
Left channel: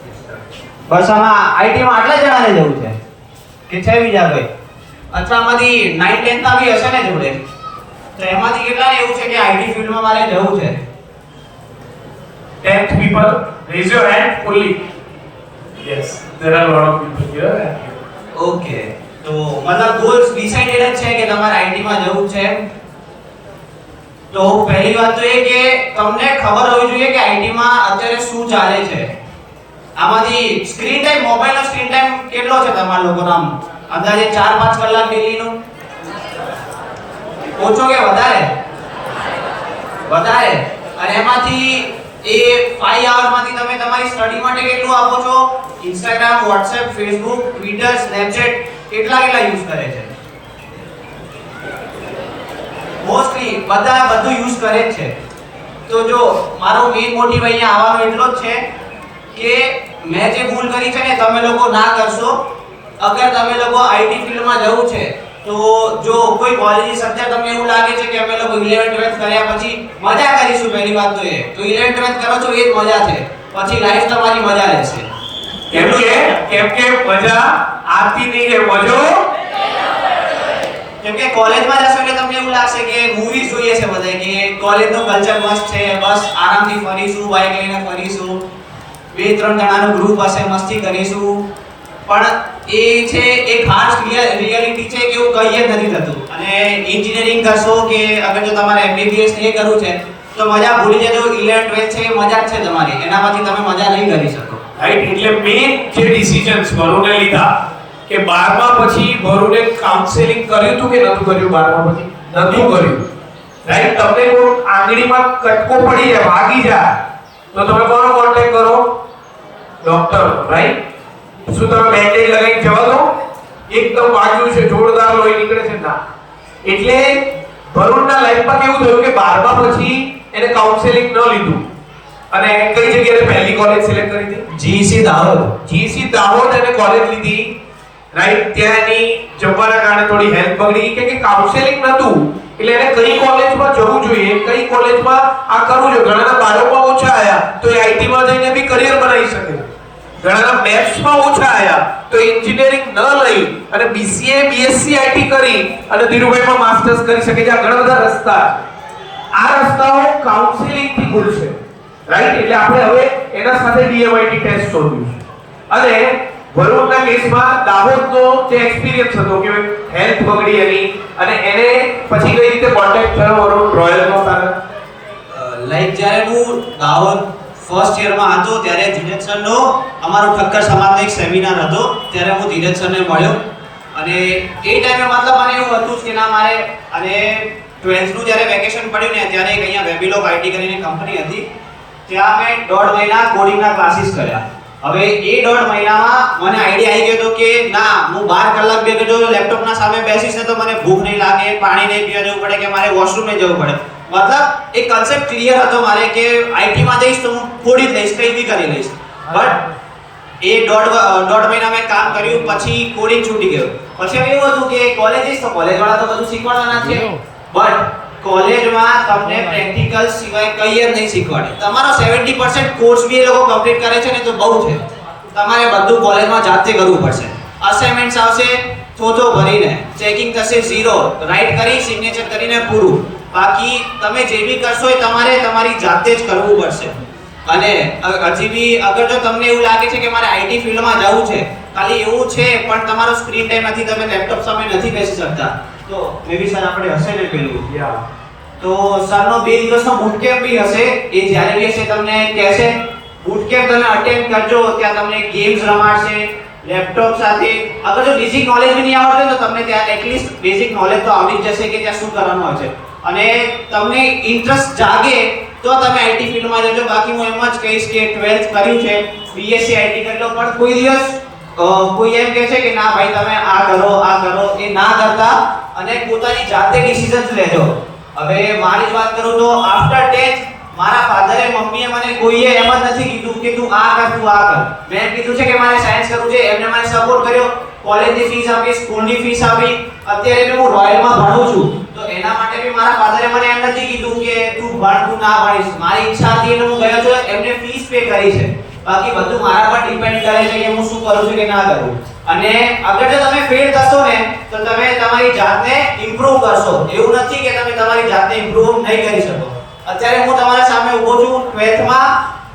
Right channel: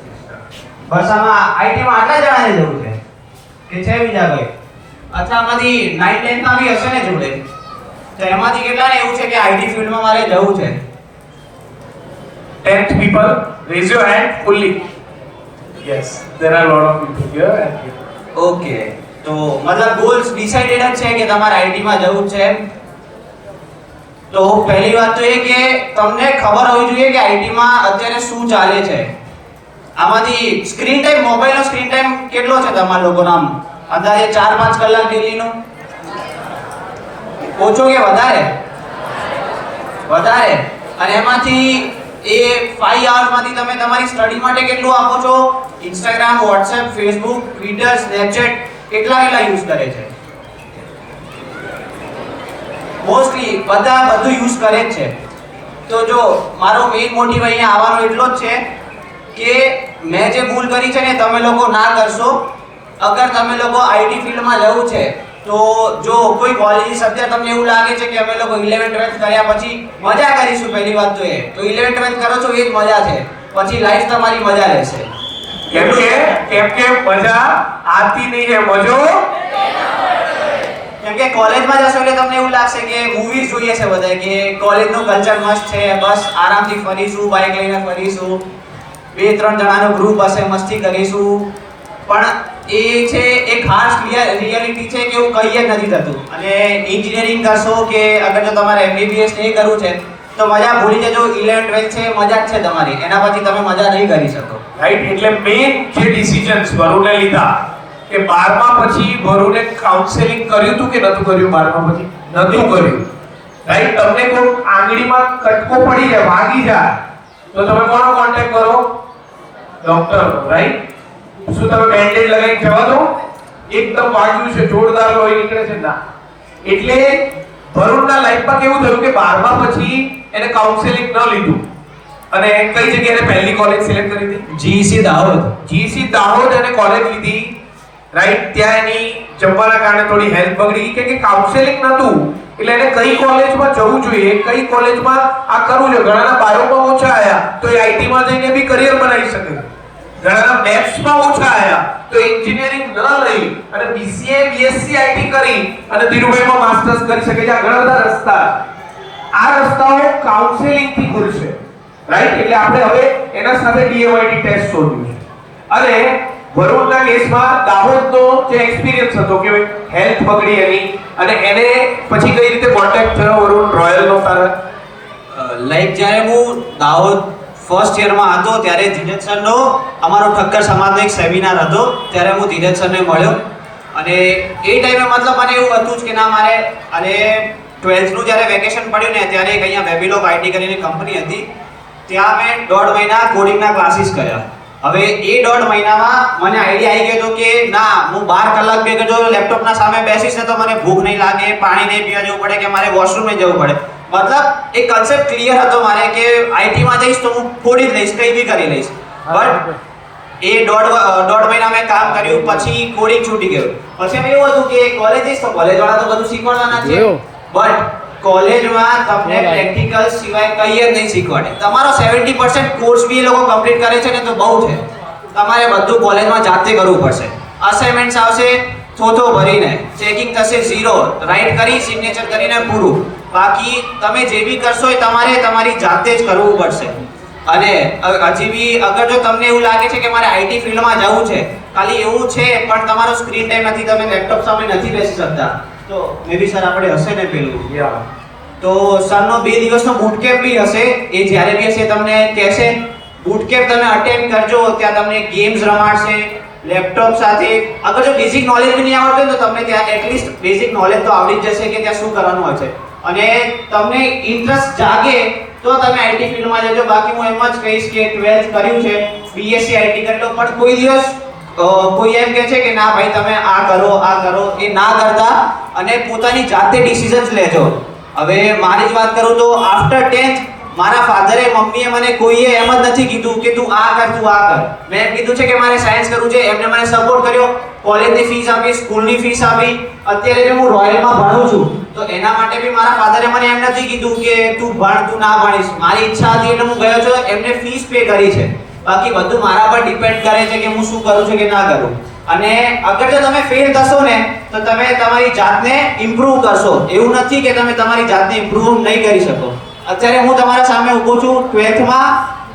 બસ આમાં આઈટી માં આટલા જણાને જવું છે કે છે બીજા કોઈ? અચ્છા, આમાંથી 9 10 માં બી હશે ને જોડે? તો એમાંથી કેટલાને એવું છે કે આઈટી ફિલ્ડમાં મારે જવું છે? 10th people, raise your hand fully. Yes, there are a lot of people here. Okay, તો મતલબ ગોલ્સ ડિસાઇડેડ જ છે કે તમારે આઈટી માં જવું છે? તો પહેલી વાત તો એ કે તમને ખબર હોવી જોઈએ કે આઈટી માં અત્યારે શું ચાલે છે. આમાંથી સ્ક્રીન ટાઈમ, મોબાઈલનો સ્ક્રીન ટાઈમ કેટલો છે તમારા લોકોનો? અંદાજે 4-5 કલાક ડેલીનો? ઓછો કે વધારે? વધારે. અને એમાંથી એ 5 hours માંથી તમે તમારી સ્ટડી માટે કેટલું આપો છો? Instagram, WhatsApp, Facebook, Twitter, Snapchat કેટલા યુઝ કરે છે? મોસ્ટલી બધા બધું યુઝ કરે જ છે. તો જો મારો મેઇન મોટિવ અહીંયા આવવાનો એટલો જ છે કે મેં જે ભૂલ કરી છે ને તમે લોકો ના કરશો. અગર તમે લોકો આઈટી ફિલ્ડમાં જવું છે તો જો કોઈ કોલેજીસ અત્યારે તમને એવું લાગે છે કે અમે લોકો 11 12 કર્યા પછી મજા કરીશું, પહેલી વાત તો એ તો 11 12 કરો છો એ જ મજા છે, પછી લાઈફ તમારી મજા લેશે. કેમ કે મજા આતી નહીં છે, મજો. કેમ કે કોલેજમાં જશો એટલે તમને એવું લાગશે કે મૂવીઝ જોઈએ છે બધા કે કોલેજનું કલ્ચર મસ્ત છે, બસ આરામથી ફરીશું, બાઇક લઈને ફરીશું, 2-3 જણાનું ગ્રુપ હશે, મસ્તી કરીશું. પણ એ છે એક હાર્શ રિયાલિટી છે કે એવું કંઈ જ નથી થતું. અને એન્જિનિયરિંગ કરશો કે અગર જો તમારે એમબીબીએસ નહીં કરવું છે તો મજા ભૂલી જજો. 11 12 છે મજા જ છે તમારી, એના પછી તમે મજા નહીં કરી શકો. રાઈટ. એટલે મેઇન જે ડિસિઝન્સ વરુણે લીધા કે 12મા પછી વરુણે કાઉન્સેલિંગ કર્યું હતું કે નતું કર્યું? 12મા પછી નતું કર્યું. રાઈટ. તમને કોઈ આંગળીમાં કટકો પડી જાય, વાગી જાય તો તમે કોનો કોન્ટેક્ટ કરો? ડોક્ટર. રાઈટ. શું તમે બેન્ડેજ લગાવીને જવા દો? એકદમ વાગ્યું છે, જોરદાર લોહી નીકળે છે ના. એટલે વરુણના લાઈફમાં કેવું થયું કે 12મા પછી એને કાઉન્સેલિંગ ન લીધું અને કઈ જગ્યાએ પહેલી કોલેજ સિલેક્ટ કરી હતી? જીસી દાહોદ. જીસી દાહોદ એને કોલેજ લીધી. રાઈટ. ત્યાં એની જમવાના કારણે થોડી હેલ્થ બગડી કે કાઉન્સેલિંગ નતું, એટલે એને કઈ કોલેજમાં જવું જોઈએ, કઈ કોલેજમાં આ કરવું જોઈએ. ઘણાના બાયોમાં ઓછા આયા તો એ આઈટી માં જઈને બી કરિયર બનાવી શકે. ઘણાના મેથ્સમાં ઓછા આયા તો એન્જિનિયરિંગ ન લઈ અને બીસીએ બીએસસી આઈટી કરી અને ધીરુભાઈમાં માસ્ટર્સ કરી શકે છે. આ ઘણા બધા રસ્તા છે. આ રસ્તાઓ કાઉન્સેલિંગ થી ખુલશે. રાઈટ. એટલે આપણે હવે એના સાથે ડીએમઆઈટી ટેસ્ટ શોધ્યું છે. અને વરુણના કેસમાં દાહોદનો જે એક્સપિરિયન્સ હતો કે હેલ્થ બગડી એની અને એને પછી કઈ રીતે કોન્ટેક્ટ થયો વરુણ રોયલનો તરત? લાઈક જ્યારે હું દાહોદ ફર્સ્ટ યરમાં હતો ત્યારે ધીરજ સરનો અમારો ઠક્કર સમાજનો એક સેમિનાર હતો, ત્યારે હું ધીરજ સરને મળ્યો. અને એ ટાઈમે મતલબ મને એવું હતું કે ના મારે, અને 12th નું જ્યારે વેકેશન પડ્યું ને ત્યારે એક અહીંયા વેબિલોગ આઈટી કરીને કંપની હતી, ત્યાં મેં 1.5 મહિના કોડિંગના ક્લાસીસ કર્યા. હવે એ 1.5 મહિનામાં મને આઈડિયા આવી ગયો કે ના હું 12 કલાક બે જો લેપટોપના સામે બેસીશ ને તો મને ભૂખ નહીં લાગે, પાણી નહીં પીવા જવું પડે કે મારે વોશરૂમે જવું પડે. મતલબ એક કન્સેપ્ટ ક્લિયર હતો મારે કે આઈટી માં જઈશ તો હું કોડિંગ લઈશ, કંઈ બી કરી લઈશ. બટ એ દોઢ મહિના મેં કામ કર્યું, પછી કોડિંગ છૂટી ગયું. પછી હવે એવું હતું કે કોલેજ જઈશ તો કોલેજ વાળા તો બધું શીખવાડવાના જ છે, બટ કોલેજમાં તમને પ્રેક્ટિકલ સિવાય કંઈ જ નહીં શીખવાડે. તમારો 70% કોર્સ બી એ લોકો કમ્પ્લીટ કરે છે ને તો બહુ છે. તમારે બધું કોલેજમાં જાતે કરવું પડશે. અસાઇનમેન્ટ્સ આવશે થોથો ભરીને, ચેકિંગ થશે 0, રાઈટ કરી સિગ્નેચર કરીને પૂરું. બાકી તમે જે બી કરશો એ તમારે તમારી જાતે જ કરવું પડશે. અને હજી બી અગર જો તમને એવું લાગે છે કે મારે આઈટી ફિલ્ડમાં જવું છે, ખાલી એવું છે પણ તમારો સ્ક્રીન ટાઈમ નથી, તમે લેપટોપ સામે નથી બેસી શકતા, તો મે બી સર આપણે હશે ને પેલું તો સરનો 2 દિવસનો બૂટ કેમ્પ બી હશે. એ જ્યારે બી હશે તમને કહેશે બૂટ કેમ્પ તમે અટેન્ડ કરજો. ત્યાં તમને ગેમ્સ રમાડશે લેપટોપ સાથે. અગર જો બેઝિક નોલેજ બી નહીં આવડતું તો તમને ત્યાં એટલીસ્ટ બેઝિક નોલેજ તો આવડી જ જશે કે ત્યાં શું કરવાનું હોય છે. અને તમને ઇન્ટરેસ્ટ જાગે તો તમે આઈટી ફિલ્ડમાં જજો. બાકી હું એમ જ કહીશ કે 12th કર્યું છે, બીએસસી આઈટી કરી લો, પણ કોઈ દિવસ કોઈ એમ કહે છે કે ના ભાઈ તમે આ કરો એ ના કરતા અને પોતાની જાતે ડિસિઝન્સ લેજો. હવે મારી જ વાત કરું તો આફ્ટર 10th મારા ફાધરે મમ્મીએ મને કોઈએ એમ જ નથી કીધું કે તું આ કર. મેં કીધું છે કે મારે સાયન્સ કરવું છે, એમને મને સપોર્ટ કર્યો. કોલેજની ફીસ આપી, સ્કૂલની ફીસ આપી. અત્યારે બી હું રોયલમાં ભણું છું તો એના માટે બી મારા ફાધરે મને એમ નથી કીધું કે તું ભણ, તું ના ભણીશ. મારી ઈચ્છા હતી એટલે હું ગયો છું, એમને ફીસ પે કરી છે. બાકી બધું મારા પર ડિપેન્ડ કરે છે કે હું શું કરું છું કે ના કરું. અને અગર જો તમે ફેલ થશો ને તો તમે તમારી જાતને ઇમ્પ્રૂવ કરશો. એવું નથી કે તમે તમારી જાતને ઇમ્પ્રૂવ નહીં કરી શકો. અત્યારે હું તમારા સામે ઊભો છું 12th માં,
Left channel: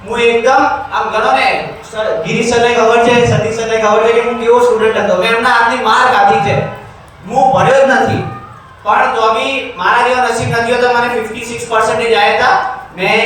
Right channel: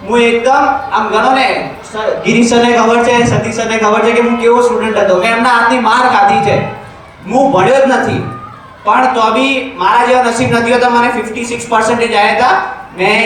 હું એકદમ આમ ગણો ને ગિરીશ સરને ખબર છે, સતીશ સરને ખબર છે કે હું કેવો સ્ટુડન્ટ હતો. મેં એમના હાથની માર ખાધી છે, હું ભણ્યો જ નથી, પણ તો બી મારા જેવો નસીબ નથી હોતો. મને 56% આવ્યા હતા. મેં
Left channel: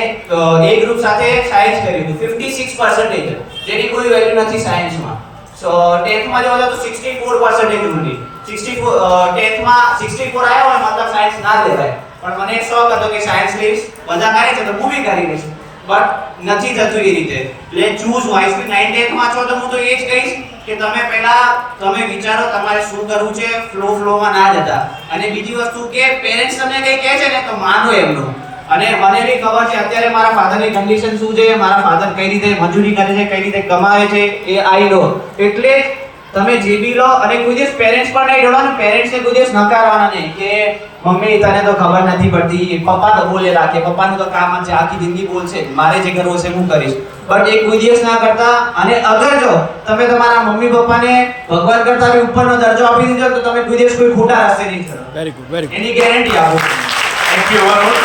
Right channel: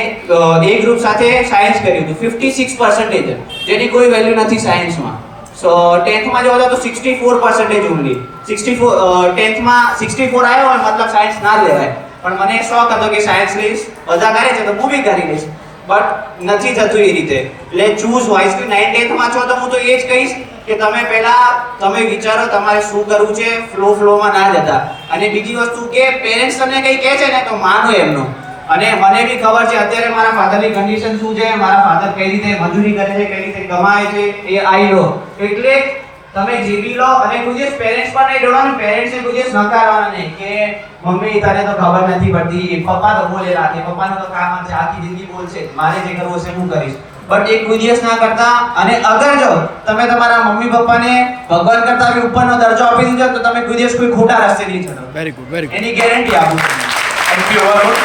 એ ગ્રુપ સાથે સાયન્સ કર્યું હતું. 56%, જેની કોઈ વેલ્યુ નથી સાયન્સમાં. સો 10th માં જો તો 64% ઓનલી. 10th માં 64 આવ્યો હોય મતલબ સાયન્સ ના લેવાય. પણ મને શોખ હતો કે સાયન્સ લઈશ, બધા કરે છે તો હું બી કરી લઈશ, બટ નથી થતું એ રીતે. એટલે ચૂઝ વાઇઝલી. 9th માં છો તો હું તો એ જ કહીશ કે તમે વિચારો તમારે શું કરવું છે, ફ્લોમાં ના જતા. અને બીજી વસ્તુ કે પેરેન્ટ્સ તમને કંઈ કહે છે ને તો માનો એમનું. અને મને બી ખબર છે અત્યારે મારા ફાધરની કન્ડિશન શું છે, મારા ફાધર કઈ રીતે મજૂરી કરે છે, કઈ રીતે કમાય છે, એ આઈ લો. એટલે તમે જે બી લો અને કોઈ દિવસ પેરેન્ટ્સ પર નહીં ઢોળો ને પેરેન્ટ્સને કોઈ દિવસ નકારવાના નહીં કે મમ્મી તને તો ખબર નથી પડતી, પપ્પા તો બોલે રાખે, પપ્પાનું તો કામ જ છે, આખી જિંદગી બોલશે, મારે જે કરવું હશે હું કરીશ. બટ એ કોઈ દિવસ ના કરતા. અને અગર જો તમે તમારા મમ્મી પપ્પાને ભગવાન કરતા બી ઉપરનો દરજ્જો આપી દીધો તો તમે કોઈ દિવસ કોઈ ખોટા રસ્તે નહીં ચડો. Very good. એની ગેરંટી આપું. Thank you Varun.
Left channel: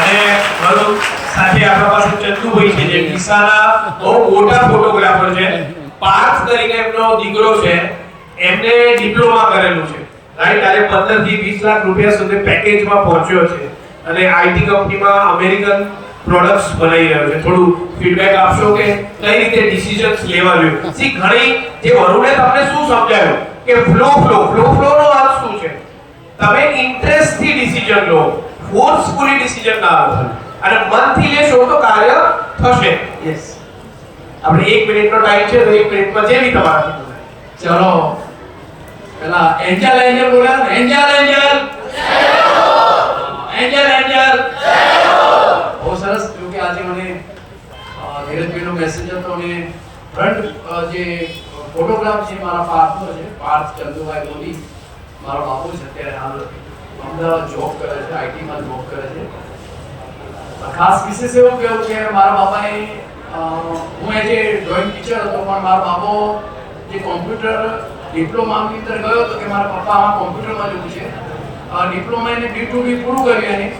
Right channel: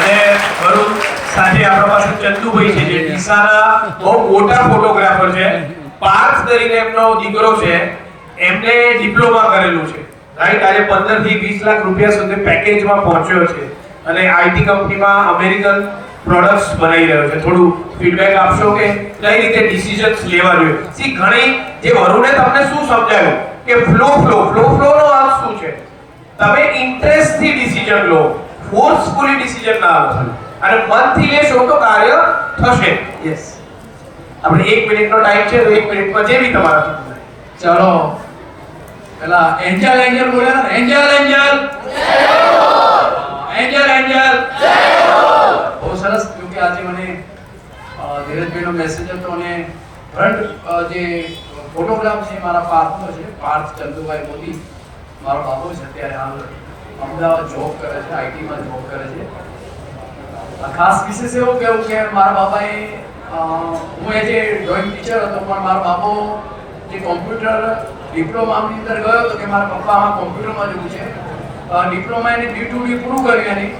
અને વરુણ સાથે આપણા પાસે ચંદુભાઈ છે જે ડીસાના બહુ મોટા ફોટોગ્રાફર છે. પાર્થ કરીને એમનો દીકરો છે, એમને ડિપ્લોમા કરેલું છે, રાઈટ. આજે 15 થી 20 લાખ રૂપિયા સુધી પેકેજમાં પહોંચ્યો છે અને આઈટી કંપનીમાં અમેરિકન પ્રોડક્ટ્સ બનાવી રહ્યો છે. થોડું ફીડબેક આપશો કે કઈ રીતે ડિસિઝન્સ લેવા જોઈએ? સી ઘણી જે વરુણે તમને શું સમજાવ્યું કે ફ્લો નો અર્થ શું છે? તમે ઇન્ટરેસ્ટ થી ડિસિઝન લો, ફોર્સફુલી ડિસિઝન ના લો, અને મનથી લેશો તો કાર્ય થશે. યસ, આપણે 1 મિનિટનો ટાઈમ છે તો 1 મિનિટમાં જે બી તમારા. ચલો પેલા એન્જલ બોલ્યા ને, એન્જલ બહુ સરસ. કેમકે આજે મને ધીરજભાઈનો મેસેજ હતો અને ફ્રન્ટ જે ફોટોગ્રાફ છે મારા પાર્થનો છે, પાર્થ ચંદુભાઈ મોદી, મારો બાપુ છે. અત્યારે હાલ અમદાવાદ જોબ કરે છે, આઈટીમાં જોબ કરે છે. ખાસ વિશેષ એવું કેવું કે મારા બાપાએ હું એ જે ડ્રોઈંગ ટીચર હતો પણ મારા બાપો જે કોમ્પ્યુટર ડિપ્લોમાની અંદર ગયો હતો કે મારા પપ્પા આમાં કોમ્પ્યુટરમાં જવું છે. ડિપ્લોમા એને D2D પૂરું કર્યું એની,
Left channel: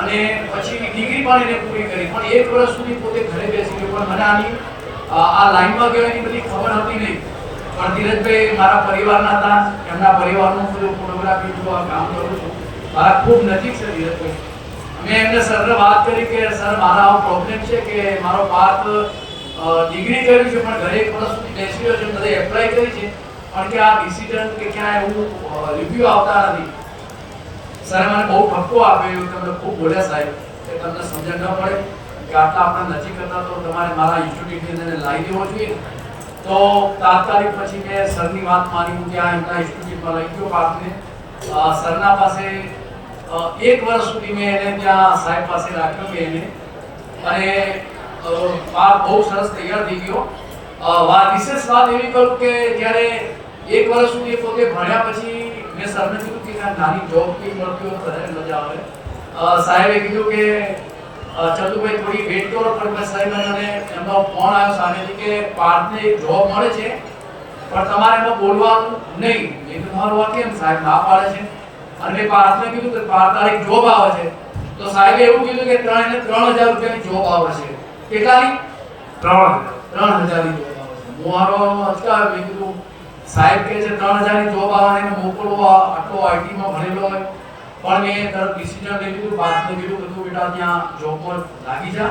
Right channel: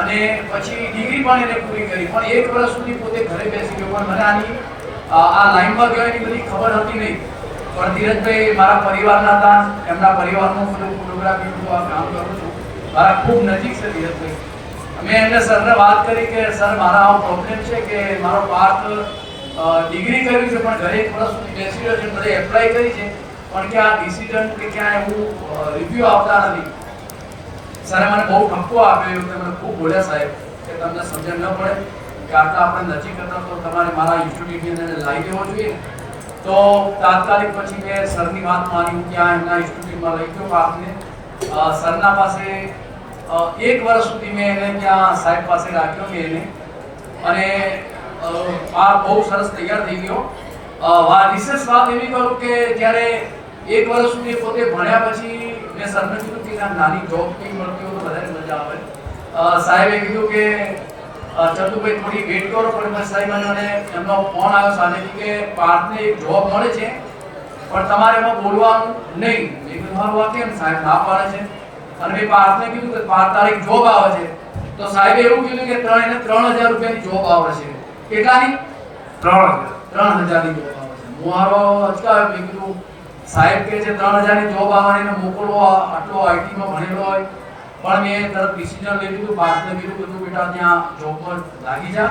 અને પછી ડિગ્રી પણ એને પૂરી કરી. પણ 1 વર્ષ સુધી પોતે ઘરે બેસી ગયો. પણ મને આની આ લાઈનમાં ગયો એની બધી ખબર હતી નહીં. પણ ધીરજભાઈ મારા પરિવારના હતા, એમના પરિવારનું બધું ફોટોગ્રાફી બધું આ કામ કરું છું. મારા ખૂબ નજીક છે ધીરજભાઈ. મેં એમને સરને વાત કરી કે સર મારા આવો પ્રોબ્લેમ છે કે મારો પાર્થ ડિગ્રી કર્યું છે પણ ઘરે 1 વર્ષ સુધી બેસી રહ્યો છે, બધે એપ્લાય કરી છે પણ કે આ ડિસિઝન કે ક્યાં એવું રિવ્યુ આવતા નથી. સરે મને બહુ ઠપકો આપ્યો, તમને ખૂબ બોલ્યા સાહેબ કે તમને સમજણ ન પડે કે આટલા આપણે નથી કરતા તો તમારે મારા ઇન્સ્ટિટ્યૂટની અંદર લાવી દેવો જોઈએ. તો તાત્કાલિક પછી મેં સરની વાત માની કે આ એમના ઇન્સ્ટિટ્યૂટમાં લઈ ગયો પાર્થને. સરના પાસે 1 વર્ષ સુધી મેં એને ત્યાં સાહેબ પાસે રાખ્યો મેં એને, અને પાર્થ બહુ સરસ તૈયાર થઈ ગયો. વિશેષ વાત એવી કરું કે જ્યારે 1 વર્ષ સુધી પોતે ભણ્યા પછી મેં સરને કીધું કે આ નાની જોબ બી મળતી હોય તો વધારે મજા આવે. સાહેબે કીધું કે ચંદુભાઈ થોડી વેટ કરો, પણ સાહેબ મને એમનો ફોન આવ્યો સામેથી કે પાર્થને જોબ મળે છે પણ તમારે એમાં બોલવાનું નહીં. મેં કીધું મારું આ કેમ સાહેબ ના પાડે છે? અને મેં પાર્થને કીધું કે પાર્થ તારે એક જોબ આવે છે. તો સાહેબે એવું કીધું કે 3000 રૂપિયાની જોબ આવે છે. કેટલાની? 3000 ની જોબ આવે છે. હું મારો અચકાયો. મેં કીધું સાહેબ કે છે 3000 ની જોબ આવે એને મોકલવો, આટલો આઈટી માં ભણેલો હોય. પણ મેં તરત ડિસિઝન લઈ લીધું. પાર્થને કીધું કે તું બેટા ત્યાં જોબ પર લાગી જા.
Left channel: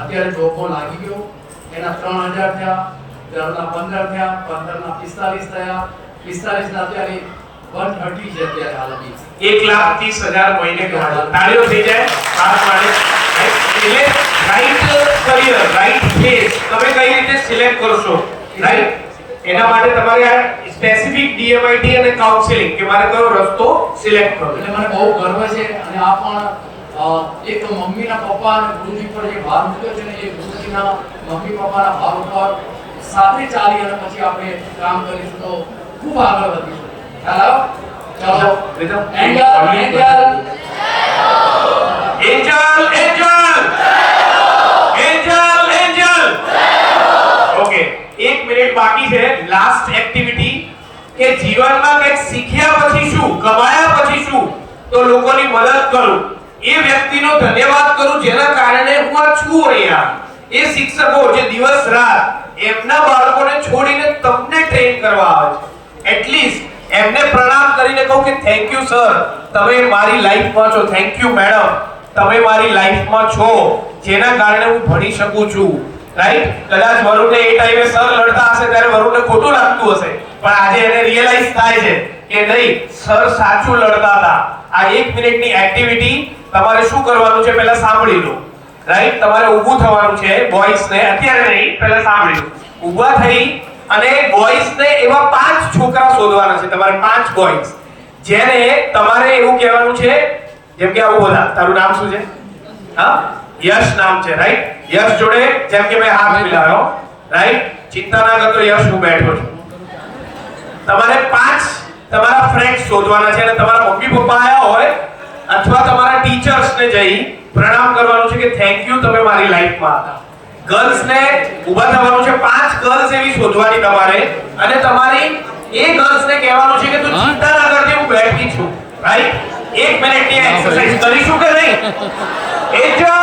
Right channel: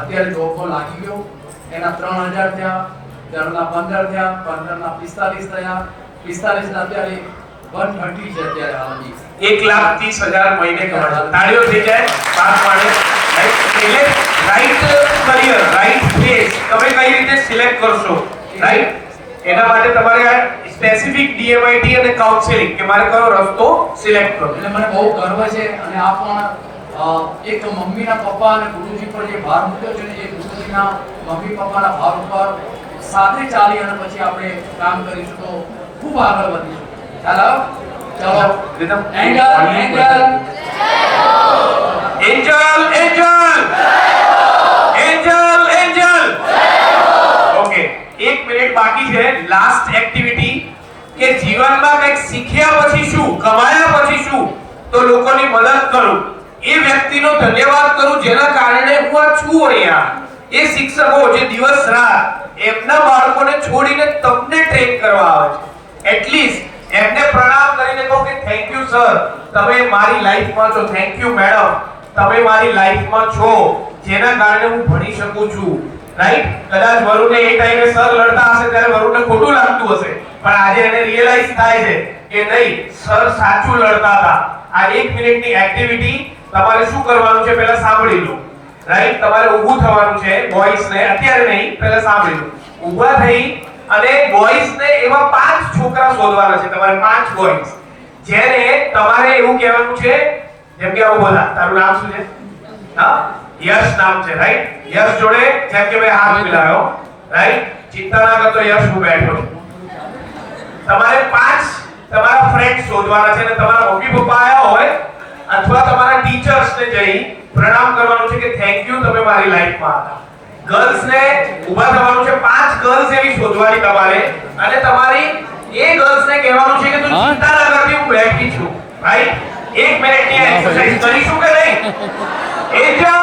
અત્યારે જોબ પર લાગી ગયો. એના 3000 થયા, 15 થયા, 15 ના 45 થયા, 45 ના અત્યારે 130 છે અત્યારે હાલની. 1,30,000 મહિને કમાતો. તાળીઓ થઈ જાય પાર્થ માટે. એટલે રાઈટ કરિયર, રાઈટ પ્લેસ તમે કઈ રીતે સિલેક્ટ કરશો, રાઈટ? એના માટે તમારે આ સ્પેસિફિક ડીએમઆઈટી અને કાઉન્સેલિંગ કે મારે કયો રસ્તો સિલેક્ટ કરવો. એટલે મને બહુ ગર્વ છે. અને આ પણ એક મમ્મીના પપ્પા અને ગુરુજી પર જે ભાર મૂક્યો છે ને, એ ગુરુજીના મમ્મી પપ્પાના ભાર ઉપર સાથે ચાલી અને પછી આપણે કામ કરીશું તો ખૂબ આગળ વધીશું. ખ્યાલ આવ્યો? ચાલો રીધમ એન્જલ ઓકે, 1 મિનિટ બાકી છે. લાસ્ટ એક્ટિવિટી કે જીવનમાં કંઈક શીખ્યા પછી શું, કમાયા પછી શું, તો લોકોની મદદ કરું, એ વ્યક્તિનો ધન્યવાદ કરું જેના કારણે હું આ છું અહીંયા. એ શિક્ષકો જે દિવસ રાત એમના બાળકોને છોડીને તમને ટ્રેન કરવા આવે છે, એટલીસ્ટ એમને પ્રણામ કરીને કહું કે થેન્ક યુ સર, તમે મારી લાઈફમાં છો, થેન્ક યુ મેડમ, તમે મારી લાઈફમાં છો જેના કારણે હું ભણી શકું છું, રાઈટ? કદાચ વરુણને એ ટાઈમે સર લડતા હશે ત્યારે વરુણને ખોટું લાગતું હશે, પણ આજે એને રિયલાઇઝ થાય છે કે નહીં, સર સાચું લડતા હતા. આ 1 મિનિટની એક્ટિવિટી તમારે શું કરવાનું છે પહેલા સાંભળી લો, રાઈટ? તમારે ઊભું થવાનું છે બોયઝને, અત્યારે નહીં, પહેલા સાંભળી લો. ઊભા થઈ અને બોયઝને એવા 5 છોકરા શોધવાના છે, તમારે 5 બોયઝ જેને તમારે એવું કહેવાનું છે, જેમ કે આવું બધા, તારું નામ શું છે? હા, યશ નામ છે, રાઈટ? યશ જોડે જેમ કે મેં હાથ મિલાવ્યો, રાઈટ? ચિંતા ના કરતો યશ, હું બેઠો છું. તમારે 5 તમારા ફ્રેન્ડ શોધવાના છે અને તમારા મમ્મી પપ્પા આયા હોય અથવા તમારા ટીચર્સને જઈ પ્રણામ કરવાનું છે કે થેન્ક યુ, તમે મારી લાઈફમાં હતા. ગર્લ્સને ઊભા થવાનું છે, 5 ગર્લ્સ એવી શોધવાની તમારે, અને તમારી એ ગર્લ્સને કહેવાનું છે કે તું ચિંતા ના કરતી, હું બેઠી છું, રાઈટ? 1 મિનિટની એક્સરસાઇઝ કરીશું કે નહીં? એન્જલ